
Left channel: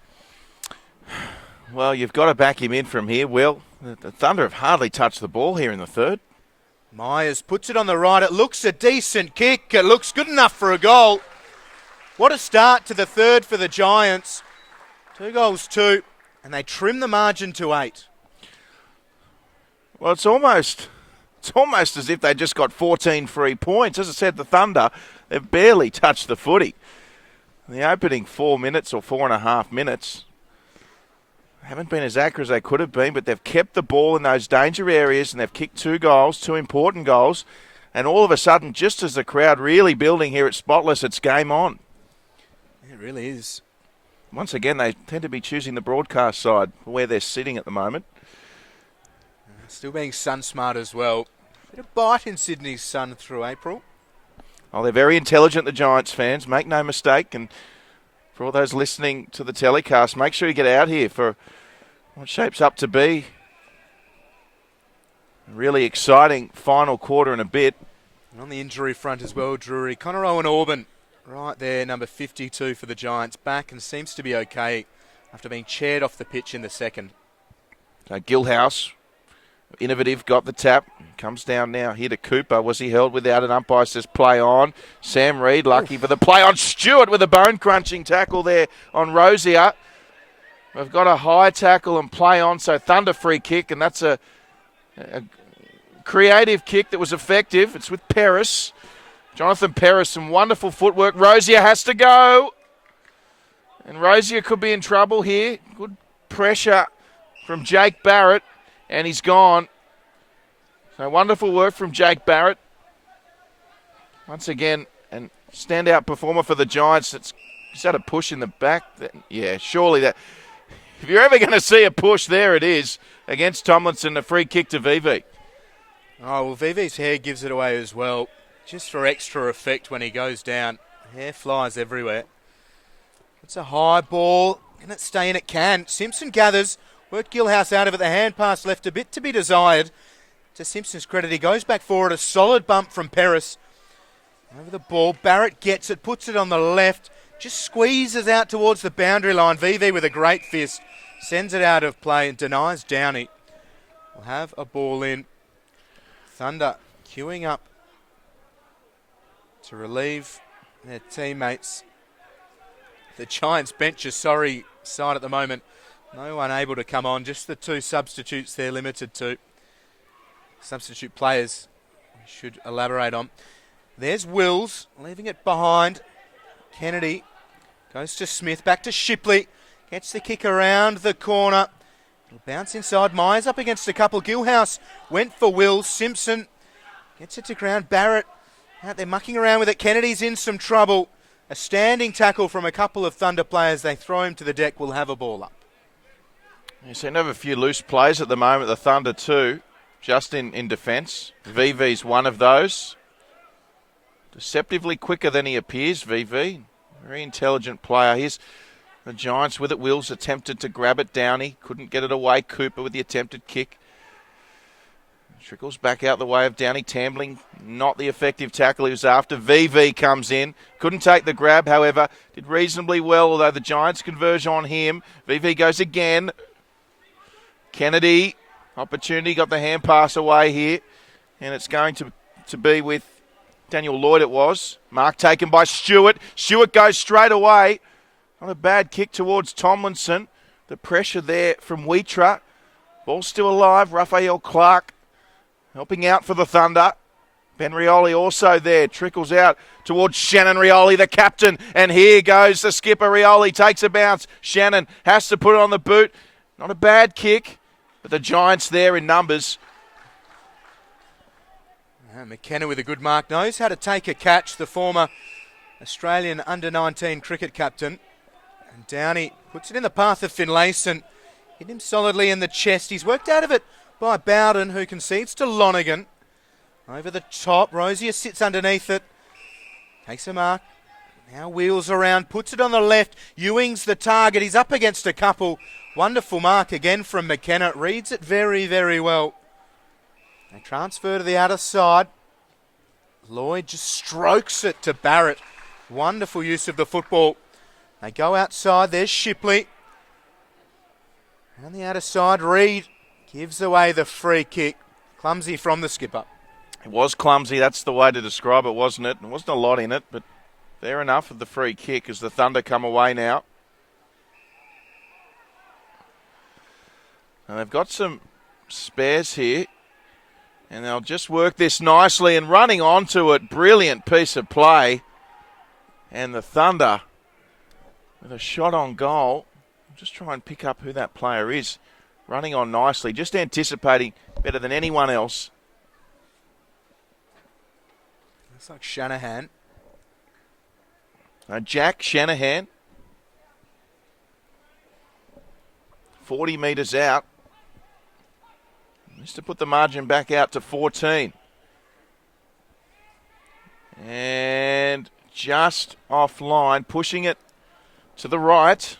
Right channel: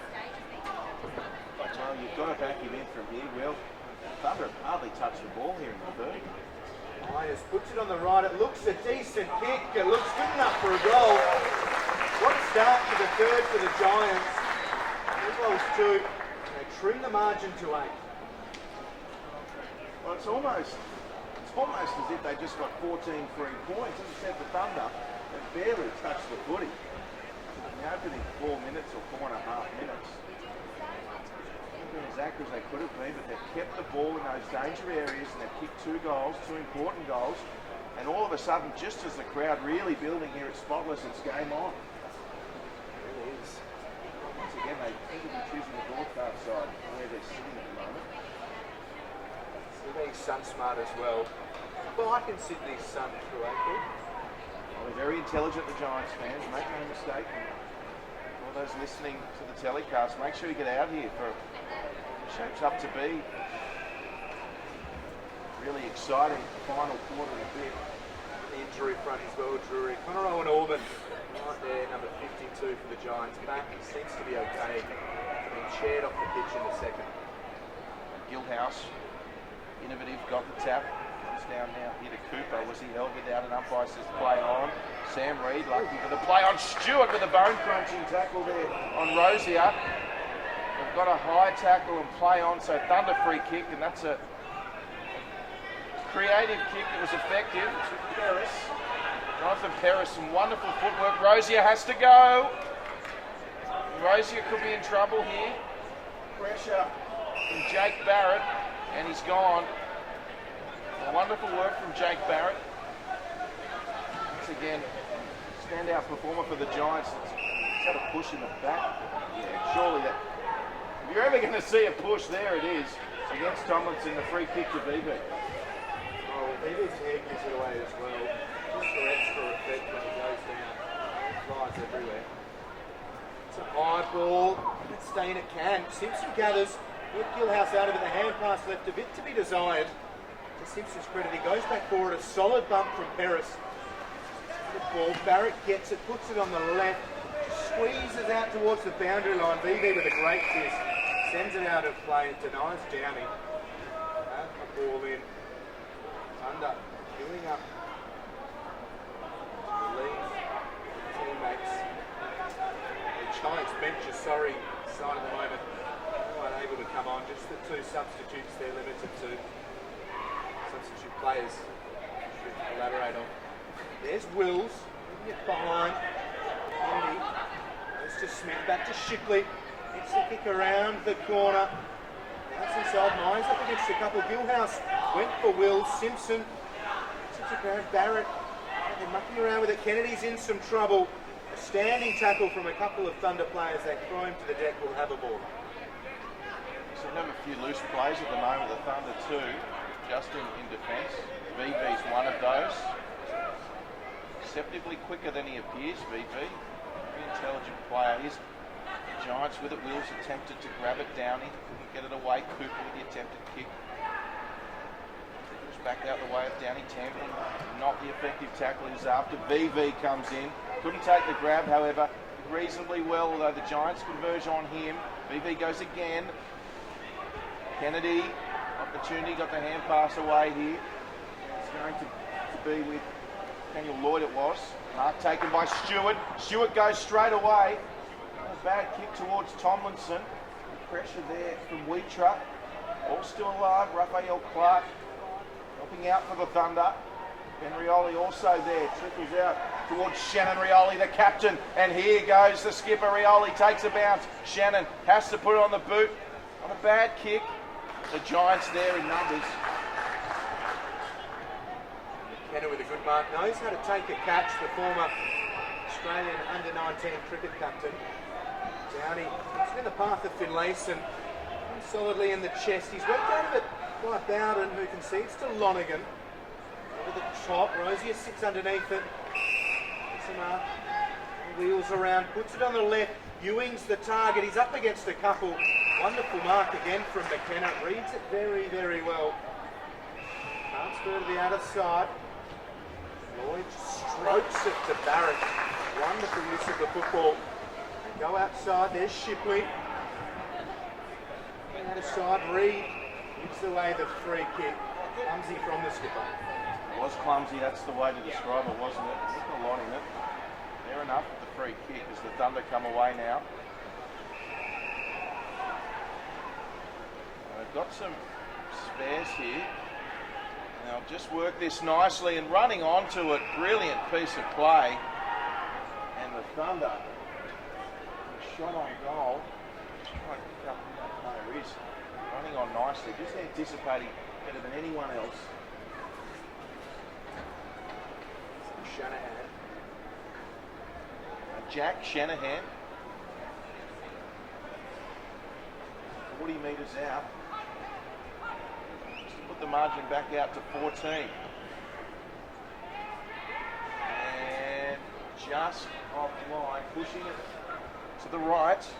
Well, you've got to back him in from here, Will. The Thunder have hardly touched the ball here in the third. Myers puts it on the right. It looks a decent kick. It looks good enough for a goal. What a start to the third for the Giants. 2 goals, 2, and they trim the margin to 8. Well, it's almost as if they just got 14 free points. As I said, the Thunder, they've barely touched the footy. In the opening 4 minutes or 4.5 minutes, haven't been as accurate as they could have been, but they've kept the ball in those danger areas and they've kicked 2 goals, 2 important goals. And all of a sudden, just as the crowd really building here at Spotless, it's game on. It really is. Once again, they tend to be choosing the broadcast side where they're sitting at the moment. Still being sun smart as well. A bite in Sydney's sun through April. Oh, they're very intelligent, the Giants fans. Make no mistake. And for all those listening to the telecast, make sure you get out here for what shapes up to be a really exciting final quarter and a bit. On the injury front as well, Drury. Connor Owen-Auburn right there, number 52 for the Giants. Back and seems to be okay after being chaired off the pitch in the second. Gilhouse, innovative, got the tap. Comes down now here to Cooper. Was he held without an umpire? Says play on. Sam Reid lucky for the play on. Stewart with a bone-crunching tackle there on Rosier. We've got a high tackle and play on, so Thunder free kick, and that's a creative kick that was effective. It's with Paris. Jonathan Paris, some wonderful footwork. Rosier has to go. And Rosier could be in trouble here. Good pressure from Jake Barrett, and he's gone. So wonderful work from Jake Barrett. Once again, a standout performer for the Giants. He's had a push in the back. Yeah, surely that. If you're ever going to see a push, there it is against Tomlinson, a free kick to VV. Oh, well, VV's hair gives it away as well, just for extra effect when he goes down. Hair flies everywhere. It's a high ball. Can it stay in? It can. Simpson gathers. Worked Gilhouse out of it. The hand pass left a bit to be desired. To Simpson's credit, he goes back forward. A solid bump from Paris. Over the ball. Barrett gets it, puts it on the left. Just squeezes out towards the boundary line. VV with a great fist. Sends it out of play and denies Downey. We'll have a ball in. Thunder queuing up to relieve their teammates. The Giants bench is sorry side at the moment. No one able to come on. Just the 2 substitutes they're limited to. Substitute players should elaborate on. There's Wills leaving it behind. Kennedy goes to Smith, back to Shipley. Gets the kick around the corner. Bounce inside. Myers up against a couple. Gilhouse went for Wills. Simpson gets it to ground. Barrett out there mucking around with it. Kennedy's in some trouble. A standing tackle from a couple of Thunder players. They throw him to the deck. We'll have a ball up. You seem to have a few loose plays at the moment, the Thunder too, just in defence. VV's one of those. Deceptively quicker than he appears, VV. Very intelligent player. Here's the Giants with it. Wills attempted to grab it. Downey couldn't get it away. Cooper with the attempted kick. Trickles back out the way of Downey. Tambling, not the effective tackle he was after. VV comes in. Couldn't take the grab, however. Did reasonably well, although the Giants converge on him. VV goes again. Kennedy, opportunity, got the hand pass away here. And it's going to be with Daniel Lloyd it was. Mark taken by Stewart. Stewart goes straight away. Not a bad kick towards Tomlinson. The pressure there from Wheatra. Ball still alive. Raphael Clark helping out for the Thunder. Ben Rioli also there. Trickles out towards Shannon Rioli, the captain. And here goes the skipper. Rioli takes a bounce. Shannon has to put it on the boot. Not a bad kick. But the Giants there in numbers. McKenna with a good mark. Knows how to take a catch. The former Australian under-19 cricket captain. Downey puts it in the path of Finlayson. Hit him solidly in the chest. He's worked out of it by Bowden, who concedes to Lonergan. Over the top. Rosier sits underneath it. Takes a mark. Now wheels around. Puts it on the left. Ewing's the target. He's up against a couple. Wonderful mark again from McKenna. Reads it very, very well. And transfer to the outer side. Lloyd just strokes it to Barrett. Wonderful use of the football. They go outside. There's Shipley. On the outer side, Reed gives away the free kick. Clumsy from the skipper. It was clumsy, that's the way to describe it, wasn't it? There wasn't a lot in it, but fair enough with the free kick as the Thunder come away now. And they've got some spares here. And they'll just work this nicely and running onto it. Brilliant piece of play. And the Thunder with a shot on goal. I'll just try and pick up who that player is. Running on nicely, just anticipating better than anyone else. It's like Shanahan. Jack Shanahan. 40 metres out. Just to put the margin back out to 14. And just offline, pushing it to the right.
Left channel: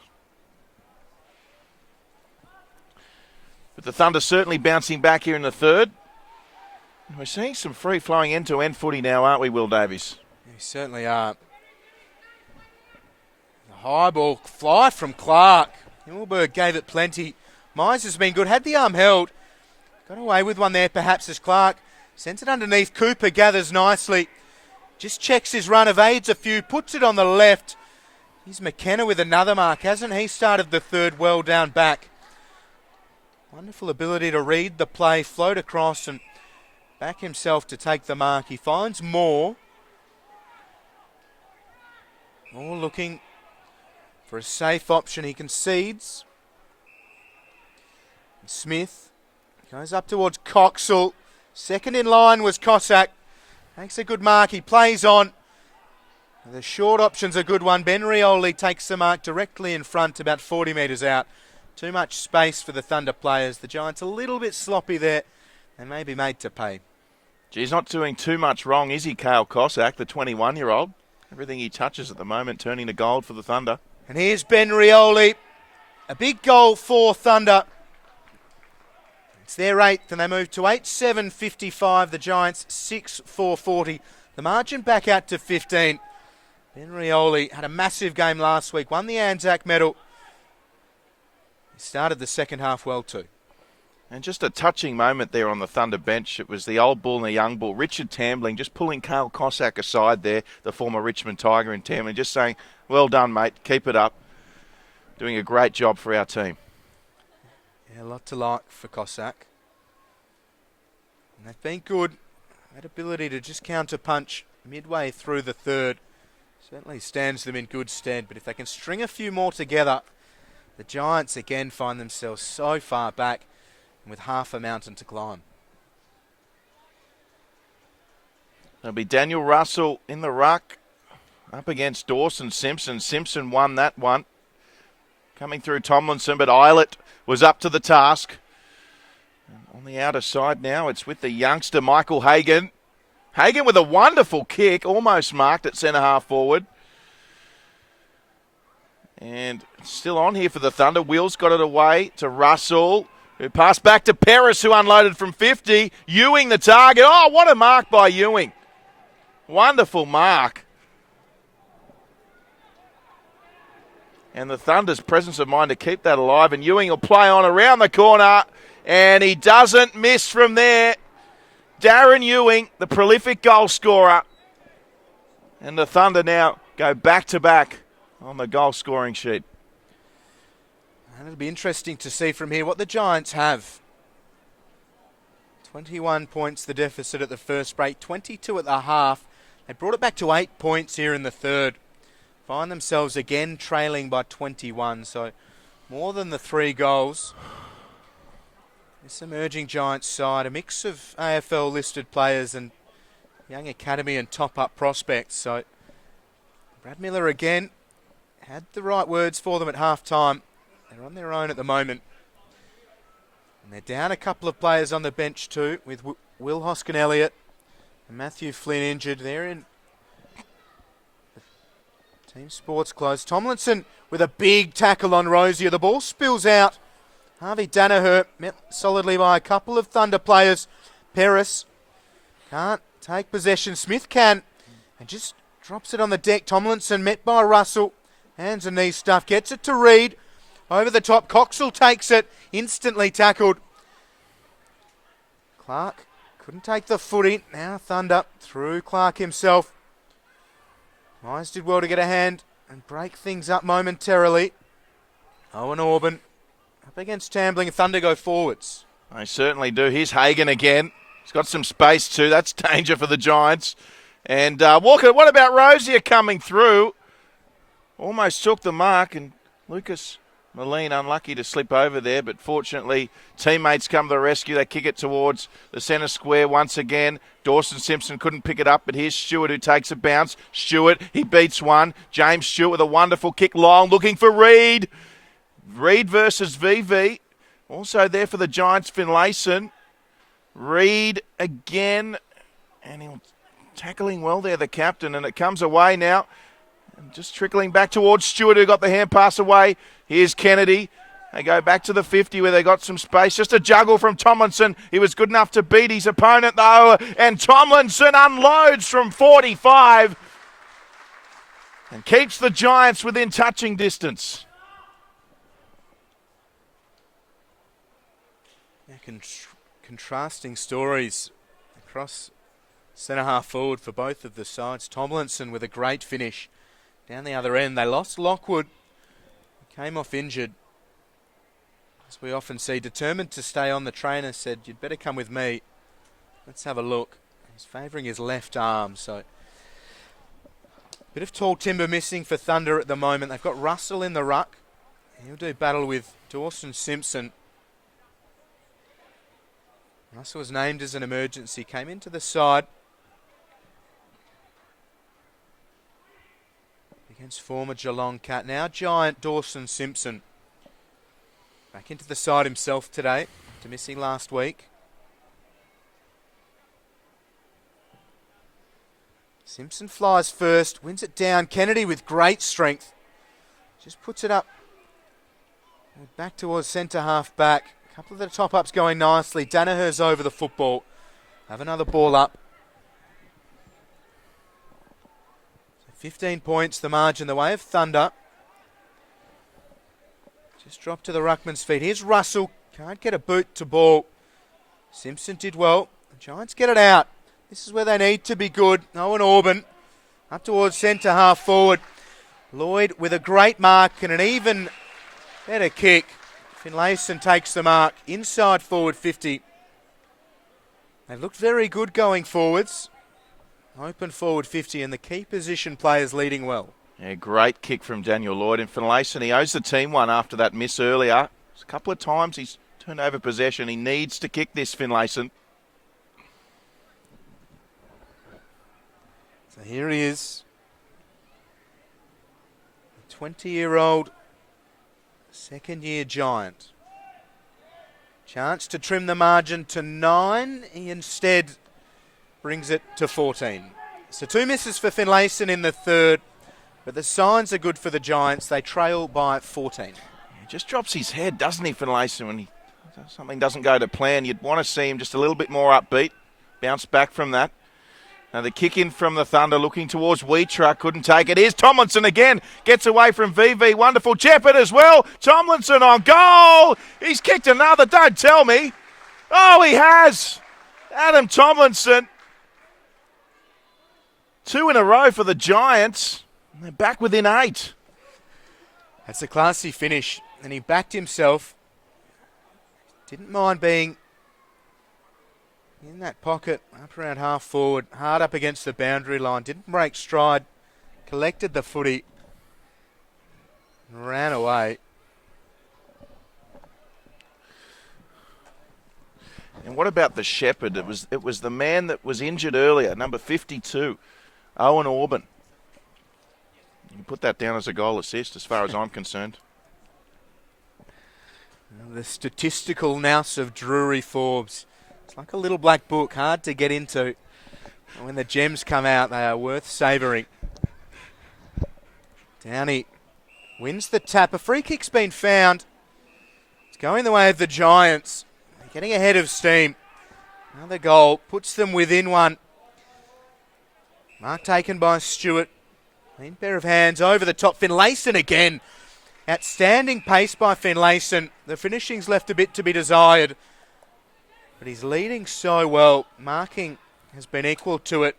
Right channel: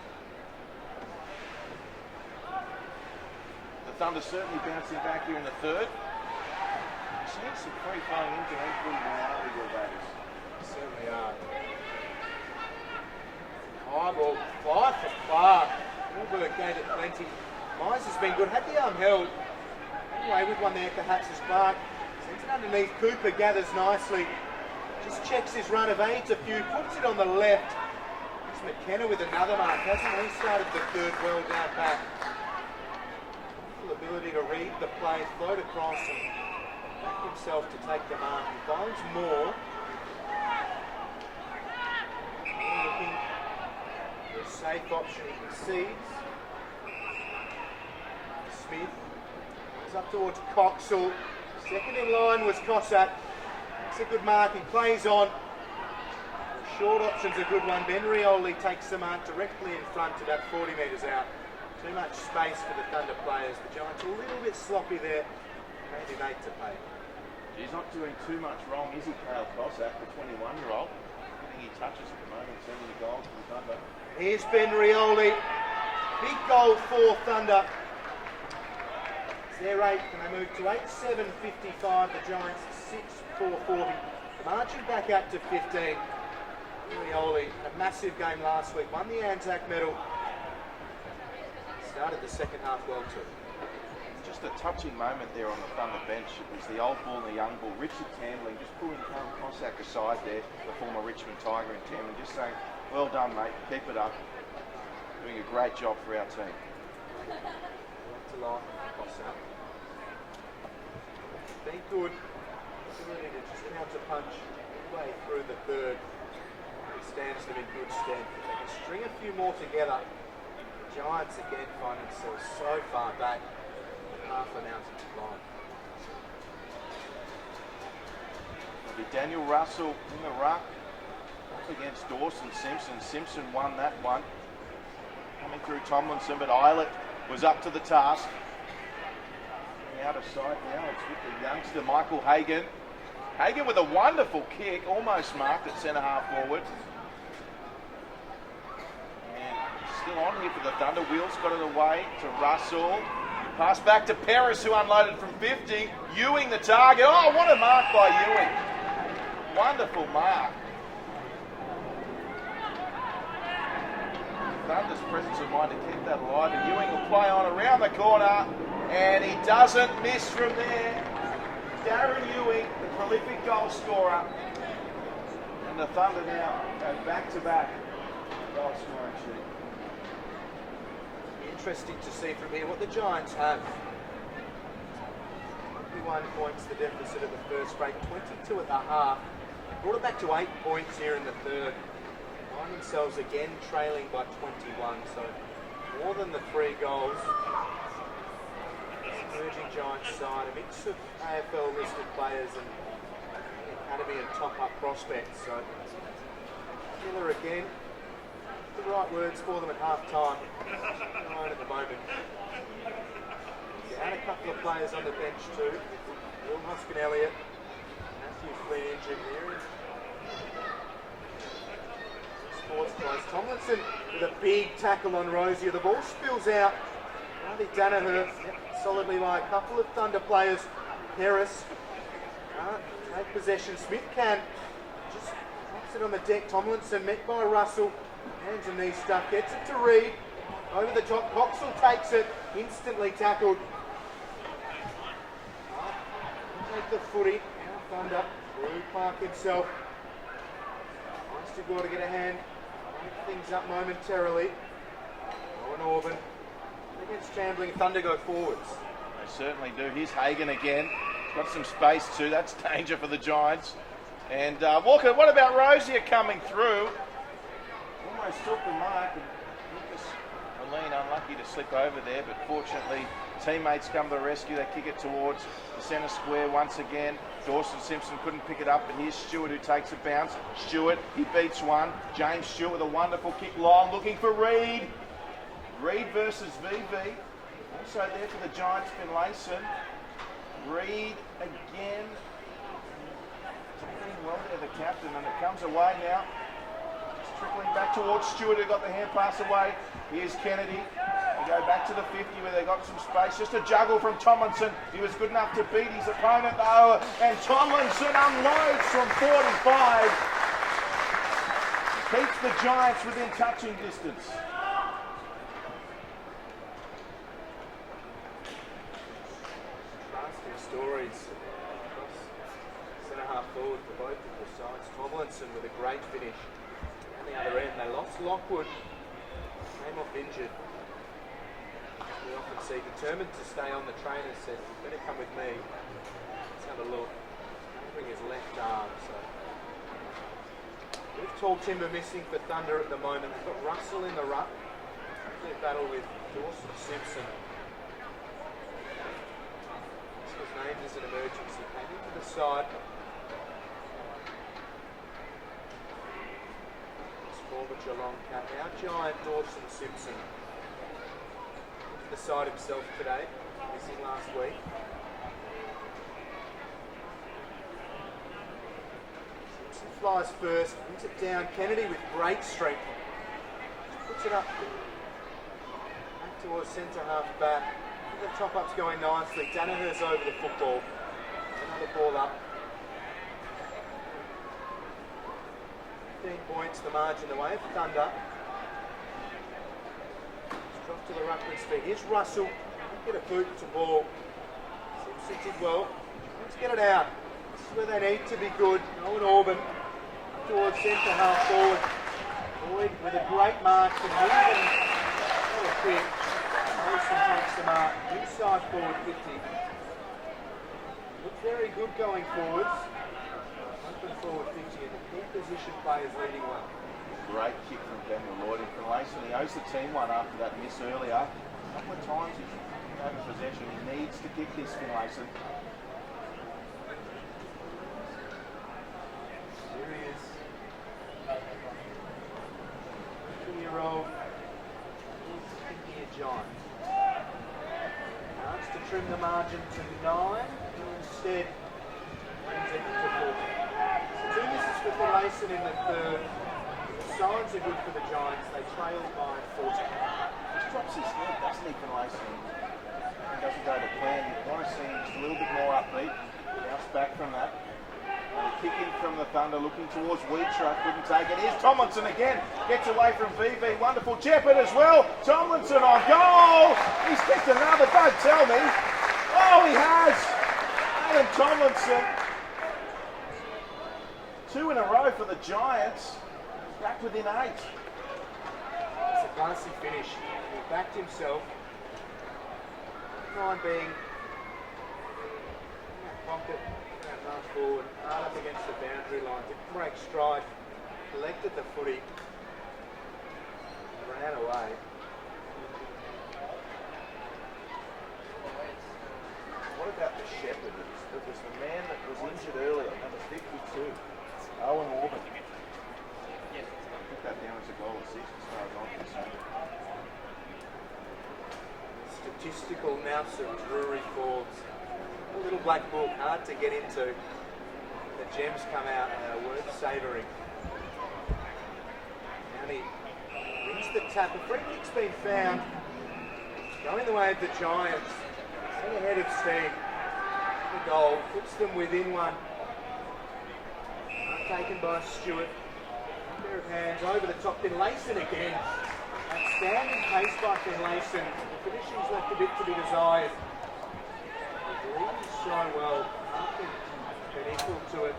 But the Thunder certainly bouncing back here in the third. We're seeing some free-flowing end-to-end footy now, aren't we, Will Davies? We certainly are. High ball fly from Clark. Wahlberg gave it plenty. Mize has been good. Had the arm held. Got away with one there perhaps as Clark sends it underneath. Cooper gathers nicely. Just checks his run, evades a few, puts it on the left. Here's McKenna with another mark. Hasn't he started the third well down back? Wonderful ability to read the play, float across and back himself to take the mark. He finds Moore. Moore looking for a safe option. He concedes. Smith goes up towards Coxall. Second in line was Cossack. Makes a good mark. He plays on. The short option's a good one. Ben Rioli takes the mark directly in front, about 40 metres out. Too much space for the Thunder players. The Giants a little bit sloppy there and maybe made to pay. He's not doing too much wrong, is he, Kale Cossack, the 21-year-old? Everything he touches at the moment turning to gold for the Thunder. And here's Ben Rioli. A big goal for Thunder. It's their eighth, and they move to 8-7-55. The Giants 6-4-40. The margin back out to 15. Ben Rioli had a massive game last week, won the Anzac medal. Started the second half well too. And just a touching moment there on the Thunder bench. It was the old bull and the young bull. Richard Tambling just pulling Kale Cossack aside there, the former Richmond Tiger in Tambling, just saying, well done, mate, keep it up. Doing a great job for our team. A lot to like for Cossack. They've been good. That ability to just counter-punch midway through the third certainly stands them in good stead. But if they can string a few more together, the Giants again find themselves so far back with half a mountain to climb. It'll be Daniel Russell in the ruck up against Dawson Simpson. Simpson won that one. Coming through Tomlinson, but Eilert was up to the task. On the outer side now, it's with the youngster Michael Hagan. Hagan with a wonderful kick, almost marked at centre half forward. And still on here for the Thunder. Wills got it away to Russell, who passed back to Paris, who unloaded from 50. Ewing the target. Oh, what a mark by Ewing. Wonderful mark. And the Thunder's presence of mind to keep that alive. And Ewing will play on around the corner. And he doesn't miss from there. Darren Ewing, the prolific goal scorer. And the Thunder now go back-to-back on the goal scoring sheet. It'll be interesting to see from here what the Giants have. 21 points the deficit at the first break, 22 at the half. They brought it back to 8 points here in the third. Find themselves again trailing by 21, so more than the 3 goals. This emerging Giants side, a mix of AFL listed players and young academy and top-up prospects. So Brad Miller again had the right words for them at half-time. They're on their own at the moment. And they're down a couple of players on the bench too, with Will Hoskin-Elliott, Matthew Flynn injured. They're in Sports close. Tomlinson with a big tackle on Rosier. The ball spills out. Harvey Danaher met solidly by a couple of Thunder players. Paris can't take possession. Smith can. He just drops it on the deck. Tomlinson met by Russell. Hands and knee stuff. Gets it to Reed. Over the top. Coxell takes it. Instantly tackled. Clark couldn't take the footy. Now Thunder through Clark himself. Wise did well to get a hand and break things up momentarily. Owen Auburn up against Tambling. Thunder go forwards. They certainly do. Here's Hagan again. He's got some space too. That's danger for the Giants. And Walker, what about Rosier coming through? Almost took the mark, and Lucas Moline unlucky to slip over there, but fortunately teammates come to the rescue. They kick it towards the centre square once again. Dawson Simpson couldn't pick it up, but here's Stewart who takes a bounce. Stewart, he beats one. James Stewart with a wonderful kick long, looking for Reed. Reed versus VV. Also there for the Giants, Finlayson. Reed again, and tackling well there, the captain, and it comes away now. Just trickling back towards Stewart, who got the hand pass away. Here's Kennedy. They go back to the 50 where they got some space. Just a juggle from Tomlinson. He was good enough to beat his opponent though. And Tomlinson unloads from 45. And keeps the Giants within touching distance. Contrasting stories across centre half forward for both of the sides. Tomlinson with a great finish. Down the other end, they lost Lockwood. Came off injured. As we often see, determined to stay on. The trainer said, "You'd better come with me. Let's have a look." He's favouring his left arm, so bit of tall timber missing for Thunder at the moment. They've got Russell in the ruck. They'll do battle with Dawson Simpson. Russell was named as an emergency, came into the side. Against former Geelong Cat, now Giant Dawson Simpson. Back into the side himself today, after missing last week. Simpson flies first, wins it down. Kennedy with great strength. Just puts it up. Back towards centre half back. A couple of the top ups going nicely. Danaher's over the football. Have another ball up. 15 points, the margin, the way of Thunder. Just dropped to the ruckman's feet. Here's Russell. Can't get a boot to ball. Simpson did well. The Giants get it out. This is where they need to be good. Owen Auburn up towards centre half forward. Lloyd with a great mark and an even better kick. Finlayson takes the mark inside forward 50. They look very good going forwards. Open forward 50 and the key position players leading well. Yeah, great kick from Daniel Lloyd. And Finlayson, he owes the team one after that miss earlier. A couple of times he's turned over possession. He needs to kick this, Finlayson. So here he is. 20-year-old second-year Giant. Chance to trim the margin to 9. He instead brings it to 14. So 2 misses for Finlayson in the third, but the signs are good for the Giants. They trail by 14. He just drops his head, doesn't he, Finlayson? When something doesn't go to plan, you'd want to see him just a little bit more upbeat, bounce back from that. Now the kick in from the Thunder, looking towards Wheatrut, couldn't take it. Here's Tomlinson again, gets away from VV, wonderful Jeppard as well. Tomlinson on goal. He's kicked another, don't tell me. Oh, he has. Adam Tomlinson. 2 in a row for the Giants. And they're back within 8. That's a classy finish, and he backed himself. Didn't mind being in that pocket, up around half forward, hard up against the boundary line. Didn't break stride, collected the footy, ran away. And what about the shepherd? It was the man that was injured earlier, number 52. Owen Auburn. I'll put that down as a goal assist as far as I'm concerned. The statistical nous of Drury Forbes. It's like a little black book, hard to get into. When the gems come out, they are worth savouring. Downey wins the tap. A free kick's been found. It's going the way of the Giants. They're getting ahead of steam. Another goal puts them within one. Mark taken by Stewart. Clean pair of hands over the top. Finlayson again. Outstanding pace by Finlayson. The finishing's left a bit to be desired. But he's leading so well. Marking has been equal to it.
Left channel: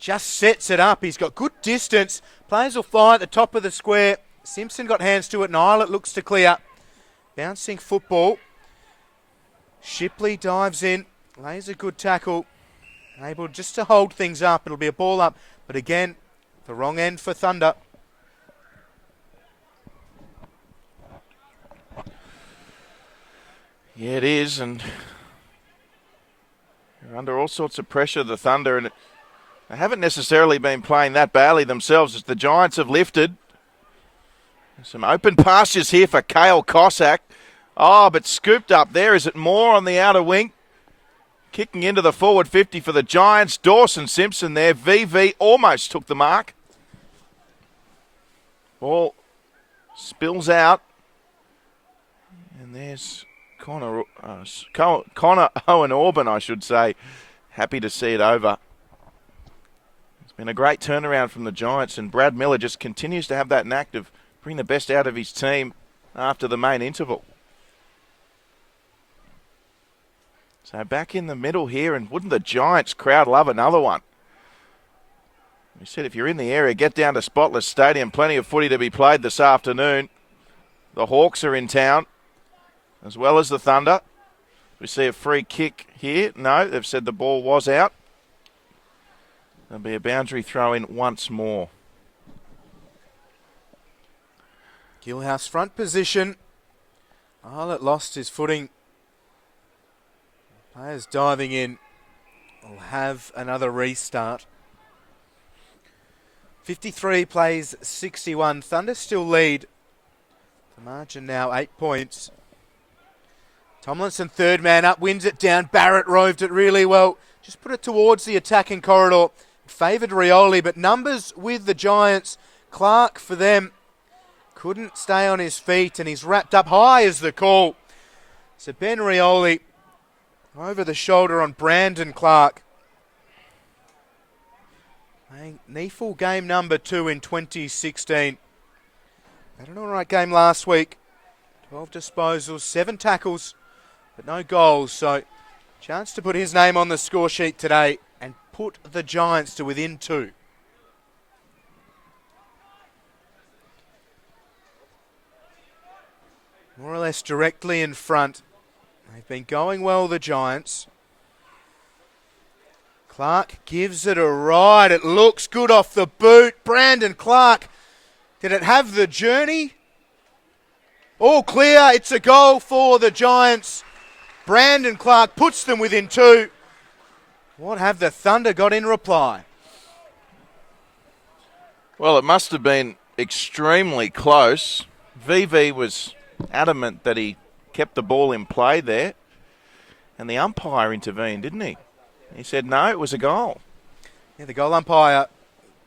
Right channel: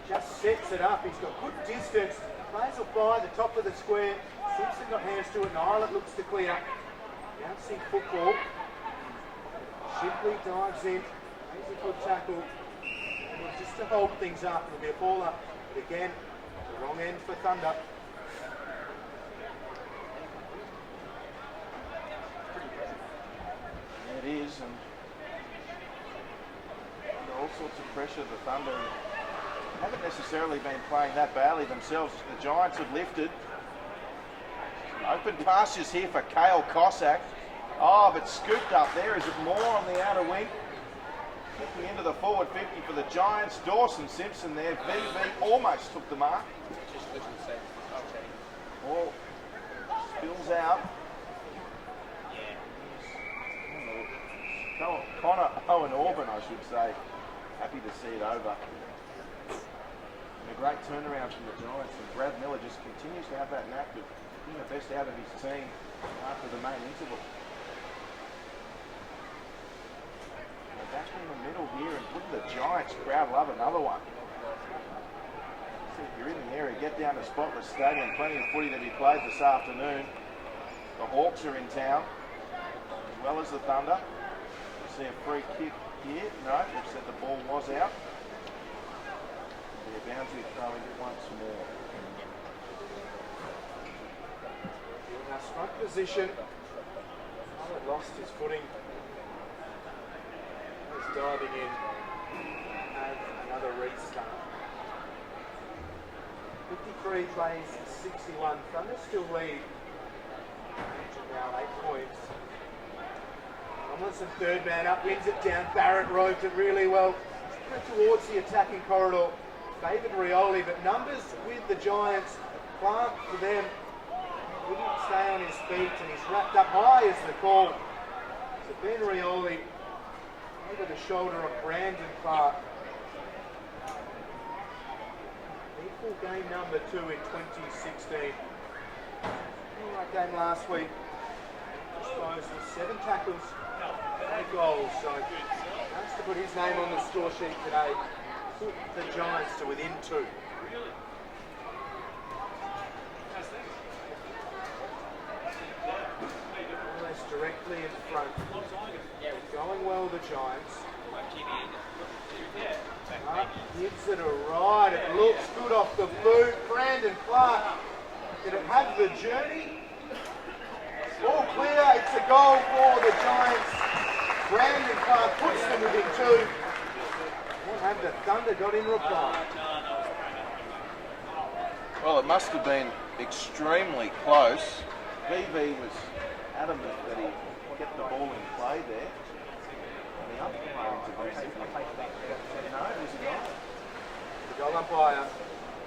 Just sets it up. He's got good distance. Players will fly at the top of the square. Simpson got hands to it. Eilert looks to clear. Bouncing football. Shipley dives in. Lays a good tackle. Able just to hold things up. It'll be a ball up. But again, the wrong end for Thunder. Yeah, it is, and under all sorts of pressure, the Thunder, and they haven't necessarily been playing that badly themselves as the Giants have lifted. Some open pastures here for Kale Cossack. Oh, but scooped up there. Is it more on the outer wing? Kicking into the forward 50 for the Giants. Dawson Simpson there. VV almost took the mark. Ball spills out. And there's Connor Owen Auburn, I should say. Happy to see it over. It's been a great turnaround from the Giants, and Brad Miller just continues to have that knack of bring the best out of his team after the main interval. So back in the middle here, and wouldn't the Giants crowd love another one? I said if you're in the area, get down to Spotless Stadium. Plenty of footy to be played this afternoon. The Hawks are in town, as well as the Thunder. We see a free kick here. No, they've said the ball was out. There'll be a boundary throw in once more. Gillhouse front position. Eilert lost his footing. Players diving in. He'll have another restart. 53 plays 61. Thunder still lead. Margin now 8 points. Tomlinson, third man up, wins it down. Barrett roved it really well. Just put it towards the attacking corridor. Favoured Rioli, but numbers with the Giants. Clark for them. Couldn't stay on his feet, and he's wrapped up high as the call. So Ben Rioli over the shoulder on Brandon Clark. NEAFL game number 2 in 2016. Had an alright game last week. 12 disposals, 7 tackles, but no goals. So chance to put his name on the score sheet today and put the Giants to within 2. More or less directly in front. They've been going well, the Giants. Clark gives it a ride. It looks good off the boot. Brandon Clark. Did it have the journey? All clear. It's a goal for the Giants. Brandon Clark puts them within 2. What have the Thunder got in reply? Well, it must have been extremely close. VV was adamant that he kept the ball in play there, and the umpire intervened, didn't he? He said no, it was a goal. Yeah, the goal umpire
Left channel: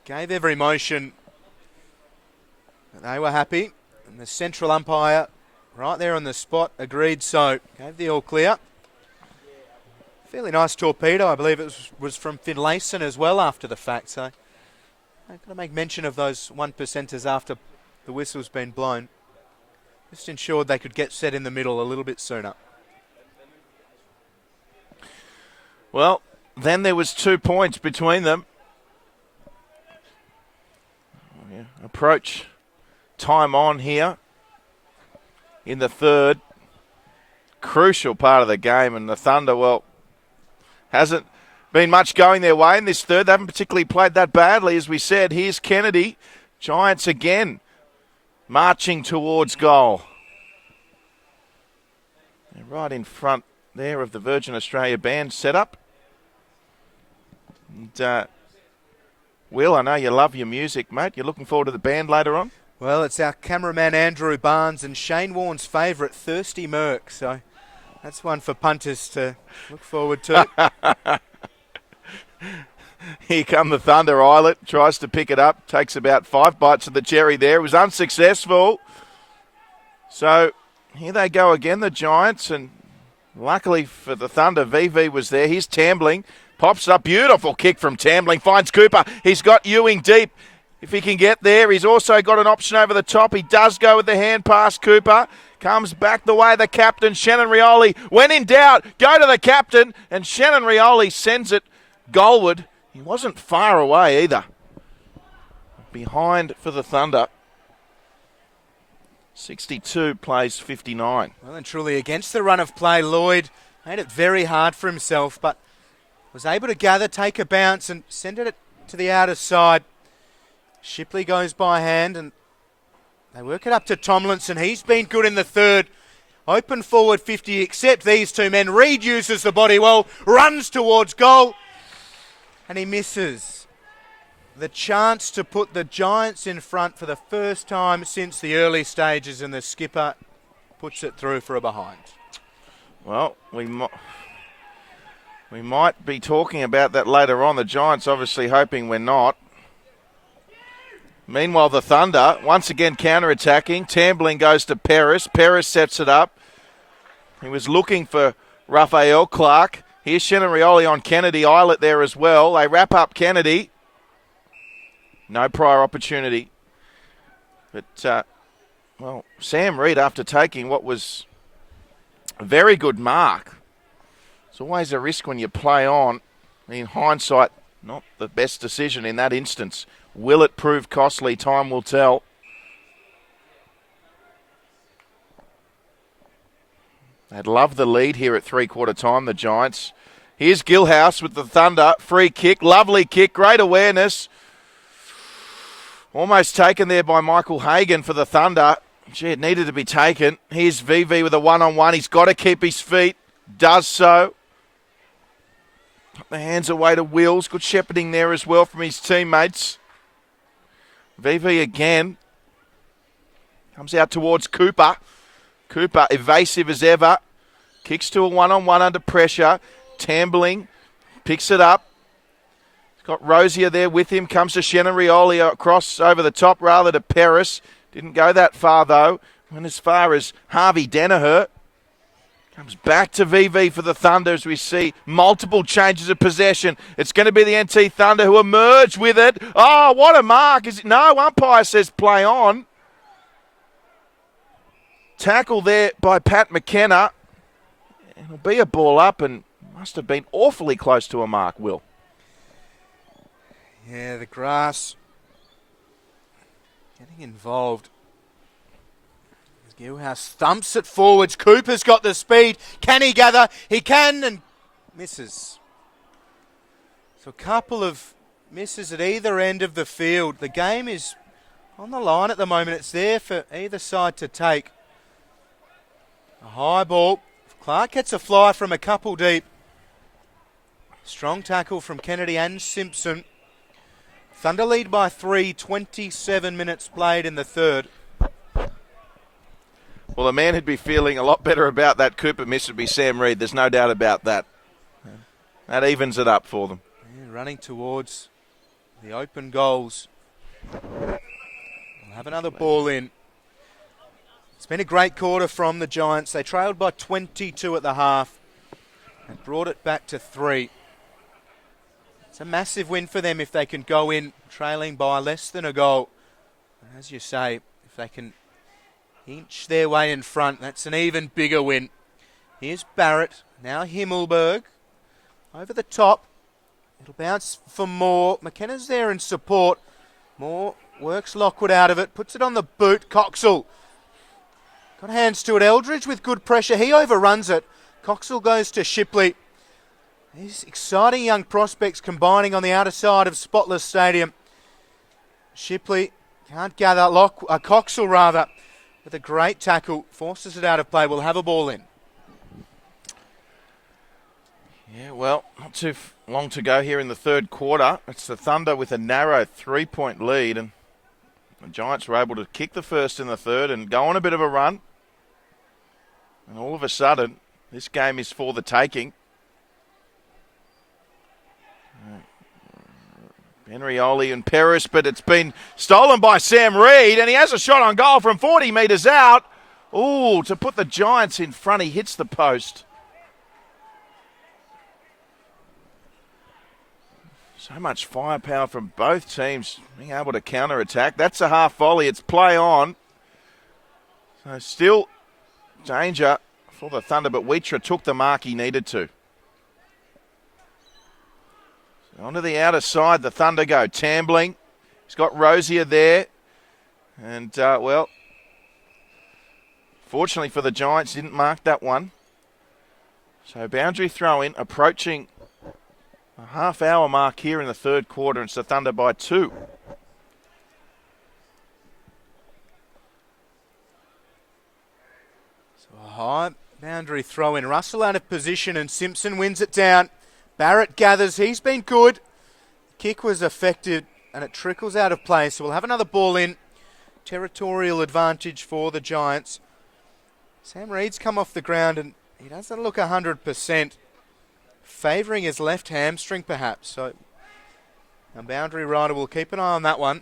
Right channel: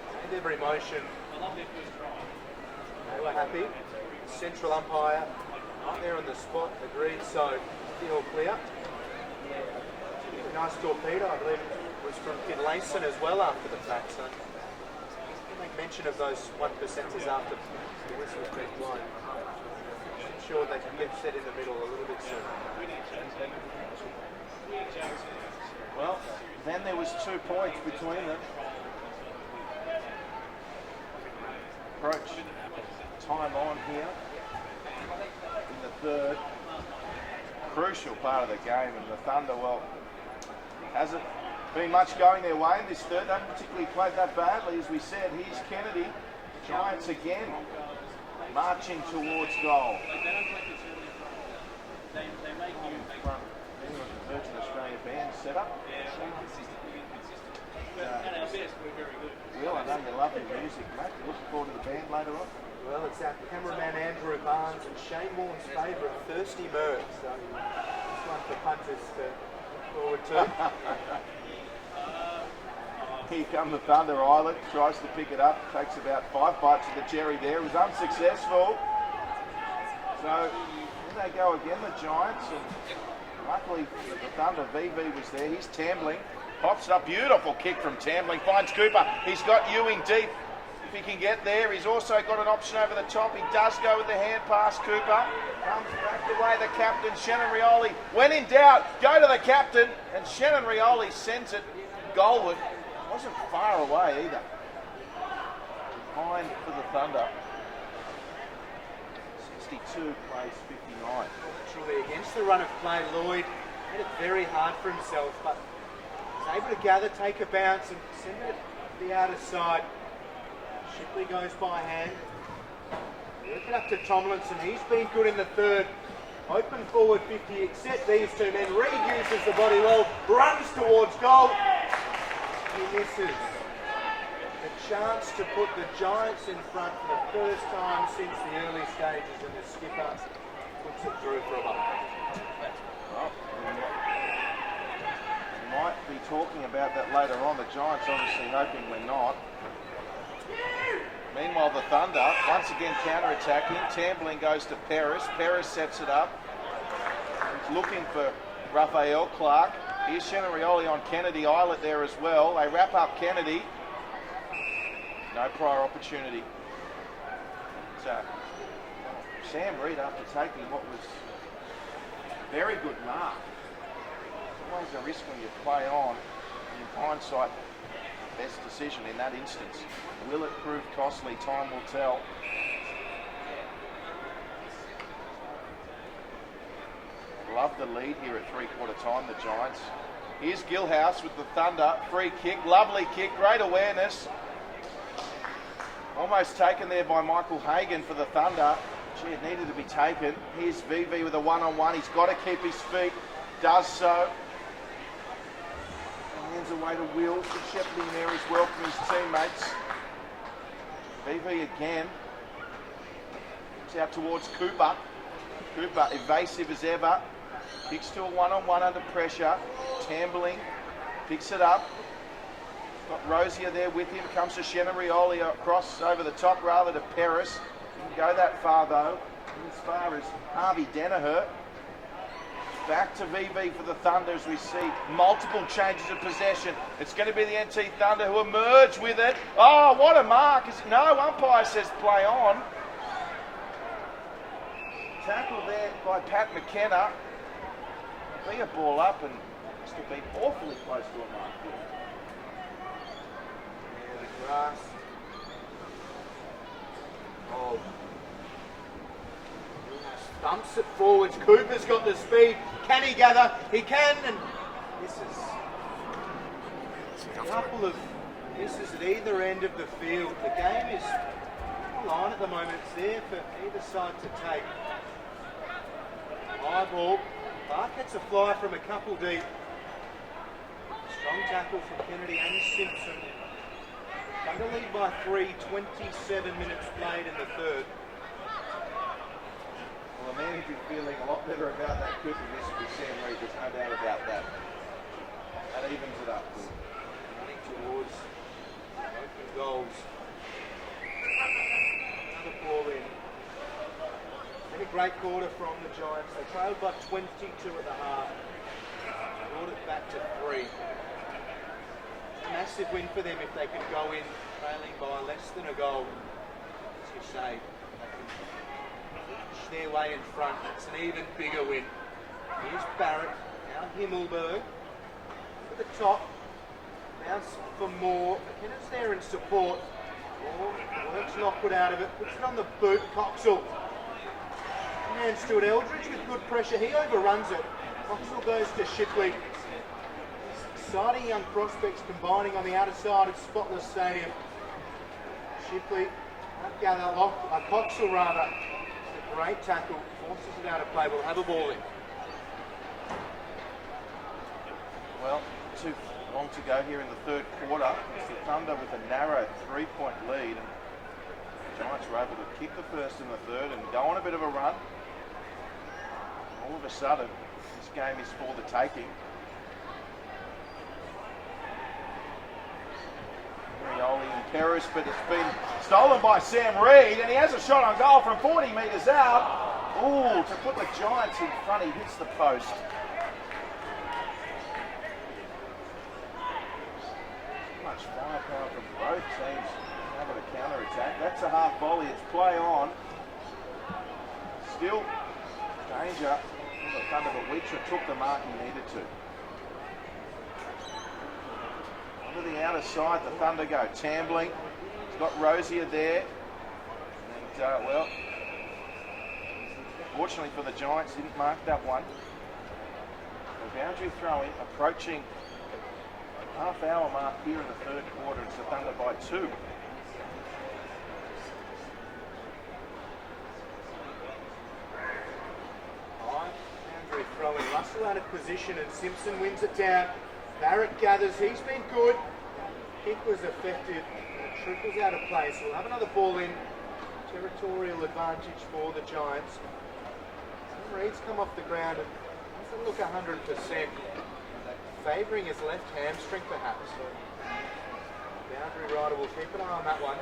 gave every motion. They were happy. The central umpire right there on the spot agreed, so gave the all clear. Fairly nice torpedo. I believe it was from Finlayson as well after the fact, so I'll make mention of those 1%ers after the whistle's been blown. Just ensured they could get set in the middle a little bit sooner. Well, then there was 2 points between them. Approach time on here in the third. Crucial part of the game, and the Thunder, well, hasn't been much going their way in this third. They haven't particularly played that badly, as we said. Here's Kennedy. Giants again marching towards goal. Right in front there of the Virgin Australia band setup. And, Will, I know you love your music, mate. You're looking forward to the band later on? Well, it's our cameraman Andrew Barnes and Shane Warne's favourite, Thirsty Merc. So that's one for punters to look forward to. Here come the Thunder. Islet tries to pick it up, takes about 5 bites of the cherry there. It was unsuccessful. So here they go again, the Giants, and luckily for the Thunder, VV was there. Here's Tambling, pops up, beautiful kick from Tambling, finds Cooper. He's got Ewing deep. If he can get there, he's also got an option over the top. He does go with the hand pass, Cooper. Comes back the way of the captain, Shannon Rioli. When in doubt, go to the captain, and Shannon Rioli sends it goalward. He wasn't far away either. Behind for the Thunder. 62 plays 59. Well and truly against the run of play, Lloyd made it very hard for himself, but was able to gather, take a bounce and send it to the outer side. Shipley goes by hand and they work it up to Tomlinson. He's been good in the third. Open forward 50, except these two men. Reid uses the body well, runs towards goal, and he misses. The chance to put the Giants in front for the first time since the early stages, and the skipper puts it through for a behind. Well, we might be talking about that later on. The Giants obviously hoping we're not. Meanwhile, the Thunder, once again counter-attacking. Tambling goes to Paris. Paris sets it up. He was looking for Raphael Clark. Here's Shannon Rioli on Kennedy. Islet there as well. They wrap up Kennedy. No prior opportunity. But, well, Sam Reid, after taking what was a very good mark, it's always a risk when you play on. In hindsight, not the best decision in that instance. Will it prove costly? Time will tell. They'd love the lead here at three-quarter time, the Giants. Here's Gilhouse with the Thunder. Free kick, lovely kick, great awareness. Almost taken there by Michael Hagan for the Thunder. Gee, it needed to be taken. Here's VV with a one-on-one. He's got to keep his feet. Does so. The hands away to Wills. Good shepherding there as well from his teammates. VV again. Comes out towards Cooper. Cooper evasive as ever. Kicks to a one-on-one under pressure. Tambling. Picks it up. Got Rosier there with him. Comes to Shannon Rioli across over the top rather to Paris. Didn't go that far though. And as far as Harvey Danaher. Comes back to VV for the Thunder as we see multiple changes of possession. It's going to be the NT Thunder who emerge with it. Oh, what a mark. Is it? No, umpire says play on. Tackle there by Pat McKenna. It'll be a ball up and must have been awfully close to a mark, Will. Yeah, the grass involved. Newhouse thumps it forwards. Cooper's got the speed. Can he gather? He can, and misses. So a couple of misses at either end of the field. The game is on the line at the moment. It's there for either side to take. A high ball. Clark gets a fly from a couple deep. Strong tackle from Kennedy and Simpson. Thunder lead by 3, 27 minutes played in the third. Well, the man who'd be feeling a lot better about that Cooper miss would be Sam Reid. There's no doubt about that. That evens it up for them. Running towards the open goals. Have another ball in. It's been a great quarter from the Giants. They trailed by 22 at the half and brought it back to 3. It's a massive win for them if they can go in trailing by less than a goal. As you say, if they can inch their way in front, that's an even bigger win. Here's Barrett, now Himmelberg. Over the top, to bounce for Moore. McKenna's there in support. Moore works Lockwood out of it, puts it on the boot. Coxall. And hands to it. Eldridge with good pressure. He overruns it. Coxall goes to Shipley. These exciting young prospects combining on the outer side of Spotless Stadium. Shipley can't gather. Coxall rather. With a great tackle. Forces it out of play. We'll have a ball in. Yeah, well, not too long to go here in the third quarter. It's the Thunder with a narrow 3-point lead, and the Giants were able to kick the first in the third and go on a bit of a run. And all of a sudden, this game is for the taking. Henrioli and Peris, but it's been stolen by Sam Reid, and he has a shot on goal from 40 metres out. Ooh, to put the Giants in front, he hits the post. So much firepower from both teams being able to counter-attack. That's a half volley. It's play on. Still danger for the Thunder, but Wheatra took the mark he needed to. Onto the outer side, the Thunder go. Tambling. He's got Rosier there. And, well, fortunately for the Giants, didn't mark that one. So boundary throw in, approaching a half-hour mark here in the third quarter, and it's the Thunder by 2. High boundary throw in. Russell out of position and Simpson wins it down. Barrett gathers. He's been good. Kick was effective and it trickles out of play. So we'll have another ball in. Territorial advantage for the Giants. Sam Reid's come off the ground and he doesn't look 100%. Favouring his left hamstring perhaps. So a boundary rider will keep an eye on that one.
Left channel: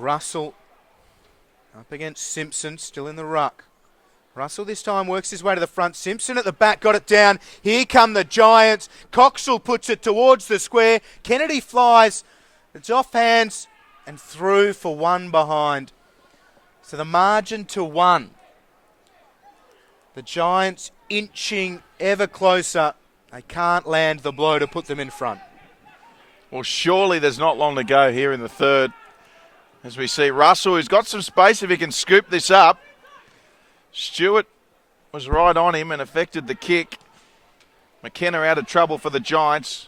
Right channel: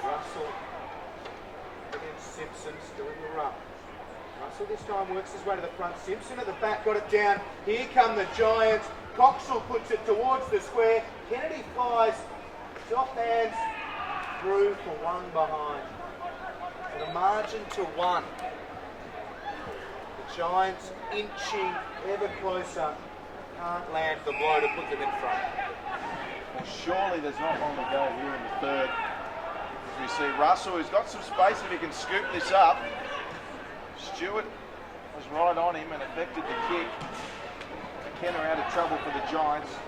Russell up against Simpson, still in the ruck. Russell this time works his way to the front. Simpson at the back, got it down. Here come the Giants. Coxell puts it towards the square. Kennedy flies. It's off hands and through for one behind. So the margin to 1. The Giants inching ever closer. They can't land the blow to put them in front. Well, surely there's not long to go here in the third. As we see Russell, who's got some space if he can scoop this up. Stewart was right on him and affected the kick. McKenna out of trouble for the Giants.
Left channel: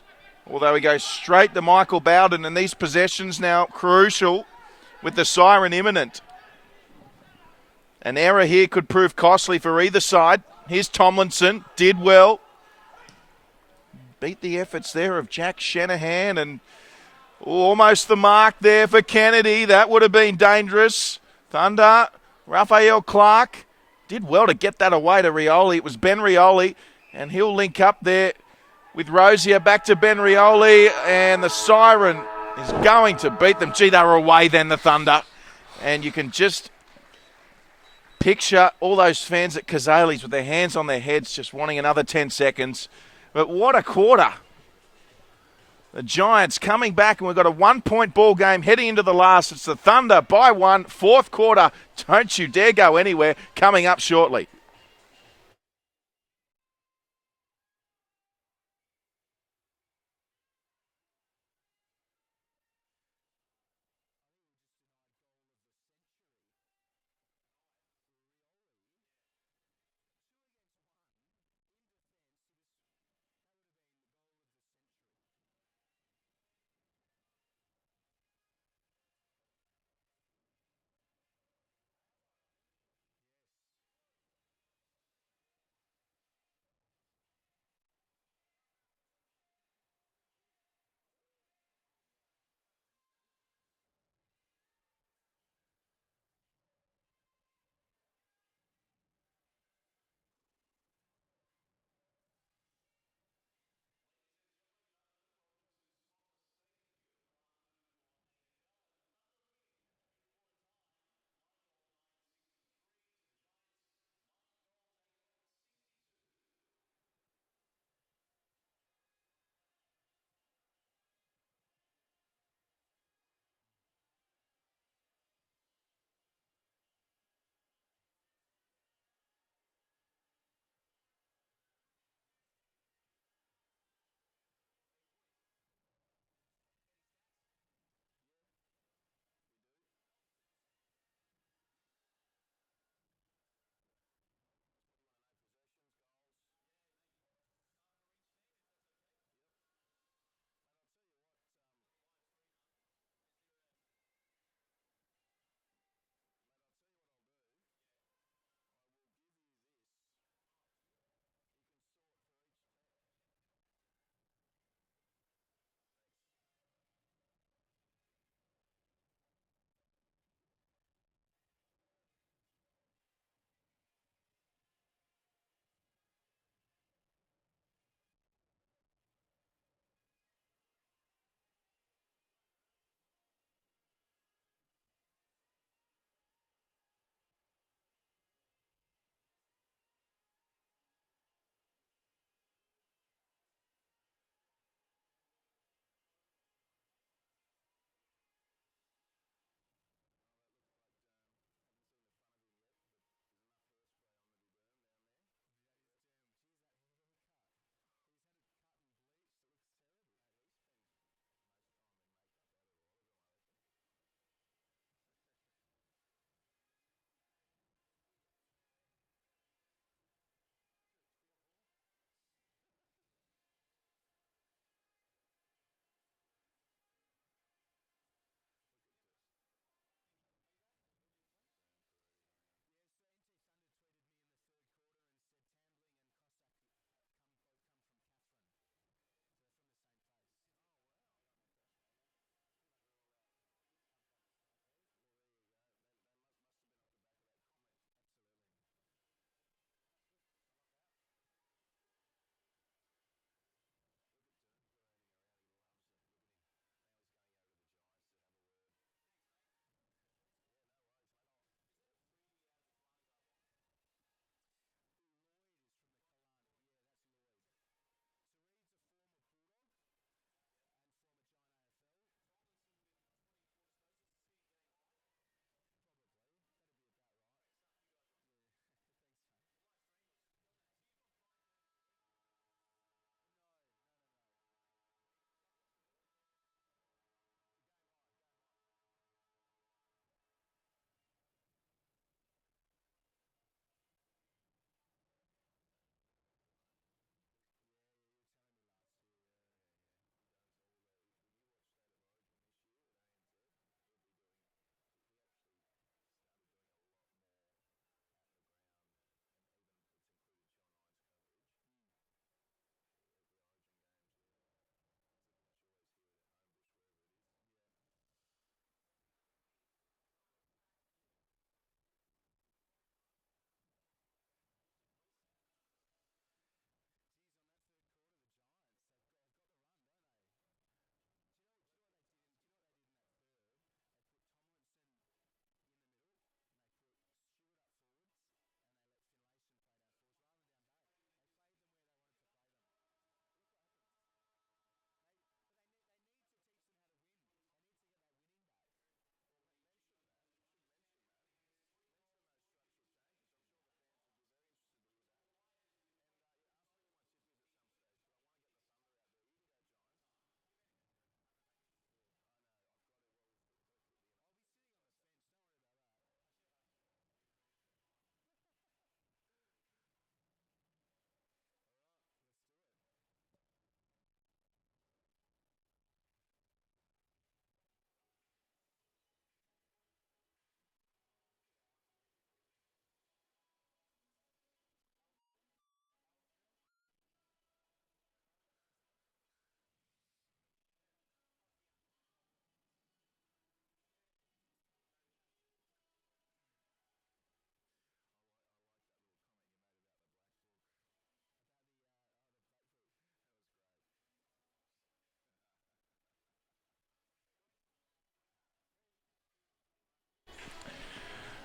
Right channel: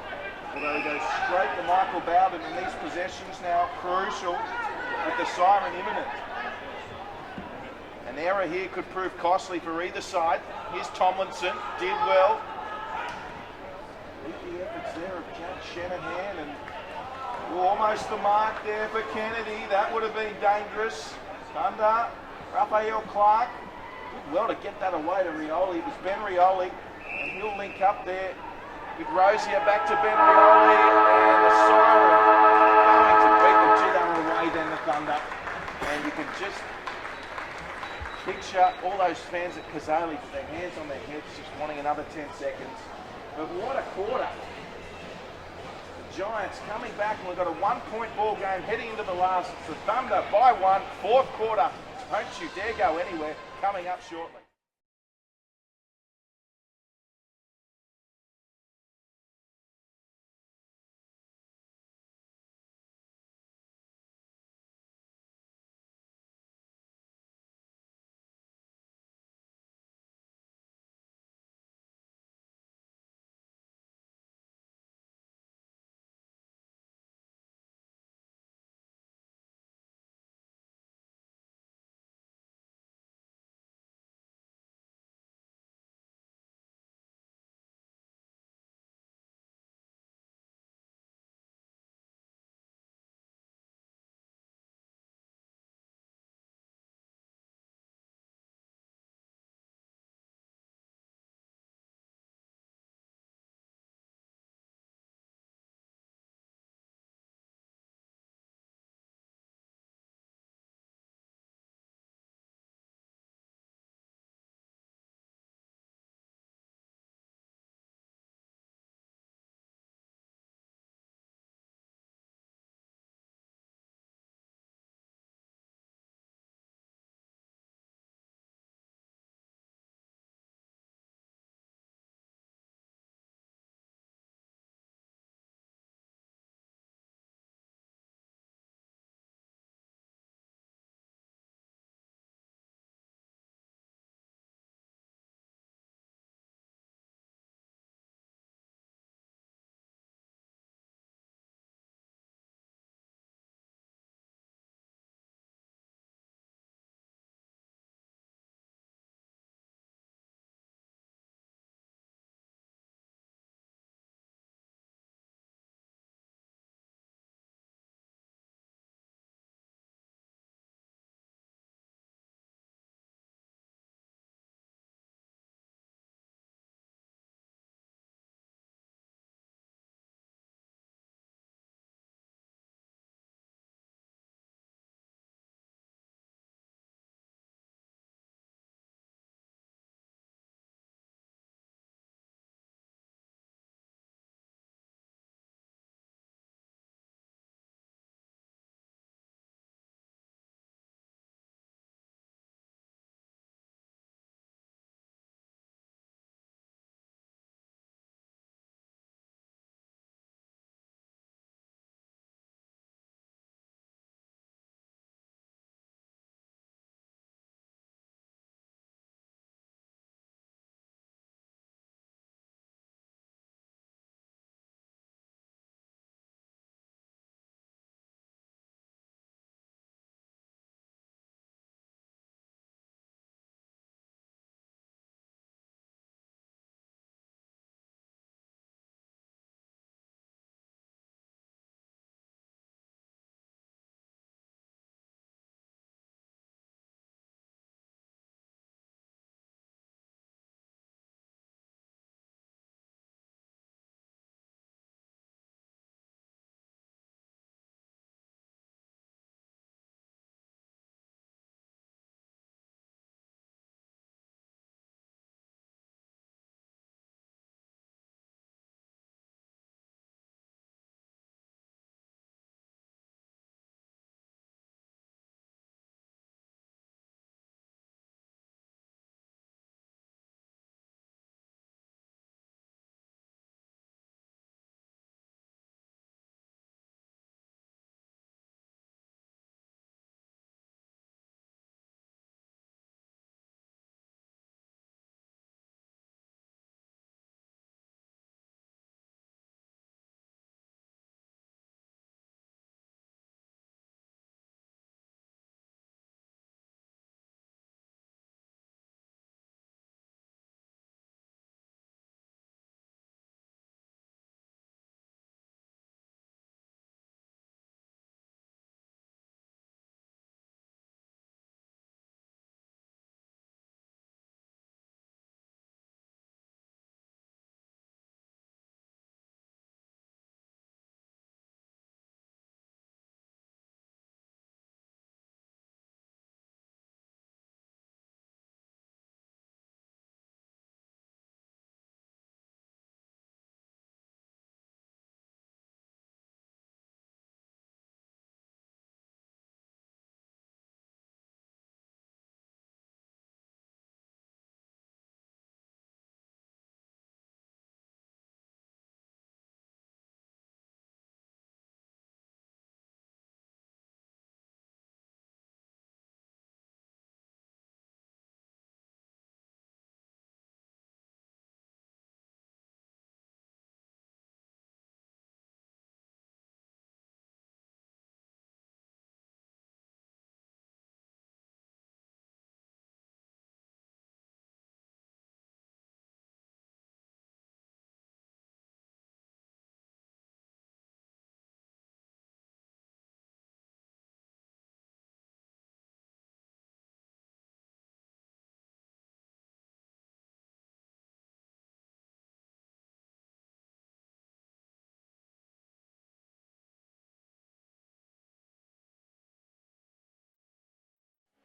Although he goes straight to Michael Bowden, and these possessions now crucial with the siren imminent. An error here could prove costly for either side. Here's Tomlinson, did well. Beat the efforts there of Jack Shanahan, and almost the mark there for Kennedy. That would have been dangerous. Thunder, Raphael Clark did well to get that away to Rioli. It was Ben Rioli, and he'll link up there with Rosier. Back to Ben Rioli, and the siren is going to beat them. Gee, they were away then, the Thunder. And you can just picture all those fans at Kazali's with their hands on their heads just wanting another 10 seconds. But what a quarter. The Giants coming back, and we've got a 1-point ball game heading into the last. It's the Thunder by 1, fourth quarter. Don't you dare go anywhere. Coming up shortly.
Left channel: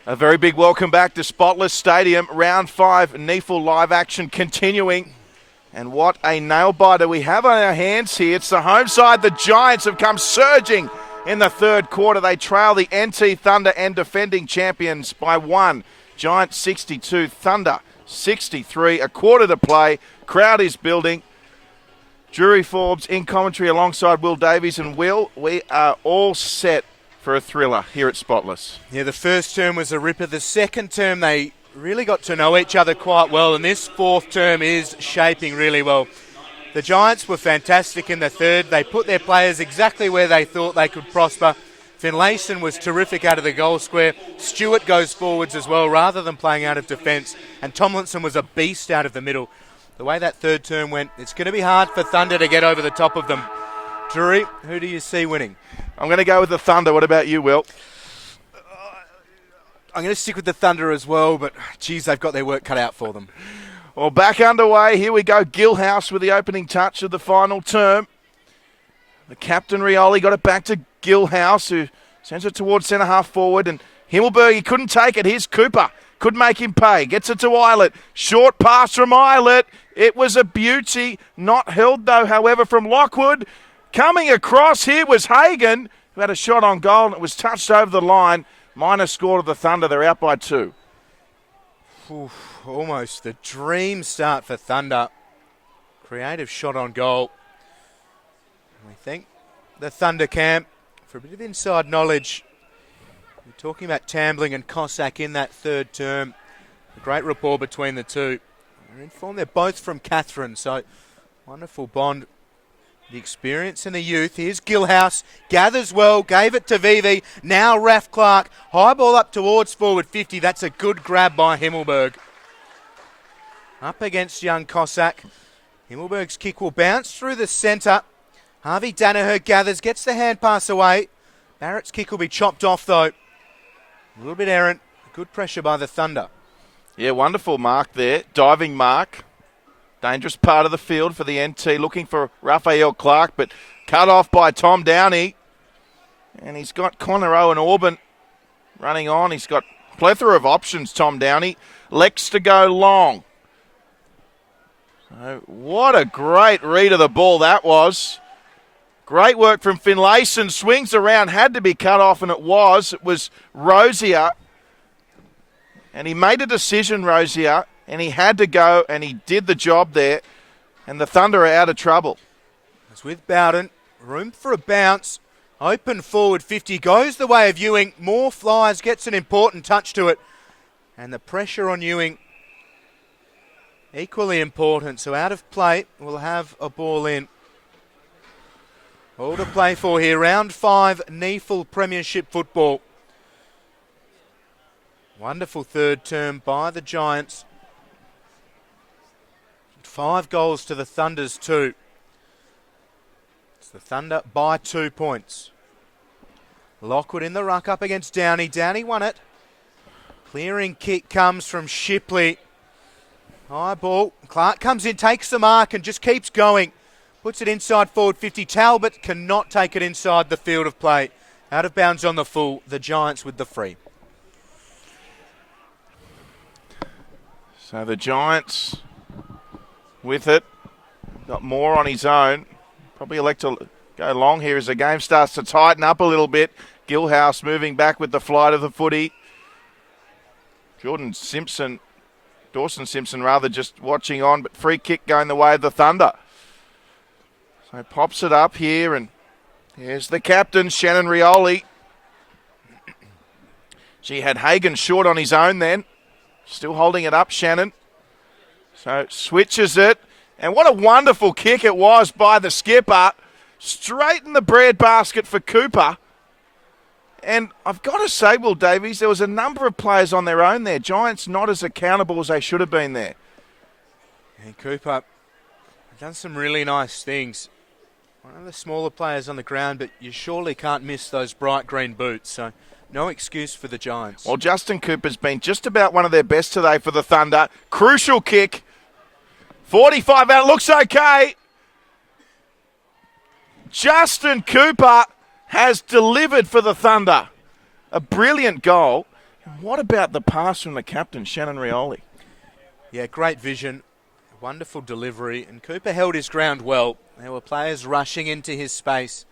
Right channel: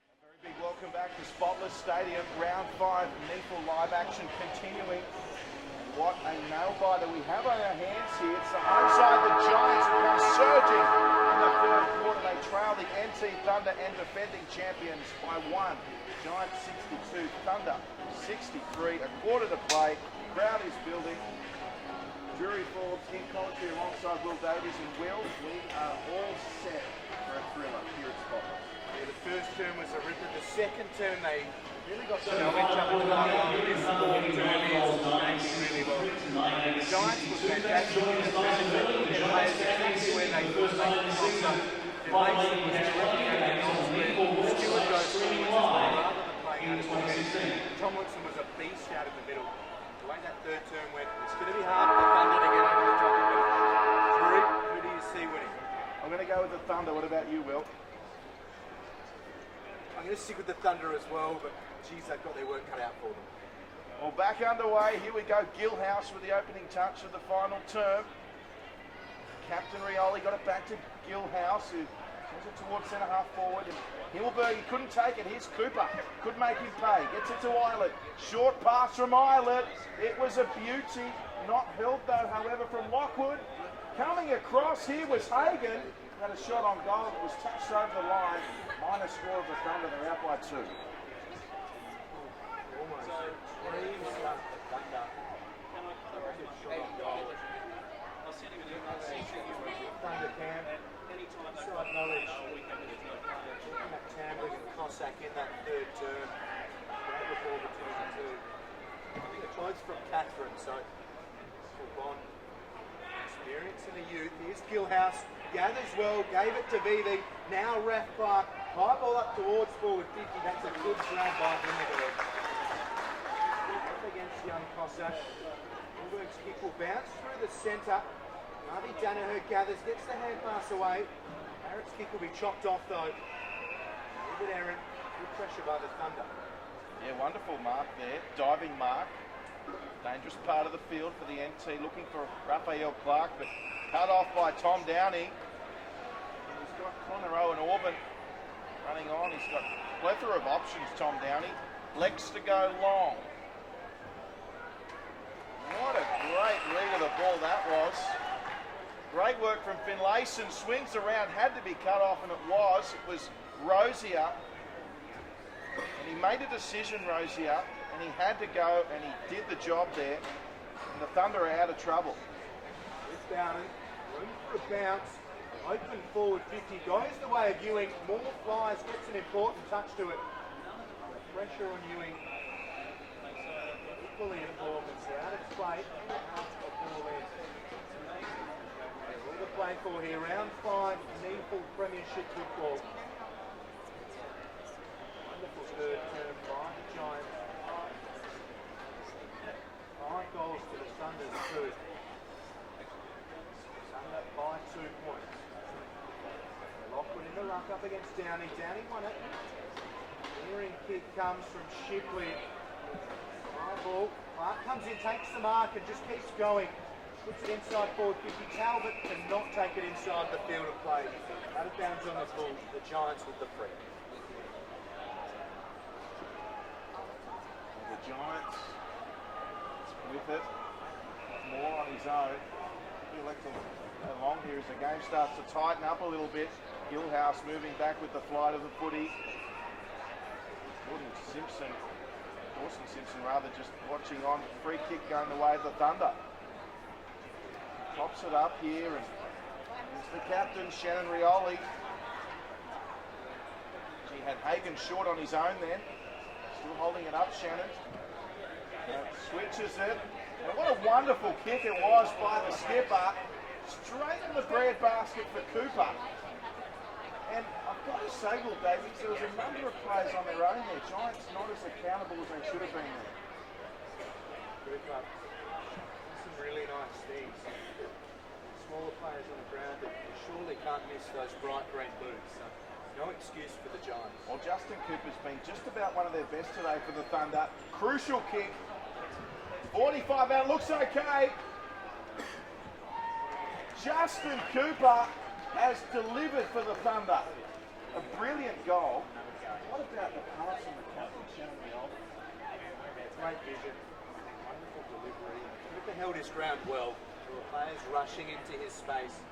A very big welcome back to Spotless Stadium. Round 5 NEAFL live action continuing. And what a nail-biter we have on our hands here. It's the home side. The Giants have come surging in the third quarter. They trail the NT Thunder and defending champions by 1. Giants 62, Thunder 63. A quarter to play. Crowd is building. Drury Forbes in commentary alongside Will Davies. And Will, we are all set for a thriller here at Spotless. Yeah, the first term was a ripper. The second term, they really got to know each other quite well, and this fourth term is shaping really well. The Giants were fantastic in the third. They put their players exactly where they thought they could prosper. Finlayson was terrific out of the goal square. Stewart goes forwards as well rather than playing out of defence, and Tomlinson was a beast out of the middle. The way that third term went, it's going to be hard for Thunder to get over the top of them. Drury, who do you see winning? I'm going to go with the Thunder. What about you, Will? I'm going to stick with the Thunder as well, but geez, they've got their work cut out for them. Well, back underway. Here we go. Gillhouse with the opening touch of the final term. The captain, Rioli, got it back to Gillhouse, who sends it towards centre-half forward. And Himmelberg, he couldn't take it. Here's Cooper. Could make him pay. Gets it to Eilert. Short pass from Eilert. It was a beauty. Not held, though, however, from Lockwood. Coming across here was Hagan, who had a shot on goal, and it was touched over the line. Minor score to the Thunder. They're out by 2. Oof, almost a dream start for Thunder. Creative shot on goal. I think the Thunder camp, for a bit of inside knowledge, we're talking about Tambling and Cossack in that third term. A great rapport between the two. They're both from Catherine, so wonderful bond. The experience and the youth. Here's Gillhouse. Gathers well. Gave it to Vivi. Now Raf Clark. High ball up towards forward 50. That's a good grab by Himmelberg. Up against young Cossack. Himmelberg's kick will bounce through the centre. Harvey Danaher gathers. Gets the hand pass away. Barrett's kick will be chopped off though. A little bit errant. Good pressure by the Thunder. Yeah, wonderful mark there. Diving mark. Dangerous part of the field for the NT, looking for Raphael Clark, but cut off by Tom Downey. And he's got Connor Owen Orban running on. He's got plethora of options, Tom Downey. Lex to go long. So what a great read of the ball that was. Great work from Finlayson. Swings around, had to be cut off, and it was. It was Rosier. And he made a decision, Rosier. And he had to go, and he did the job there. And the Thunder are out of trouble. It's with Bowden. Room for a bounce. Open forward 50. Goes the way of Ewing. More flies. Gets an important touch to it. And the pressure on Ewing equally important. So out of play, we'll have a ball in. All to play for here. Round 5 NEAFL Premiership football. Wonderful third term by the Giants. 5 goals to the Thunder's 2. It's the Thunder by 2 points. Lockwood in the ruck up against Downey. Downey won it. Clearing kick comes from Shipley. High ball. Clark comes in, takes the mark and just keeps going. Puts it inside forward 50. Talbot cannot take it inside the field of play. Out of bounds on the full. The Giants with the free. So the Giants with it. Got more on his own. Probably elect to go long here as the game starts to tighten up a little bit. Gillhouse moving back with the flight of the footy. Dawson Simpson rather, just watching on, but free kick going the way of the Thunder. So pops it up here, and here's the captain, Shannon Rioli. She had Hagan short on his own then. Still holding it up, Shannon. So switches it. And what a wonderful kick it was by the skipper. Straight in the bread basket for Cooper. And I've got to say, Will Davies, there was a number of players on their own there. Giants not as accountable as they should have been there. And Cooper done some really nice things. One of the smaller players on the ground, but you surely can't miss those bright green boots. So no excuse for the Giants. Well, Justin Cooper's been just about one of their best today for the Thunder. Crucial kick. 45 out, looks okay. Justin Cooper has delivered for the Thunder. A brilliant goal. What about the pass from the captain, Shannon Rioli? Yeah, great vision, wonderful delivery, and Cooper held his ground well. There were players rushing into his space.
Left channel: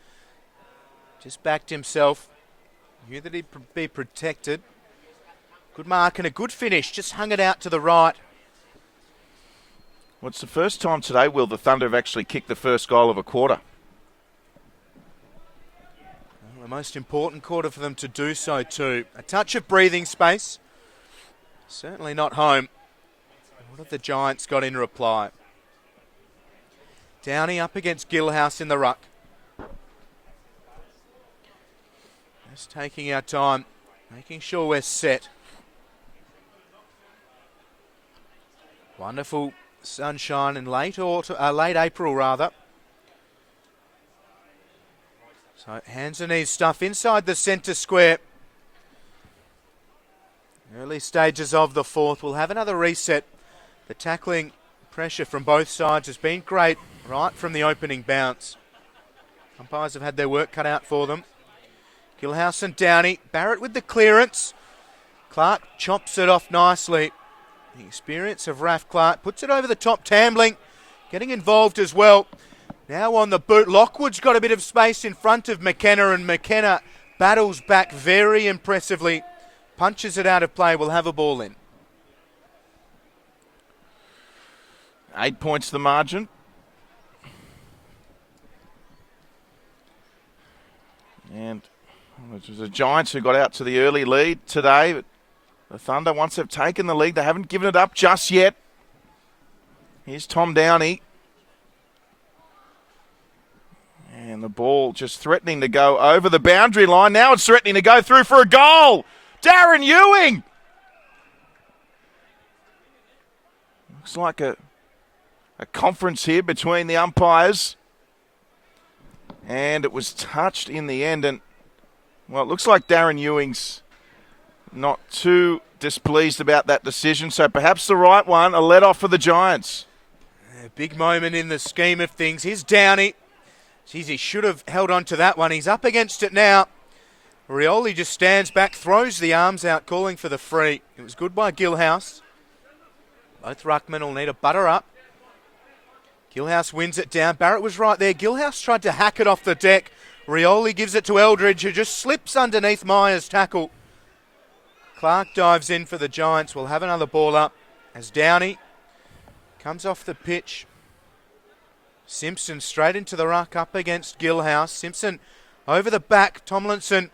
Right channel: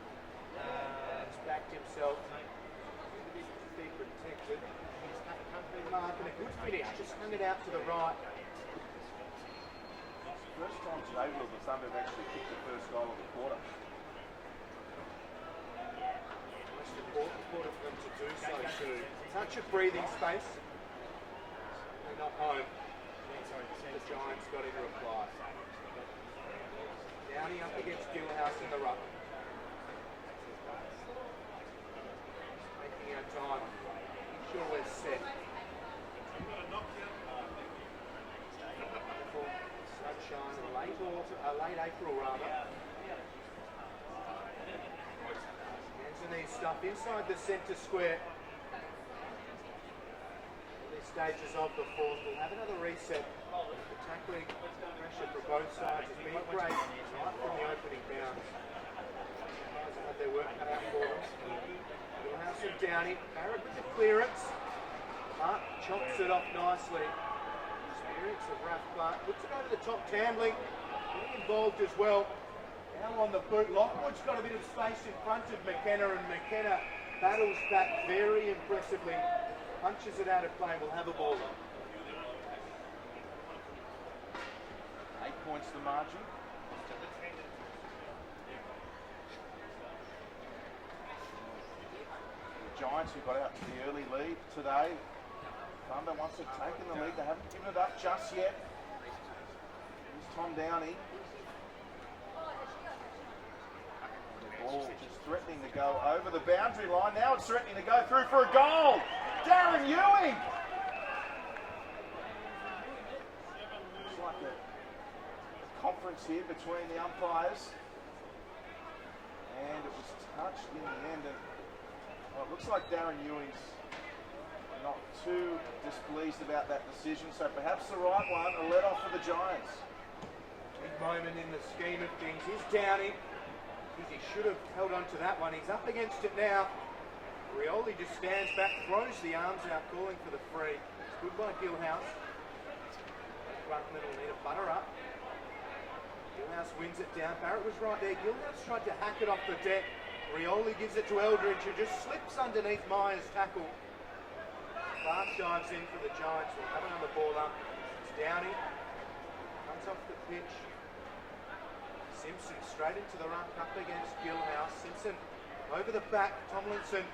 Just backed himself, knew that he'd be protected. Good mark and a good finish, just hung it out to the right. Well, it's the first time today, Will, the Thunder have actually kicked the first goal of a quarter. The most important quarter for them to do so too. A touch of breathing space. Certainly not home. What have the Giants got in reply? Downey up against Gillhouse in the ruck. Just taking our time, making sure we're set. Wonderful sunshine in late April rather. So hands and knees stuff inside the centre square. Early stages of the fourth. We'll have another reset. The tackling pressure from both sides has been great right from the opening bounce. Umpires have had their work cut out for them. Gillhouse and Downey. Barrett with the clearance. Clark chops it off nicely. The experience of Raf Clark puts it over the top. Tambling getting involved as well. Now on the boot, Lockwood's got a bit of space in front of McKenna, and McKenna battles back very impressively. Punches it out of play, will have a ball in. 8 points the margin. And it was the Giants who got out to the early lead today. But the Thunder, once they've taken the lead, they haven't given it up just yet. Here's Tom Downey. And the ball just threatening to go over the boundary line. Now it's threatening to go through for a goal. Darren Ewing. Looks like a conference here between the umpires. And it was touched in the end. And, well, it looks like Darren Ewing's not too displeased about that decision. So perhaps the right one, a let-off for the Giants. A big moment in the scheme of things. Here's Downey. Geez, he should have held on to that one. He's up against it now. Rioli just stands back, throws the arms out, calling for the free. It was good by Gillhouse. Both ruckmen will need a butter up. Gillhouse wins it down. Barrett was right there. Gillhouse tried to hack it off the deck. Rioli gives it to Eldridge, who just slips underneath Myers' tackle. Clark dives in for the Giants. We'll have another ball up as Downey comes off the pitch. Simpson straight into the ruck up against Gillhouse. Simpson over the back. Tomlinson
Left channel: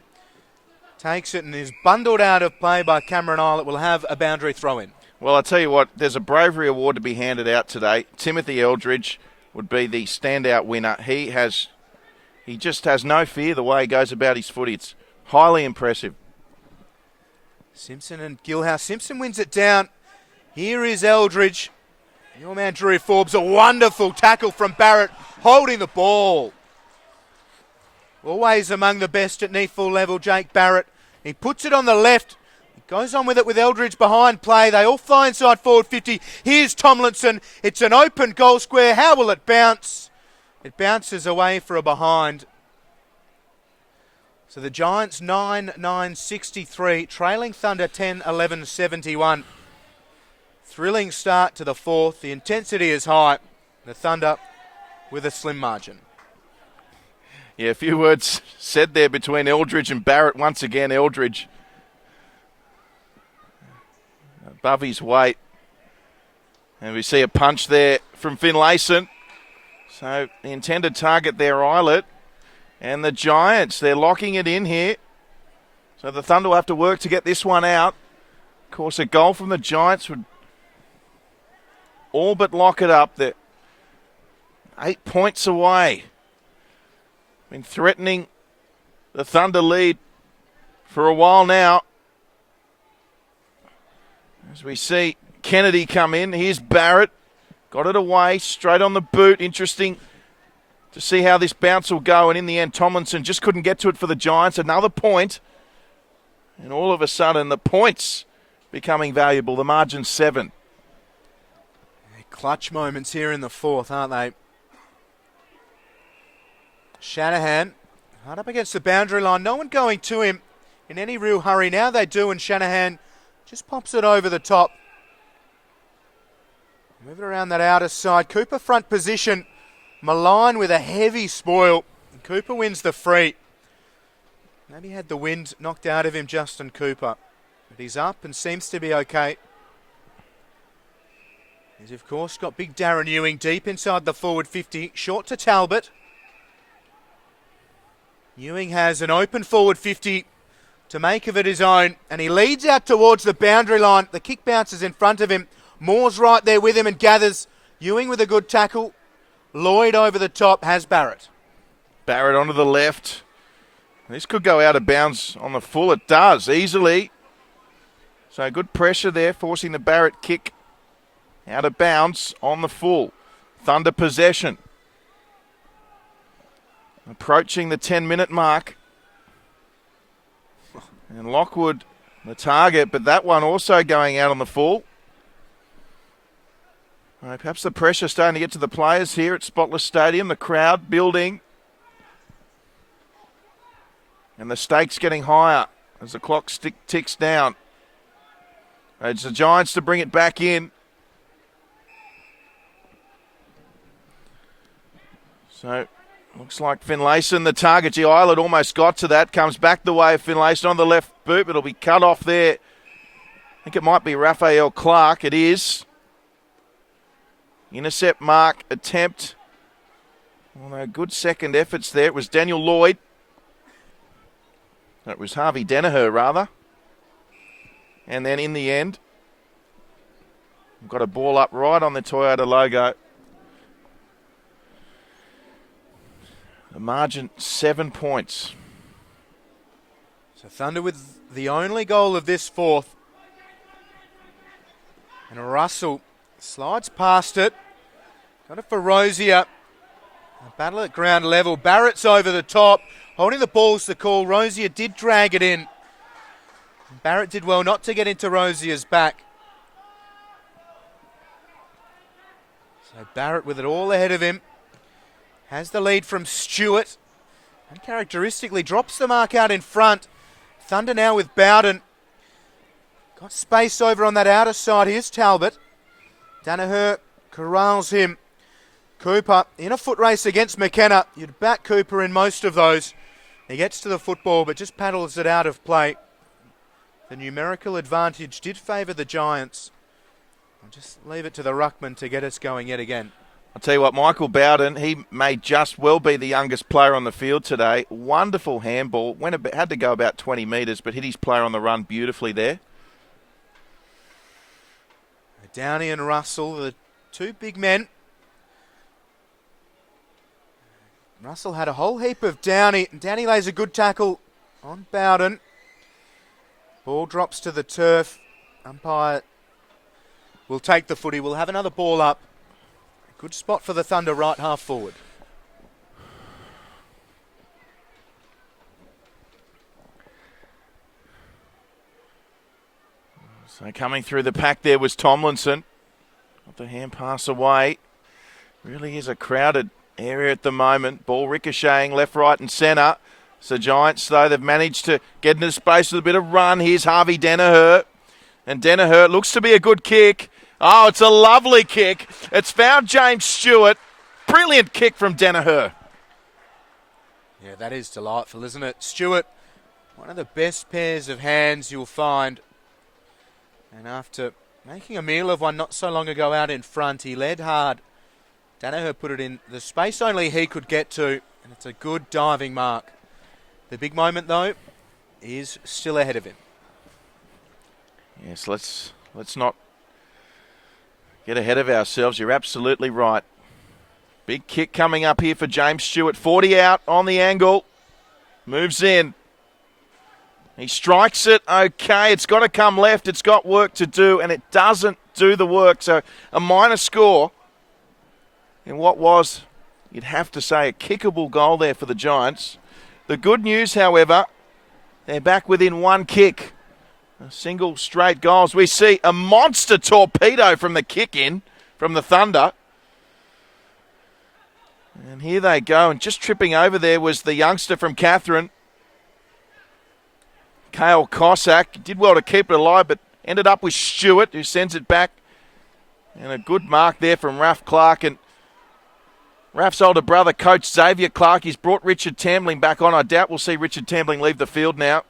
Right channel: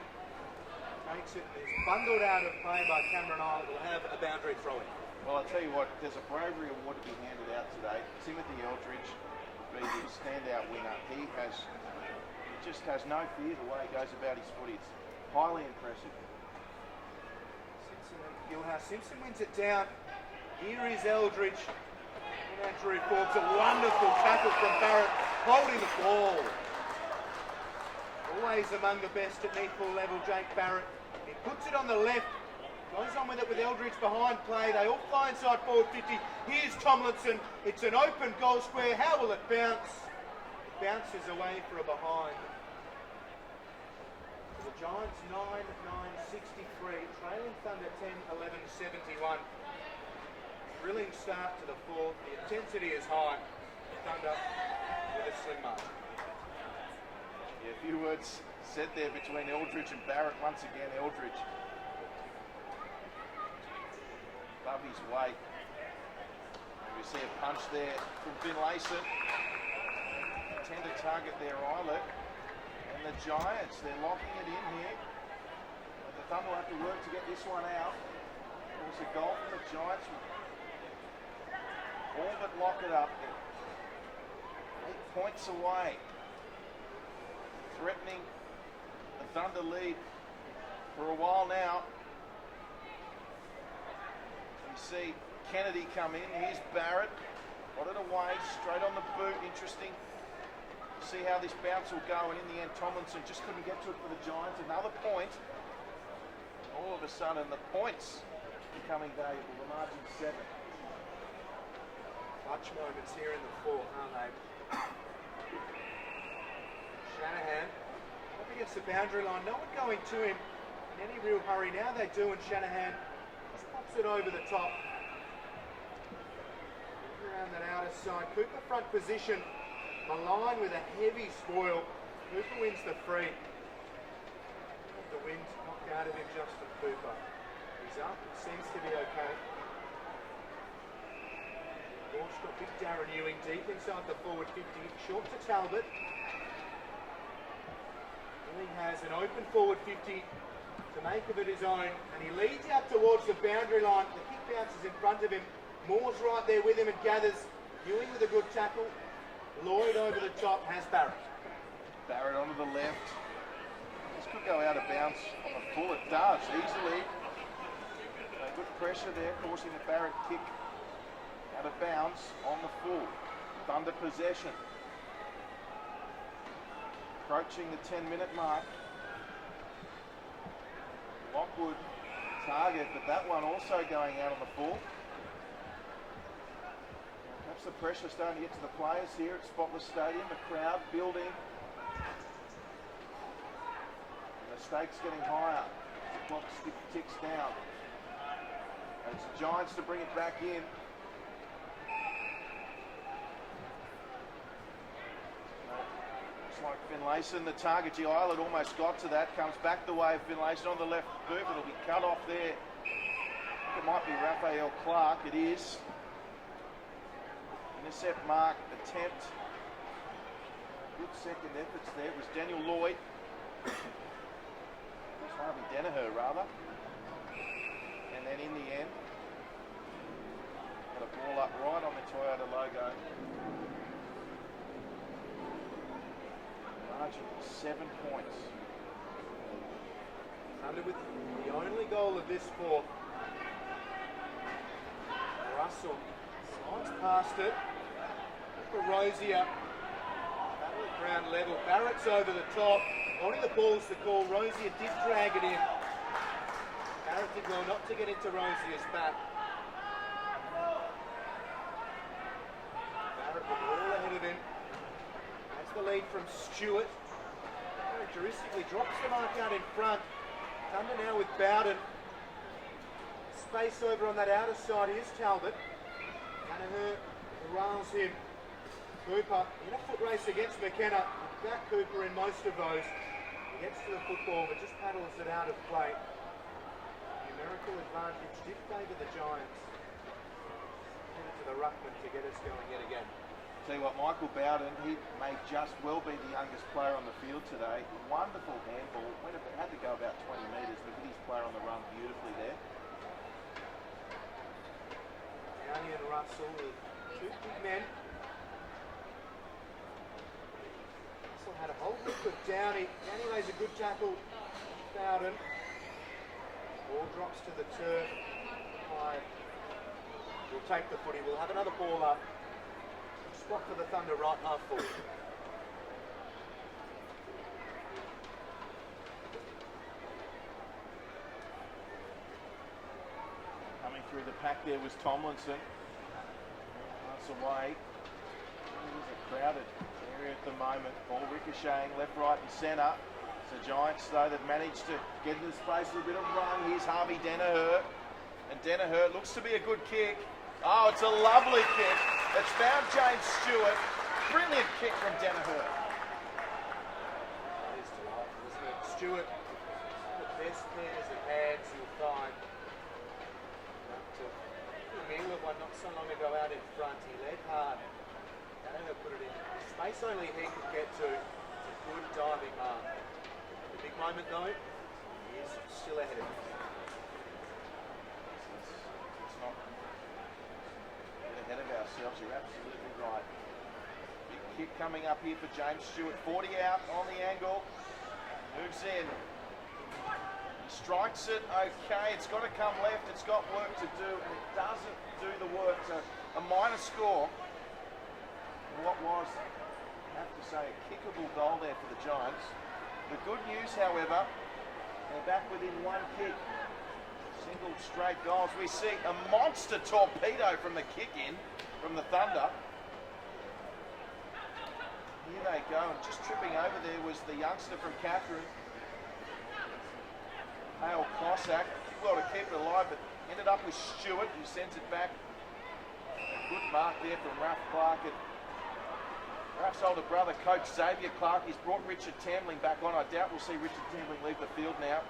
takes it and is bundled out of play by Cameron Isle. It will have a boundary throw in. Well, I tell you what, there's a bravery award to be handed out today. Timothy Eldridge would be the standout winner. He just has no fear the way he goes about his footy. It's highly impressive. Simpson and Gillhouse. Simpson wins it down. Here is Eldridge. Your man Drew Forbes, a wonderful tackle from Barrett, holding the ball. Always among the best at NEAFL level, Jake Barrett. He puts it on the left, goes on with it with Eldridge behind play. They all fly inside forward 50. Here's Tomlinson. It's an open goal square. How will it bounce? It bounces away for a behind. So the Giants 9-9-63, trailing Thunder 10-11-71. Thrilling start to the fourth. The intensity is high. The Thunder with a slim margin. Yeah, a few words said there between Eldridge and Barrett. Once again, Eldridge above his weight. And we see a punch there from Finlayson. So the intended target there, Eilert. And the Giants, they're locking it in here. So the Thunder will have to work to get this one out. Of course, a goal from the Giants would all but lock it up. They're 8 points away. Been threatening the Thunder lead for a while now. As we see Kennedy come in. Here's Barrett. Got it away, straight on the boot. Interesting to see how this bounce will go. And in the end, Tomlinson just couldn't get to it for the Giants. Another point. And all of a sudden, the points becoming valuable. The margin's 7. Clutch moments here in the fourth, aren't they? Shanahan right up against the boundary line. No one going to him. in any real hurry. Now they do, and Shanahan just pops it over the top. Move it around that outer side. Cooper front position. Malign with a heavy spoil. Cooper wins the free. Maybe had the wind knocked out of him, Justin Cooper. But he's up and seems to be okay. He's of course got big Darren Ewing deep inside the forward 50. Short to Talbot. Ewing has an open forward 50 to make of it his own, and he leads out towards the boundary line. The kick bounces in front of him. Moore's right there with him and gathers. Ewing with a good tackle. Lloyd over the top has Barrett. Barrett onto the left. This could go out of bounds on the full. It does, easily. So good pressure there, forcing the Barrett kick out of bounds on the full. Thunder possession. Approaching the 10-minute mark. And Lockwood, the target, but that one also going out on the full. Perhaps the pressure starting to get to the players here at Spotless Stadium. The crowd building. And the stakes getting higher as the clock ticks down. It's the Giants to bring it back in. So, looks like Finlayson, the target. Gee, Islet almost got to that. Comes back the way of Finlayson on the left boot, but it'll be cut off there. I think it might be Raphael Clark. It is. Intercept mark, attempt. Well, good second efforts there. It was Daniel Lloyd. It was Harvey Danaher, rather. And then in the end, got a ball up right on the Toyota logo. The margin, 7 points. So Thunder with the only goal of this fourth. And Russell slides past it. Got it for Rosier. Battle at ground level. Barrett's over the top. Holding the ball's the call. Rosier did drag it in. Barrett did well not to get into Rosier's back. So Barrett with it all ahead of him. Has the lead from Stewart. Uncharacteristically drops the mark out in front. Thunder now with Bowden. Got space over on that outer side. Here's Talbot. Danaher corrals him. Cooper in a foot race against McKenna. You'd back Cooper in most of those. He gets to the football but just paddles it out of play. The numerical advantage did favour the Giants. Just leave it to the ruckman to get us going yet again. I'll tell you what, Michael Bowden, he may just well be the youngest player on the field today. Wonderful handball. Had to go about 20 metres, but hit his player on the run beautifully there. Downey and Russell, the two big men. Russell had a whole heap of Downey. Downey lays a good tackle on Bowden. Ball drops to the turf. Umpire will take the footy. We'll have another ball up. Good spot for the Thunder right half forward. So coming through the pack there was Tomlinson. The hand pass away. Really is a crowded area at the moment. Ball ricocheting left, right and centre. So Giants, though, they've managed to get into space with a bit of run. Here's Harvey Danaher. And Danaher looks to be a good kick. Oh, it's a lovely kick. It's found James Stewart. Brilliant kick from Danaher. Yeah, that is delightful, isn't it? Stewart, one of the best pairs of hands you'll find. And after making a meal of one not so long ago out in front, he led hard. Danaher put it in the space only he could get to. It's a good diving mark. The big moment, though, is still ahead of him. Yes, let's not get ahead of ourselves. You're absolutely right. Big kick coming up here for James Stewart. 40 out on the angle. Moves in. He strikes it. Okay, it's got to come left. It's got work to do, and it doesn't do the work. So a minor score in what was, you'd have to say, a kickable goal there for the Giants. The good news, however, they're back within one kick. A single straight goals. We see a monster torpedo from the kick in from the Thunder. And here they go. And just tripping over there was the youngster from Catherine. Cale Cossack did well to keep it alive, but ended up with Stewart, who sends it back. And a good mark there from Raf Clark. And Raf's older brother, Coach Xavier Clark, he's brought Richard Tambling back on. I doubt we'll see Richard Tambling leave the field now.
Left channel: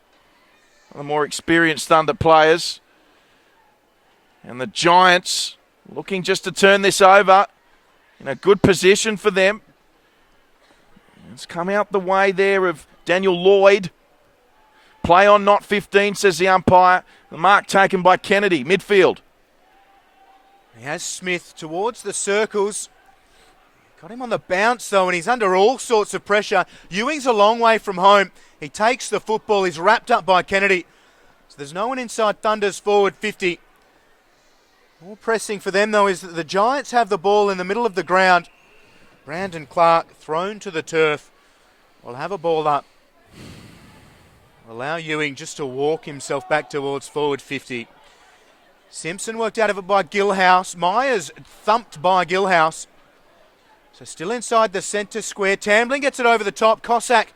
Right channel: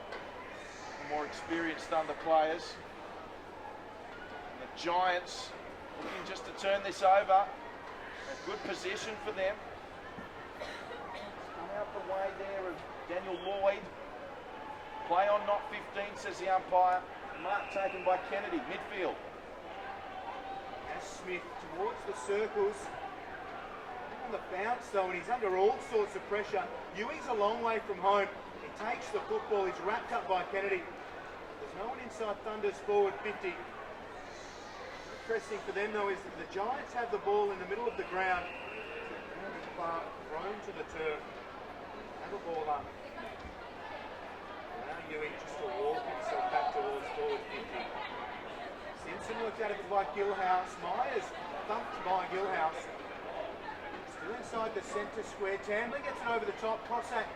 The more experienced Thunder players. And the Giants looking just to turn this over. In a good position for them. It's come out the way there of Daniel Lloyd. Play on, not 15, says the umpire. The mark taken by Kennedy, midfield. He has Smith towards the circles. Got him on the bounce though, and he's under all sorts of pressure. Ewing's a long way from home. He takes the football, he's wrapped up by Kennedy. So there's no one inside Thunder's forward 50. All pressing for them though is that the Giants have the ball in the middle of the ground. Brandon Clark thrown to the turf. Will have a ball up. Allow Ewing just to walk himself back towards forward 50. Simpson worked out of it by Gilhouse. Myers thumped by Gilhouse. So still inside the centre square. Tambling gets it over the top. Cossack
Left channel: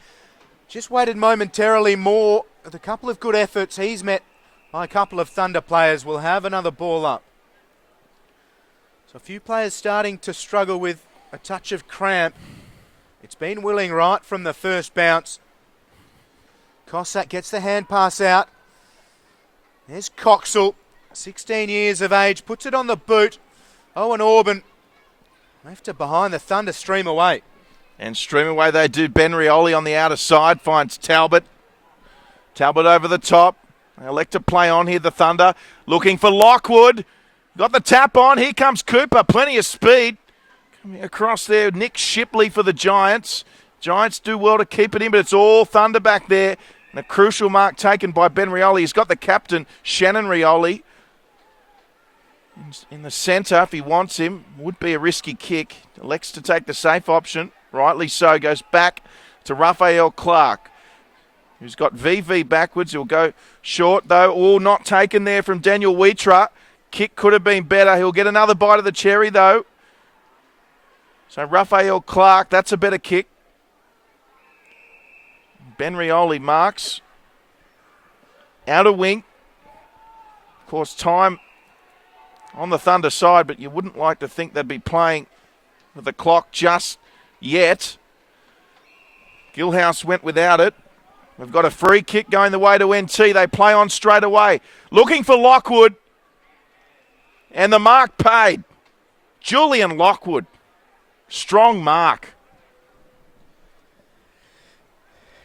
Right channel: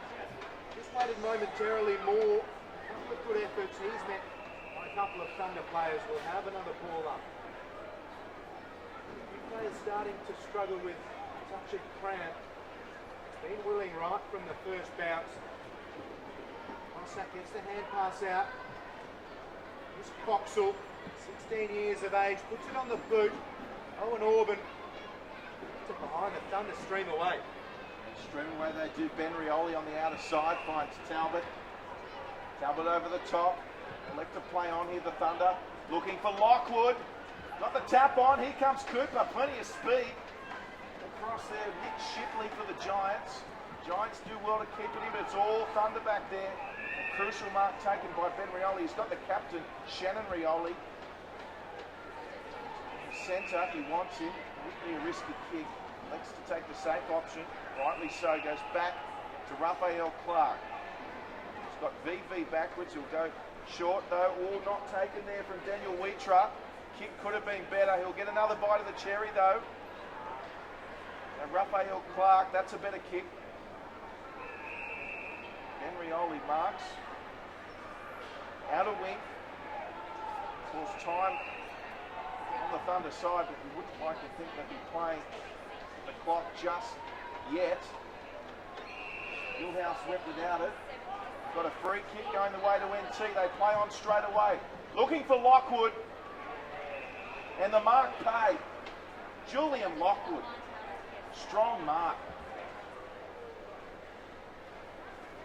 just waited momentarily more. With a couple of good efforts, he's met by a couple of Thunder players. Will have another ball up. So a few players starting to struggle with a touch of cramp. It's been willing right from the first bounce. Cossack gets the hand pass out. There's Coxall, 16 years of age, puts it on the boot. Owen Orban left it behind the Thunder, stream away. And stream away they do. Ben Rioli on the outer side finds Talbot. Talbot over the top. They elect to play on here, the Thunder. Looking for Lockwood. Got the tap on. Here comes Cooper. Plenty of speed. Across there, Nick Shipley for the Giants. Giants do well to keep it in, but it's all Thunder back there. And a crucial mark taken by Ben Rioli. He's got the captain, Shannon Rioli. In the centre, if he wants him, would be a risky kick. Elects to take the safe option. Rightly so. Goes back to Raphael Clark, who's got VV backwards. He'll go short, though. All not taken there from Daniel Wheatra. Kick could have been better. He'll get another bite of the cherry, though. So Raphael Clark, that's a better kick. Ben Rioli marks. Outer wing. Of course, time on the Thunder side, but you wouldn't like to think they'd be playing with the clock just yet. Gilhouse went without it. We've got a free kick going the way to NT. They play on straight away. Looking for Lockwood. And the mark paid. Julian Lockwood. Strong mark.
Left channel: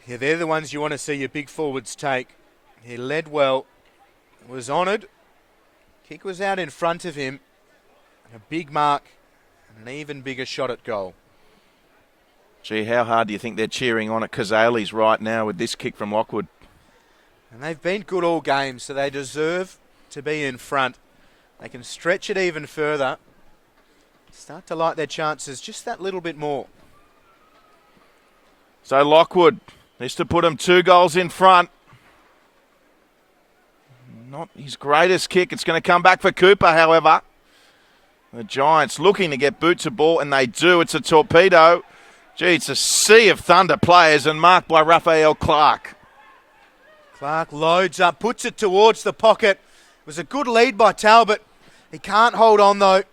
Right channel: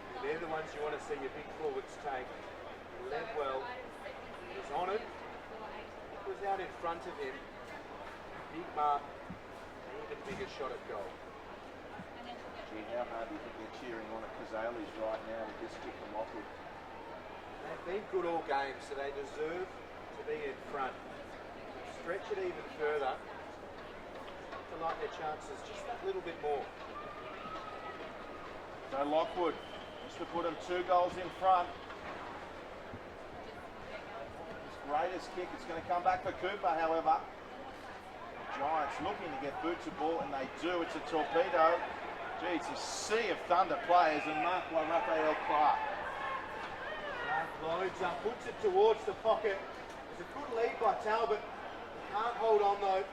Yeah, they're the ones you want to see your big forwards take. He led well, was honoured. Kick was out in front of him. A big mark, an even bigger shot at goal. Gee, how hard do you think they're cheering on at Kazali's right now with this kick from Lockwood? And they've been good all game, so they deserve to be in front. They can stretch it even further. Start to like their chances just that little bit more. So Lockwood needs to put them 2 goals in front. Not his greatest kick. It's going to come back for Cooper, however. The Giants looking to get boots of ball, and they do. It's a torpedo. Gee, it's a sea of Thunder players, and marked by Raphael Clark. Clark loads up, puts it towards the pocket. It was a good lead by Talbot. He can't hold on, though.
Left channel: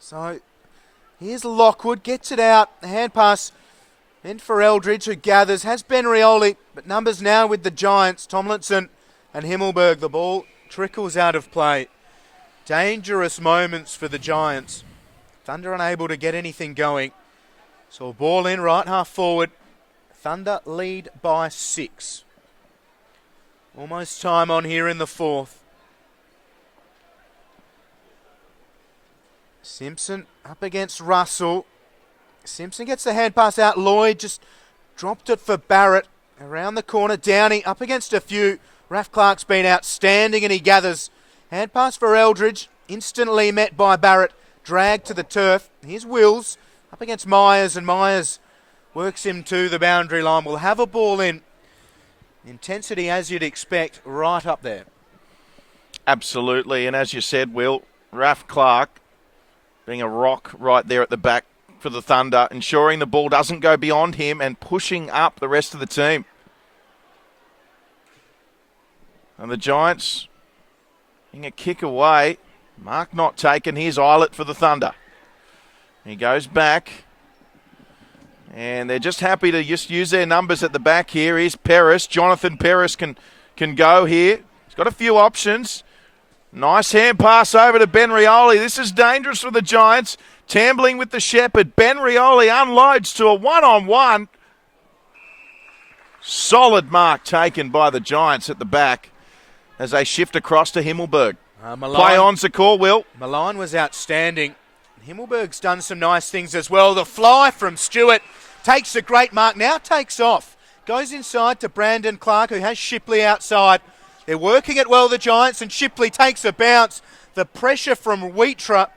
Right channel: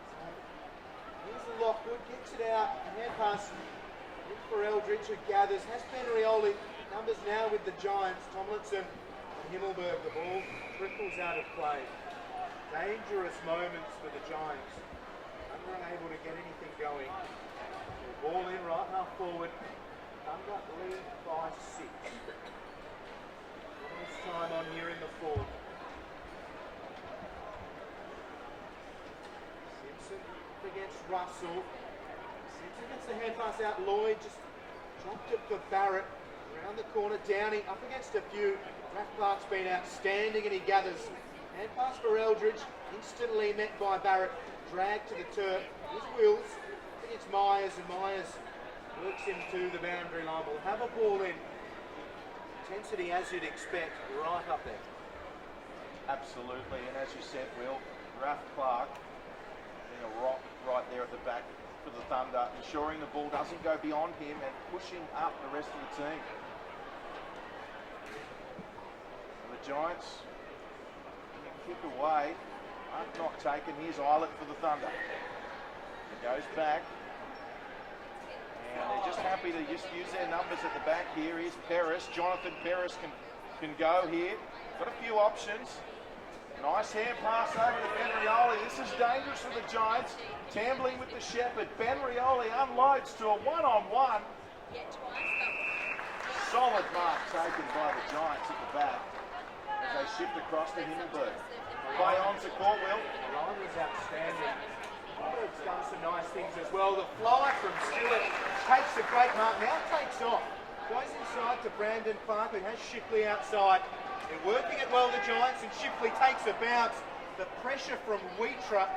So here's Lockwood, gets it out. The hand pass in for Eldridge, who gathers. Has Ben Rioli, but numbers now with the Giants. Tomlinson and Himmelberg. The ball trickles out of play. Dangerous moments for the Giants. Thunder unable to get anything going. So ball in, right half forward. Thunder lead by 6. Almost time on here in the 4th. Simpson up against Russell. Simpson gets the hand pass out. Lloyd just dropped it for Barrett. Around the corner, Downey up against a few. Raf Clark's been outstanding and he gathers. Hand pass for Eldridge. Instantly met by Barrett. Dragged to the turf. Here's Wills up against Myers, and Myers works him to the boundary line. Will have a ball in. Intensity, as you'd expect, right up there. Absolutely, and as you said, Will, Raf Clark being a rock right there at the back for the Thunder, ensuring the ball doesn't go beyond him and pushing up the rest of the team. And the Giants getting a kick away. Mark not taken. Here's Eilert for the Thunder. He goes back. And they're just happy to just use their numbers at the back here. Here's Paris. Jonathan Paris can go here. He's got a few options. Nice hand pass over to Ben Rioli. This is dangerous for the Giants. Tambling with the Shepherd. Ben Rioli unloads to a one-on-one. Solid mark taken by the Giants at the back as they shift across to Himmelberg. Play on's the call, Will. Milan was outstanding. Himmelberg's done some nice things as well. The fly from Stewart takes a great mark, now takes off. Goes inside to Brandon Clark, who has Shipley outside. They're working it well, the Giants, and Shipley takes a bounce. The pressure from Wheatra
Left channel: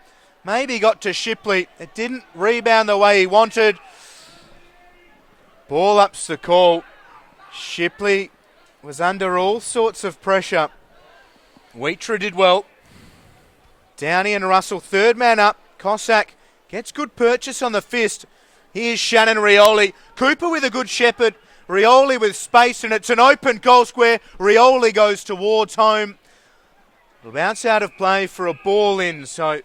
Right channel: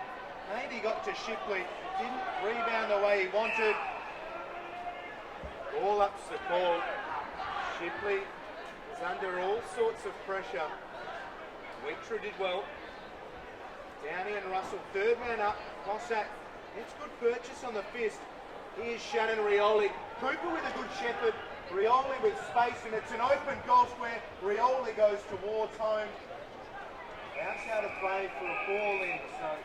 maybe got to Shipley. It didn't rebound the way he wanted. Ball up's the call. Shipley was under all sorts of pressure. Wheatra did well. Downey and Russell, third man up. Cossack gets good purchase on the fist. Here's Shannon Rioli. Cooper with a good shepherd. Rioli with space, and it's an open goal square. Rioli goes towards home. The bounce out of play for a ball in. So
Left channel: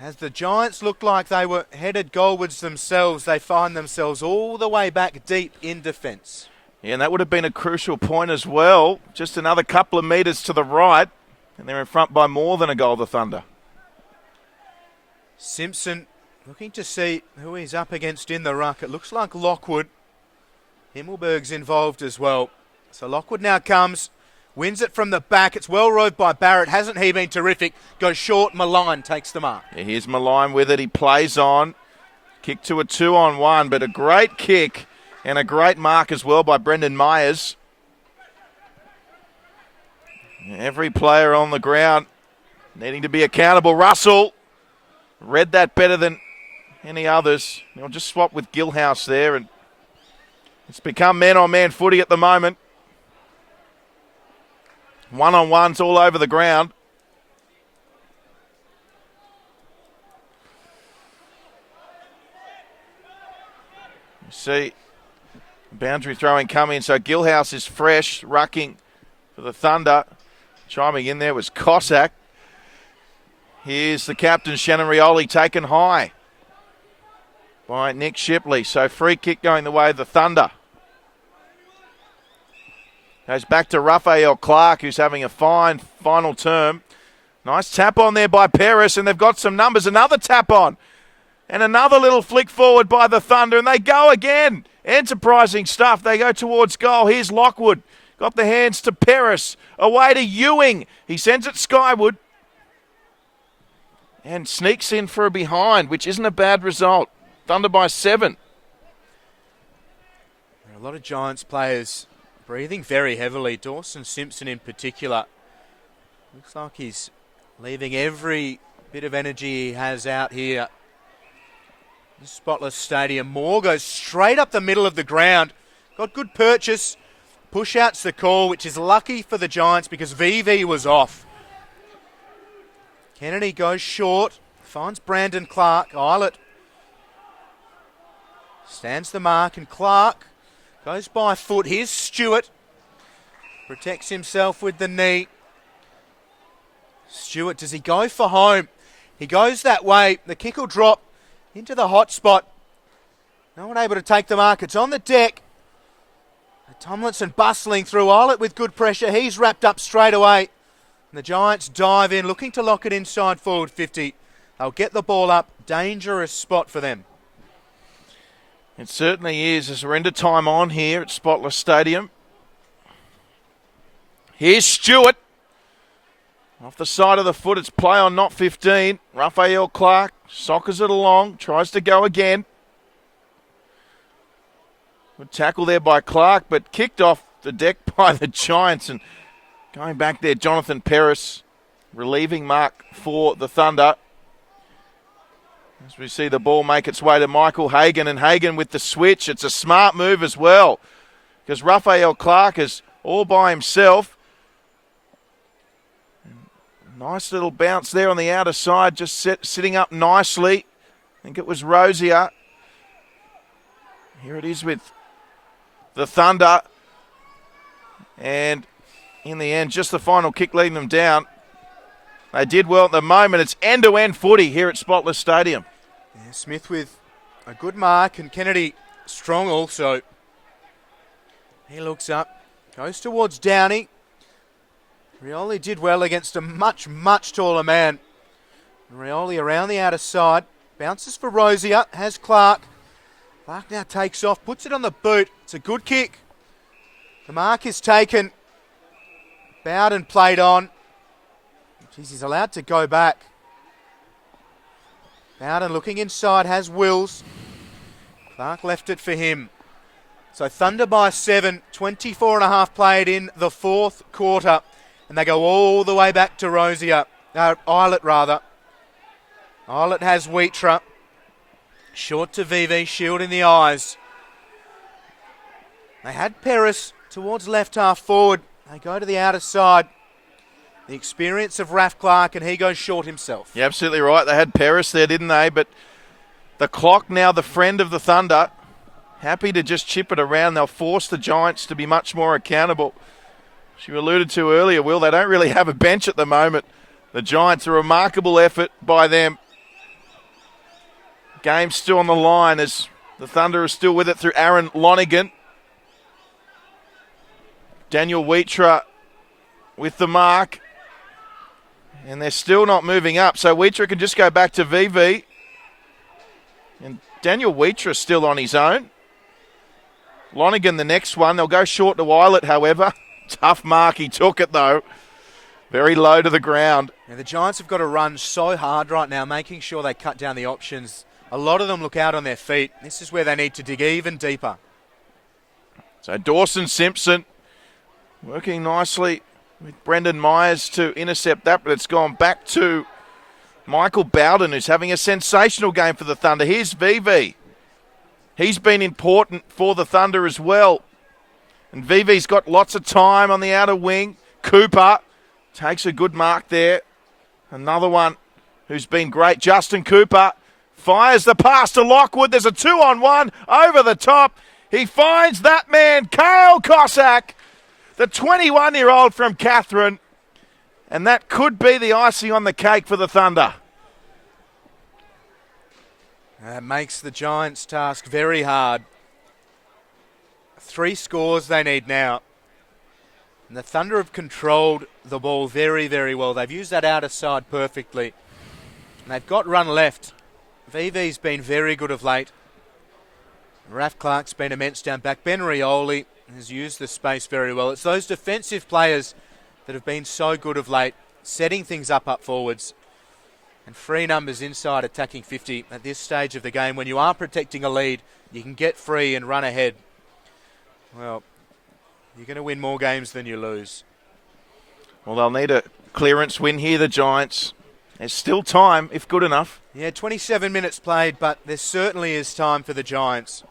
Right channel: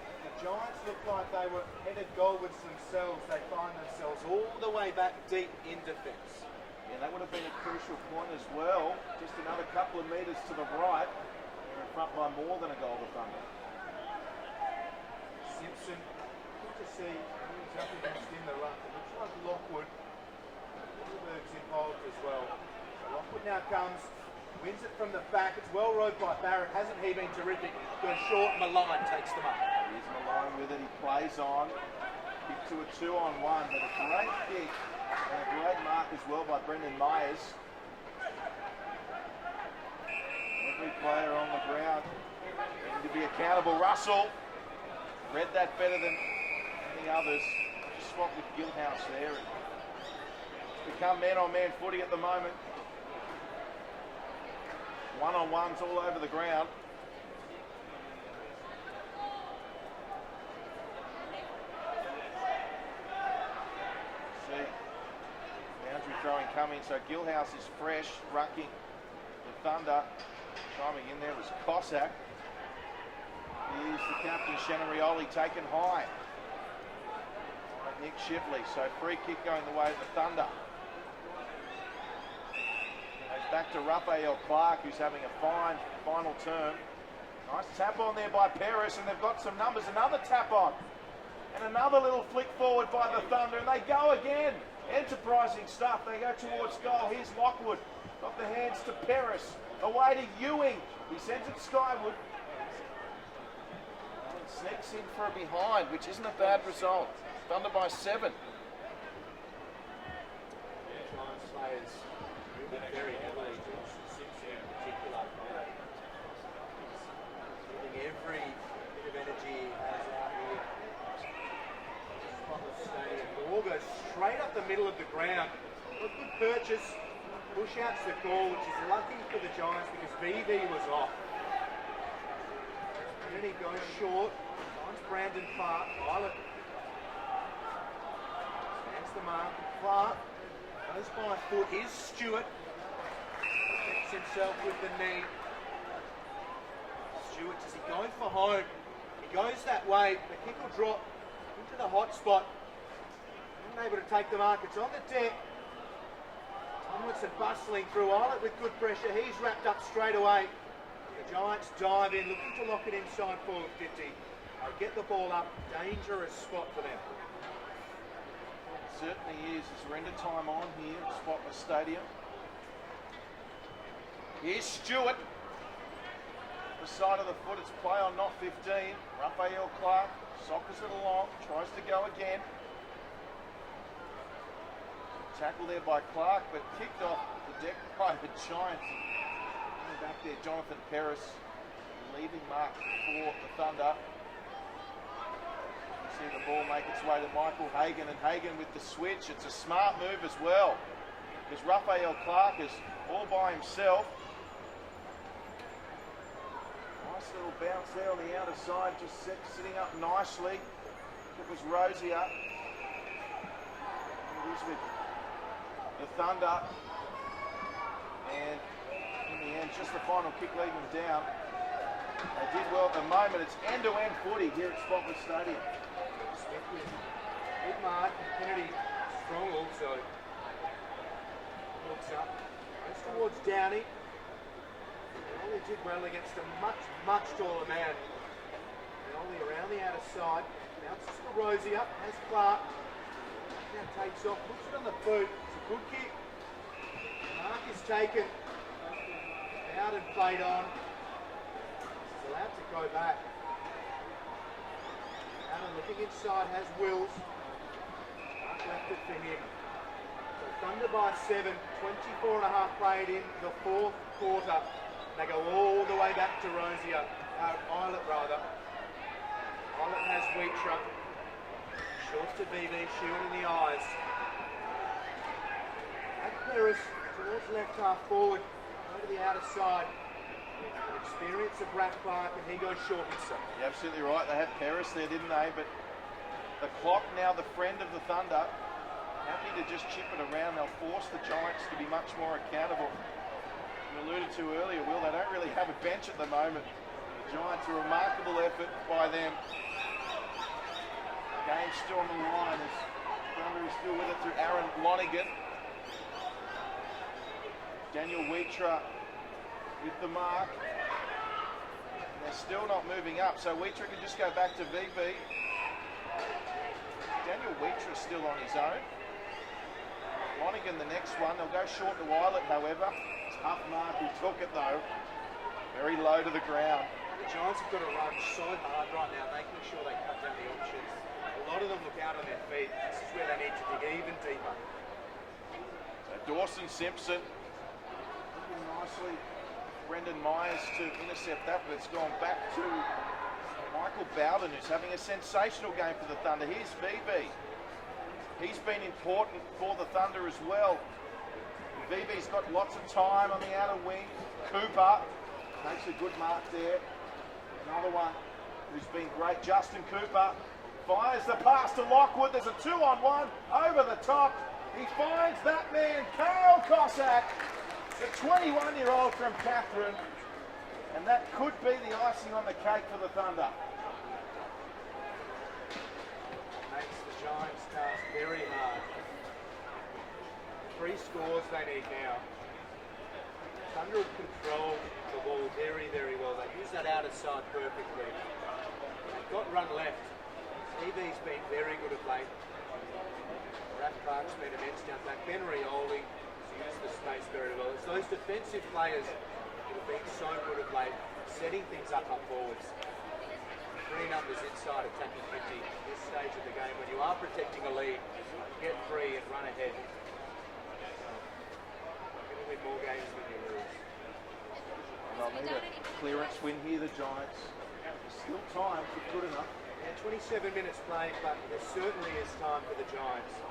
as the Giants looked like they were headed goalwards themselves, they find themselves all the way back deep in defence. Yeah, and that would have been a crucial point as well. Just another couple of metres to the right, and they're in front by more than a goal, the Thunder. Simpson looking to see who he's up against in the ruck. It looks like Lockwood. Himmelberg's involved as well. So Lockwood now comes, wins it from the back. It's well rowed by Barrett. Hasn't he been terrific? Goes short, Malign takes the mark. Yeah, here's Malign with it. He plays on. Kick to a 2-on-1, but a great kick and a great mark as well by Brendan Myers. Every player on the ground needing to be accountable. Russell read that better than any others. I'll just swap with Gilhouse there, and it's become man-on-man footy at the moment. One-on-ones all over the ground. You see boundary throwing coming, so Gilhouse is fresh, rucking for the Thunder. Chiming in there was Cossack. Here's the captain, Shannon Rioli, taken high by Nick Shipley. So free kick going the way of the Thunder. Goes back to Raphael Clark, who's having a fine final term. Nice tap on there by Paris, and they've got some numbers. Another tap on. And another little flick forward by the Thunder, and they go again. Enterprising stuff. They go towards goal. Here's Lockwood. Got the hands to Paris. Away to Ewing. He sends it skyward. And sneaks in for a behind, which isn't a bad result. Thunder by 7. A lot of Giants players breathing very heavily. Dawson Simpson in particular. Looks like he's leaving every bit of energy he has out here. The Spotless Stadium. Moore goes straight up the middle of the ground. Got good purchase. Push out's the call, which is lucky for the Giants because VV was off. Kennedy goes short. Finds Brandon Clark. Eilert stands the mark, and Clark goes by foot. Here's Stewart. Protects himself with the knee. Stewart, does he go for home? He goes that way. The kick will drop into the hot spot. No one able to take the mark. It's on the deck. Tomlinson bustling through. Eilert with good pressure. He's wrapped up straight away. And the Giants dive in, looking to lock it inside forward 50. They'll get the ball up. Dangerous spot for them. It certainly is, as we're into time on here at Spotless Stadium. Here's Stewart. Off the side of the foot, it's play on, not 15. Raphael Clark soccers it along, tries to go again. Good tackle there by Clark, but kicked off the deck by the Giants. And going back there, Jonathan Paris, relieving mark for the Thunder. As we see the ball make its way to Michael Hagan, and Hagan with the switch. It's a smart move as well, because Raphael Clark is all by himself. Nice little bounce there on the outer side, just sitting up nicely. I think it was Rosier. Here it is with the Thunder. And in the end, just the final kick leading them down. They did well at the moment. It's end-to-end footy here at Spotless Stadium. Yeah, Smith with a good mark and Kennedy strong also. He looks up, goes towards Downey. Rioli did well against a much, much taller man. Rioli around the outer side, bounces for Rosier, has Clark. Clark now takes off, puts it on the boot. It's a good kick. The mark is taken. Bowden played on. Jeez, he's allowed to go back. Bowden looking inside, has Wills. Clark left it for him. So Thunder by 7, 24 and a half played in the fourth quarter. And they go all the way back to Rosier. Eilert rather. Eilert has Wheatra. Short to VV, shield in the eyes. They had Peris towards left half forward. They go to the outer side. The experience of Raf Clark, and he goes short himself. You're absolutely right. They had Peris there, didn't they? But the clock now, the friend of the Thunder, happy to just chip it around. They'll force the Giants to be much more accountable. As you alluded to earlier, Will, they don't really have a bench at the moment. The Giants, a remarkable effort by them. Game's still on the line as the Thunder are still with it through Aaron Lonigan. Daniel Wheatra with the mark. And they're still not moving up. So Wheatra can just go back to VV. And Daniel Wheatra still on his own. Lonigan the next one. They'll go short to Eilert, however. Tough mark. He took it, though. Very low to the ground. And the Giants have got to run so hard right now, making sure they cut down the options. A lot of them look out on their feet. This is where they need to dig even deeper. So Dawson Simpson working nicely with Brendan Myers to intercept that, but it's gone back to Michael Bowden, who's having a sensational game for the Thunder. Here's VV. He's been important for the Thunder as well. And VV's got lots of time on the outer wing. Cooper takes a good mark there. Another one who's been great, Justin Cooper, fires the pass to Lockwood. There's a 2-on-1 over the top. He finds that man, Kale Cossack, the 21-year-old from Catherine. And that could be the icing on the cake for the Thunder. That makes the Giants' task very hard. 3 scores they need now. And the Thunder have controlled the ball very, very well. They've used that outer side perfectly. And they've got run left. VV's been very good of late. Raf Clark's been immense down back. Ben Rioli has used the space very well. It's those defensive players that have been so good of late, setting things up forwards. And 3 numbers inside attacking 50 at this stage of the game. When you are protecting a lead, you can get free and run ahead. Well, you're going to win more games than you lose. Well, they'll need a clearance win here, the Giants. There's still time, if good enough. Yeah, 27 minutes played, but there certainly is time for the Giants.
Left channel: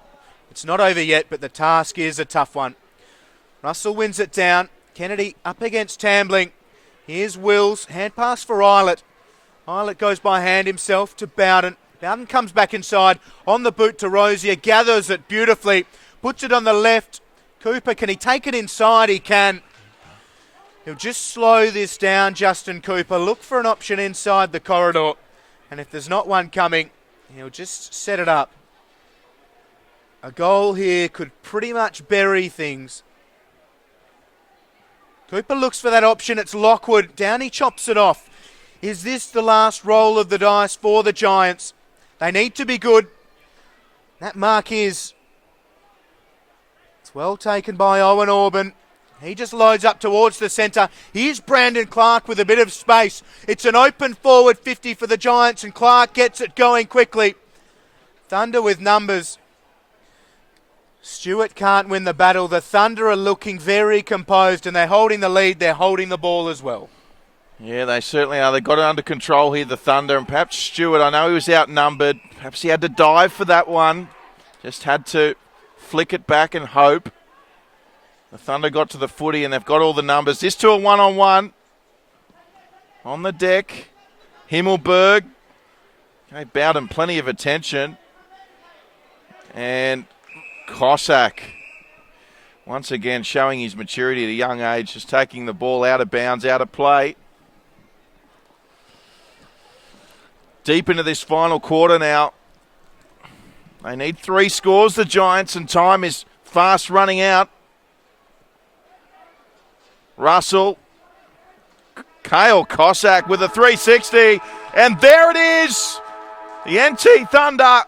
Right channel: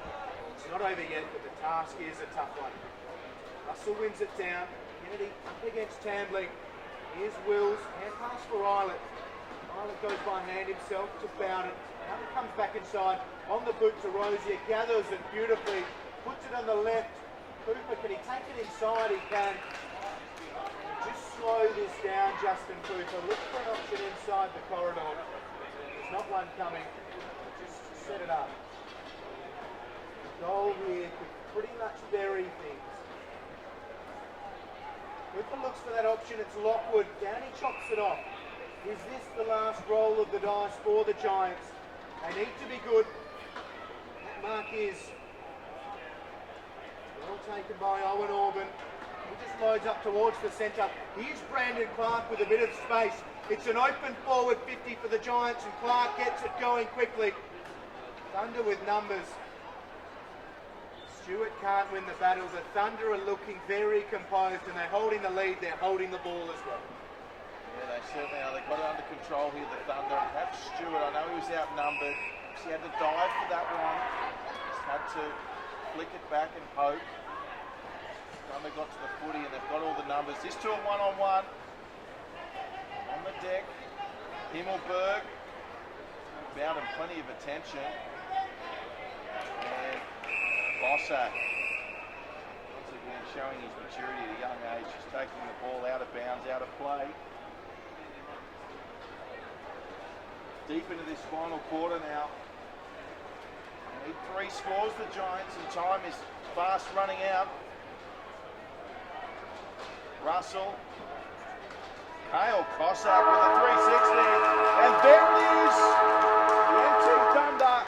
It's not over yet, but the task is a tough one. Russell wins it down. Kennedy up against Tambling. Here's Wills. Hand pass for Eilert. Eilert goes by hand himself to Bowden. Bowden comes back inside on the boot to Rosier. Gathers it beautifully. Puts it on the left. Cooper, can he take it inside? He can. He'll just slow this down, Justin Cooper. Look for an option inside the corridor. And if there's not one coming, he'll just set it up. A goal here could pretty much bury things. Cooper looks for that option. It's Lockwood. Downey chops it off. Is this the last roll of the dice for the Giants? They need to be good. That mark is. It's well taken by Owen Orban. He just loads up towards the centre. Here's Brandon Clark with a bit of space. It's an open forward 50 for the Giants, and Clark gets it going quickly. Thunder with numbers. Stewart can't win the battle. The Thunder are looking very composed, and they're holding the lead. They're holding the ball as well. Yeah, they certainly are. They've got it under control here, the Thunder. And perhaps Stewart, I know he was outnumbered. Perhaps he had to dive for that one. Just had to flick it back and hope. The Thunder got to the footy and they've got all the numbers. This to a one-on-one. On the deck. Himmelberg. Made Bowden plenty of attention. And Cossack Once again, showing his maturity at a young age, just taking the ball out of bounds, out of play. Deep into this final quarter now. They need 3 scores, the Giants, and time is fast running out. Russell. Kale Cossack with a 360. And there it is. The NT Thunder.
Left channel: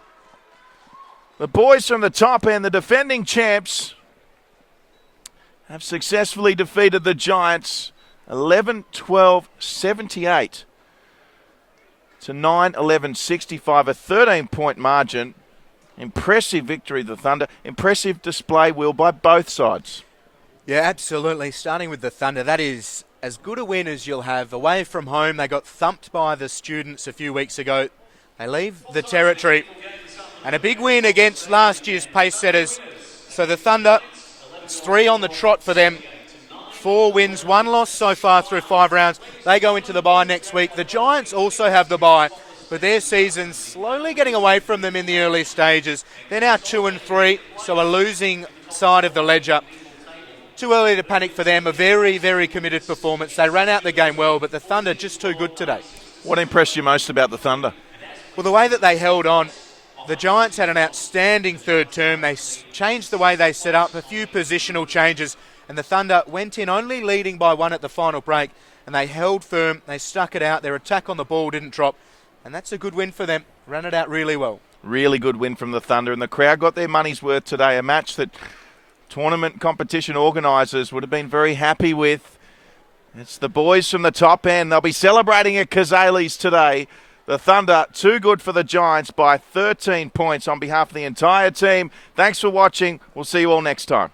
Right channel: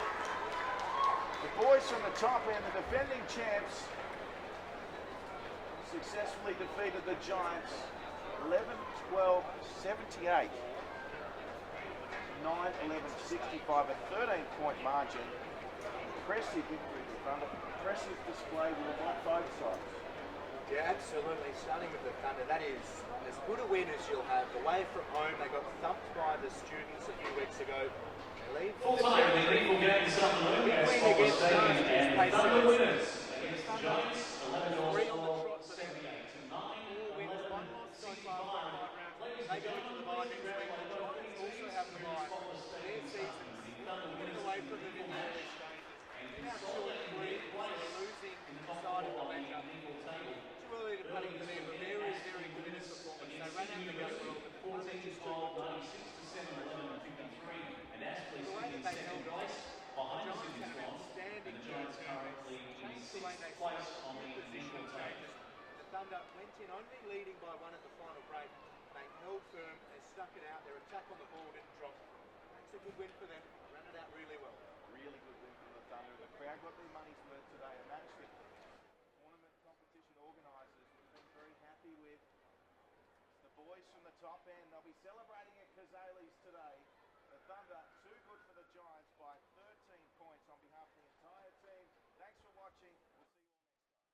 The boys from the top end, the defending champs, have successfully defeated the Giants 11-12-78 to 9-11-65, a 13-point margin. Impressive victory of the Thunder. Impressive display, Will, by both sides. Yeah, absolutely. Starting with the Thunder, that is as good a win as you'll have. Away from home, they got thumped by the Students a few weeks ago. They leave the territory. And a big win against last year's pace setters. So the Thunder, it's 3 on the trot for them. 4 wins, 1 loss so far through 5 rounds. They go into the bye next week. The Giants also have the bye, but their season's slowly getting away from them in the early stages. They're now 2-3, so a losing side of the ledger. Too early to panic for them. A very, very committed performance. They ran out the game well, but the Thunder just too good today. What impressed you most about the Thunder? Well, the way that they held on. The Giants had an outstanding third term. They changed the way they set up, a few positional changes, and the Thunder went in only leading by 1 at the final break, and they held firm. They stuck it out. Their attack on the ball didn't drop, and that's a good win for them. Ran it out really well. Really good win from the Thunder, and the crowd got their money's worth today. A match that tournament competition organisers would have been very happy with. It's the boys from the top end. They'll be celebrating at Kazali's today. The Thunder, too good for the Giants by 13 points on behalf of the entire team. Thanks for watching. We'll see you all next time.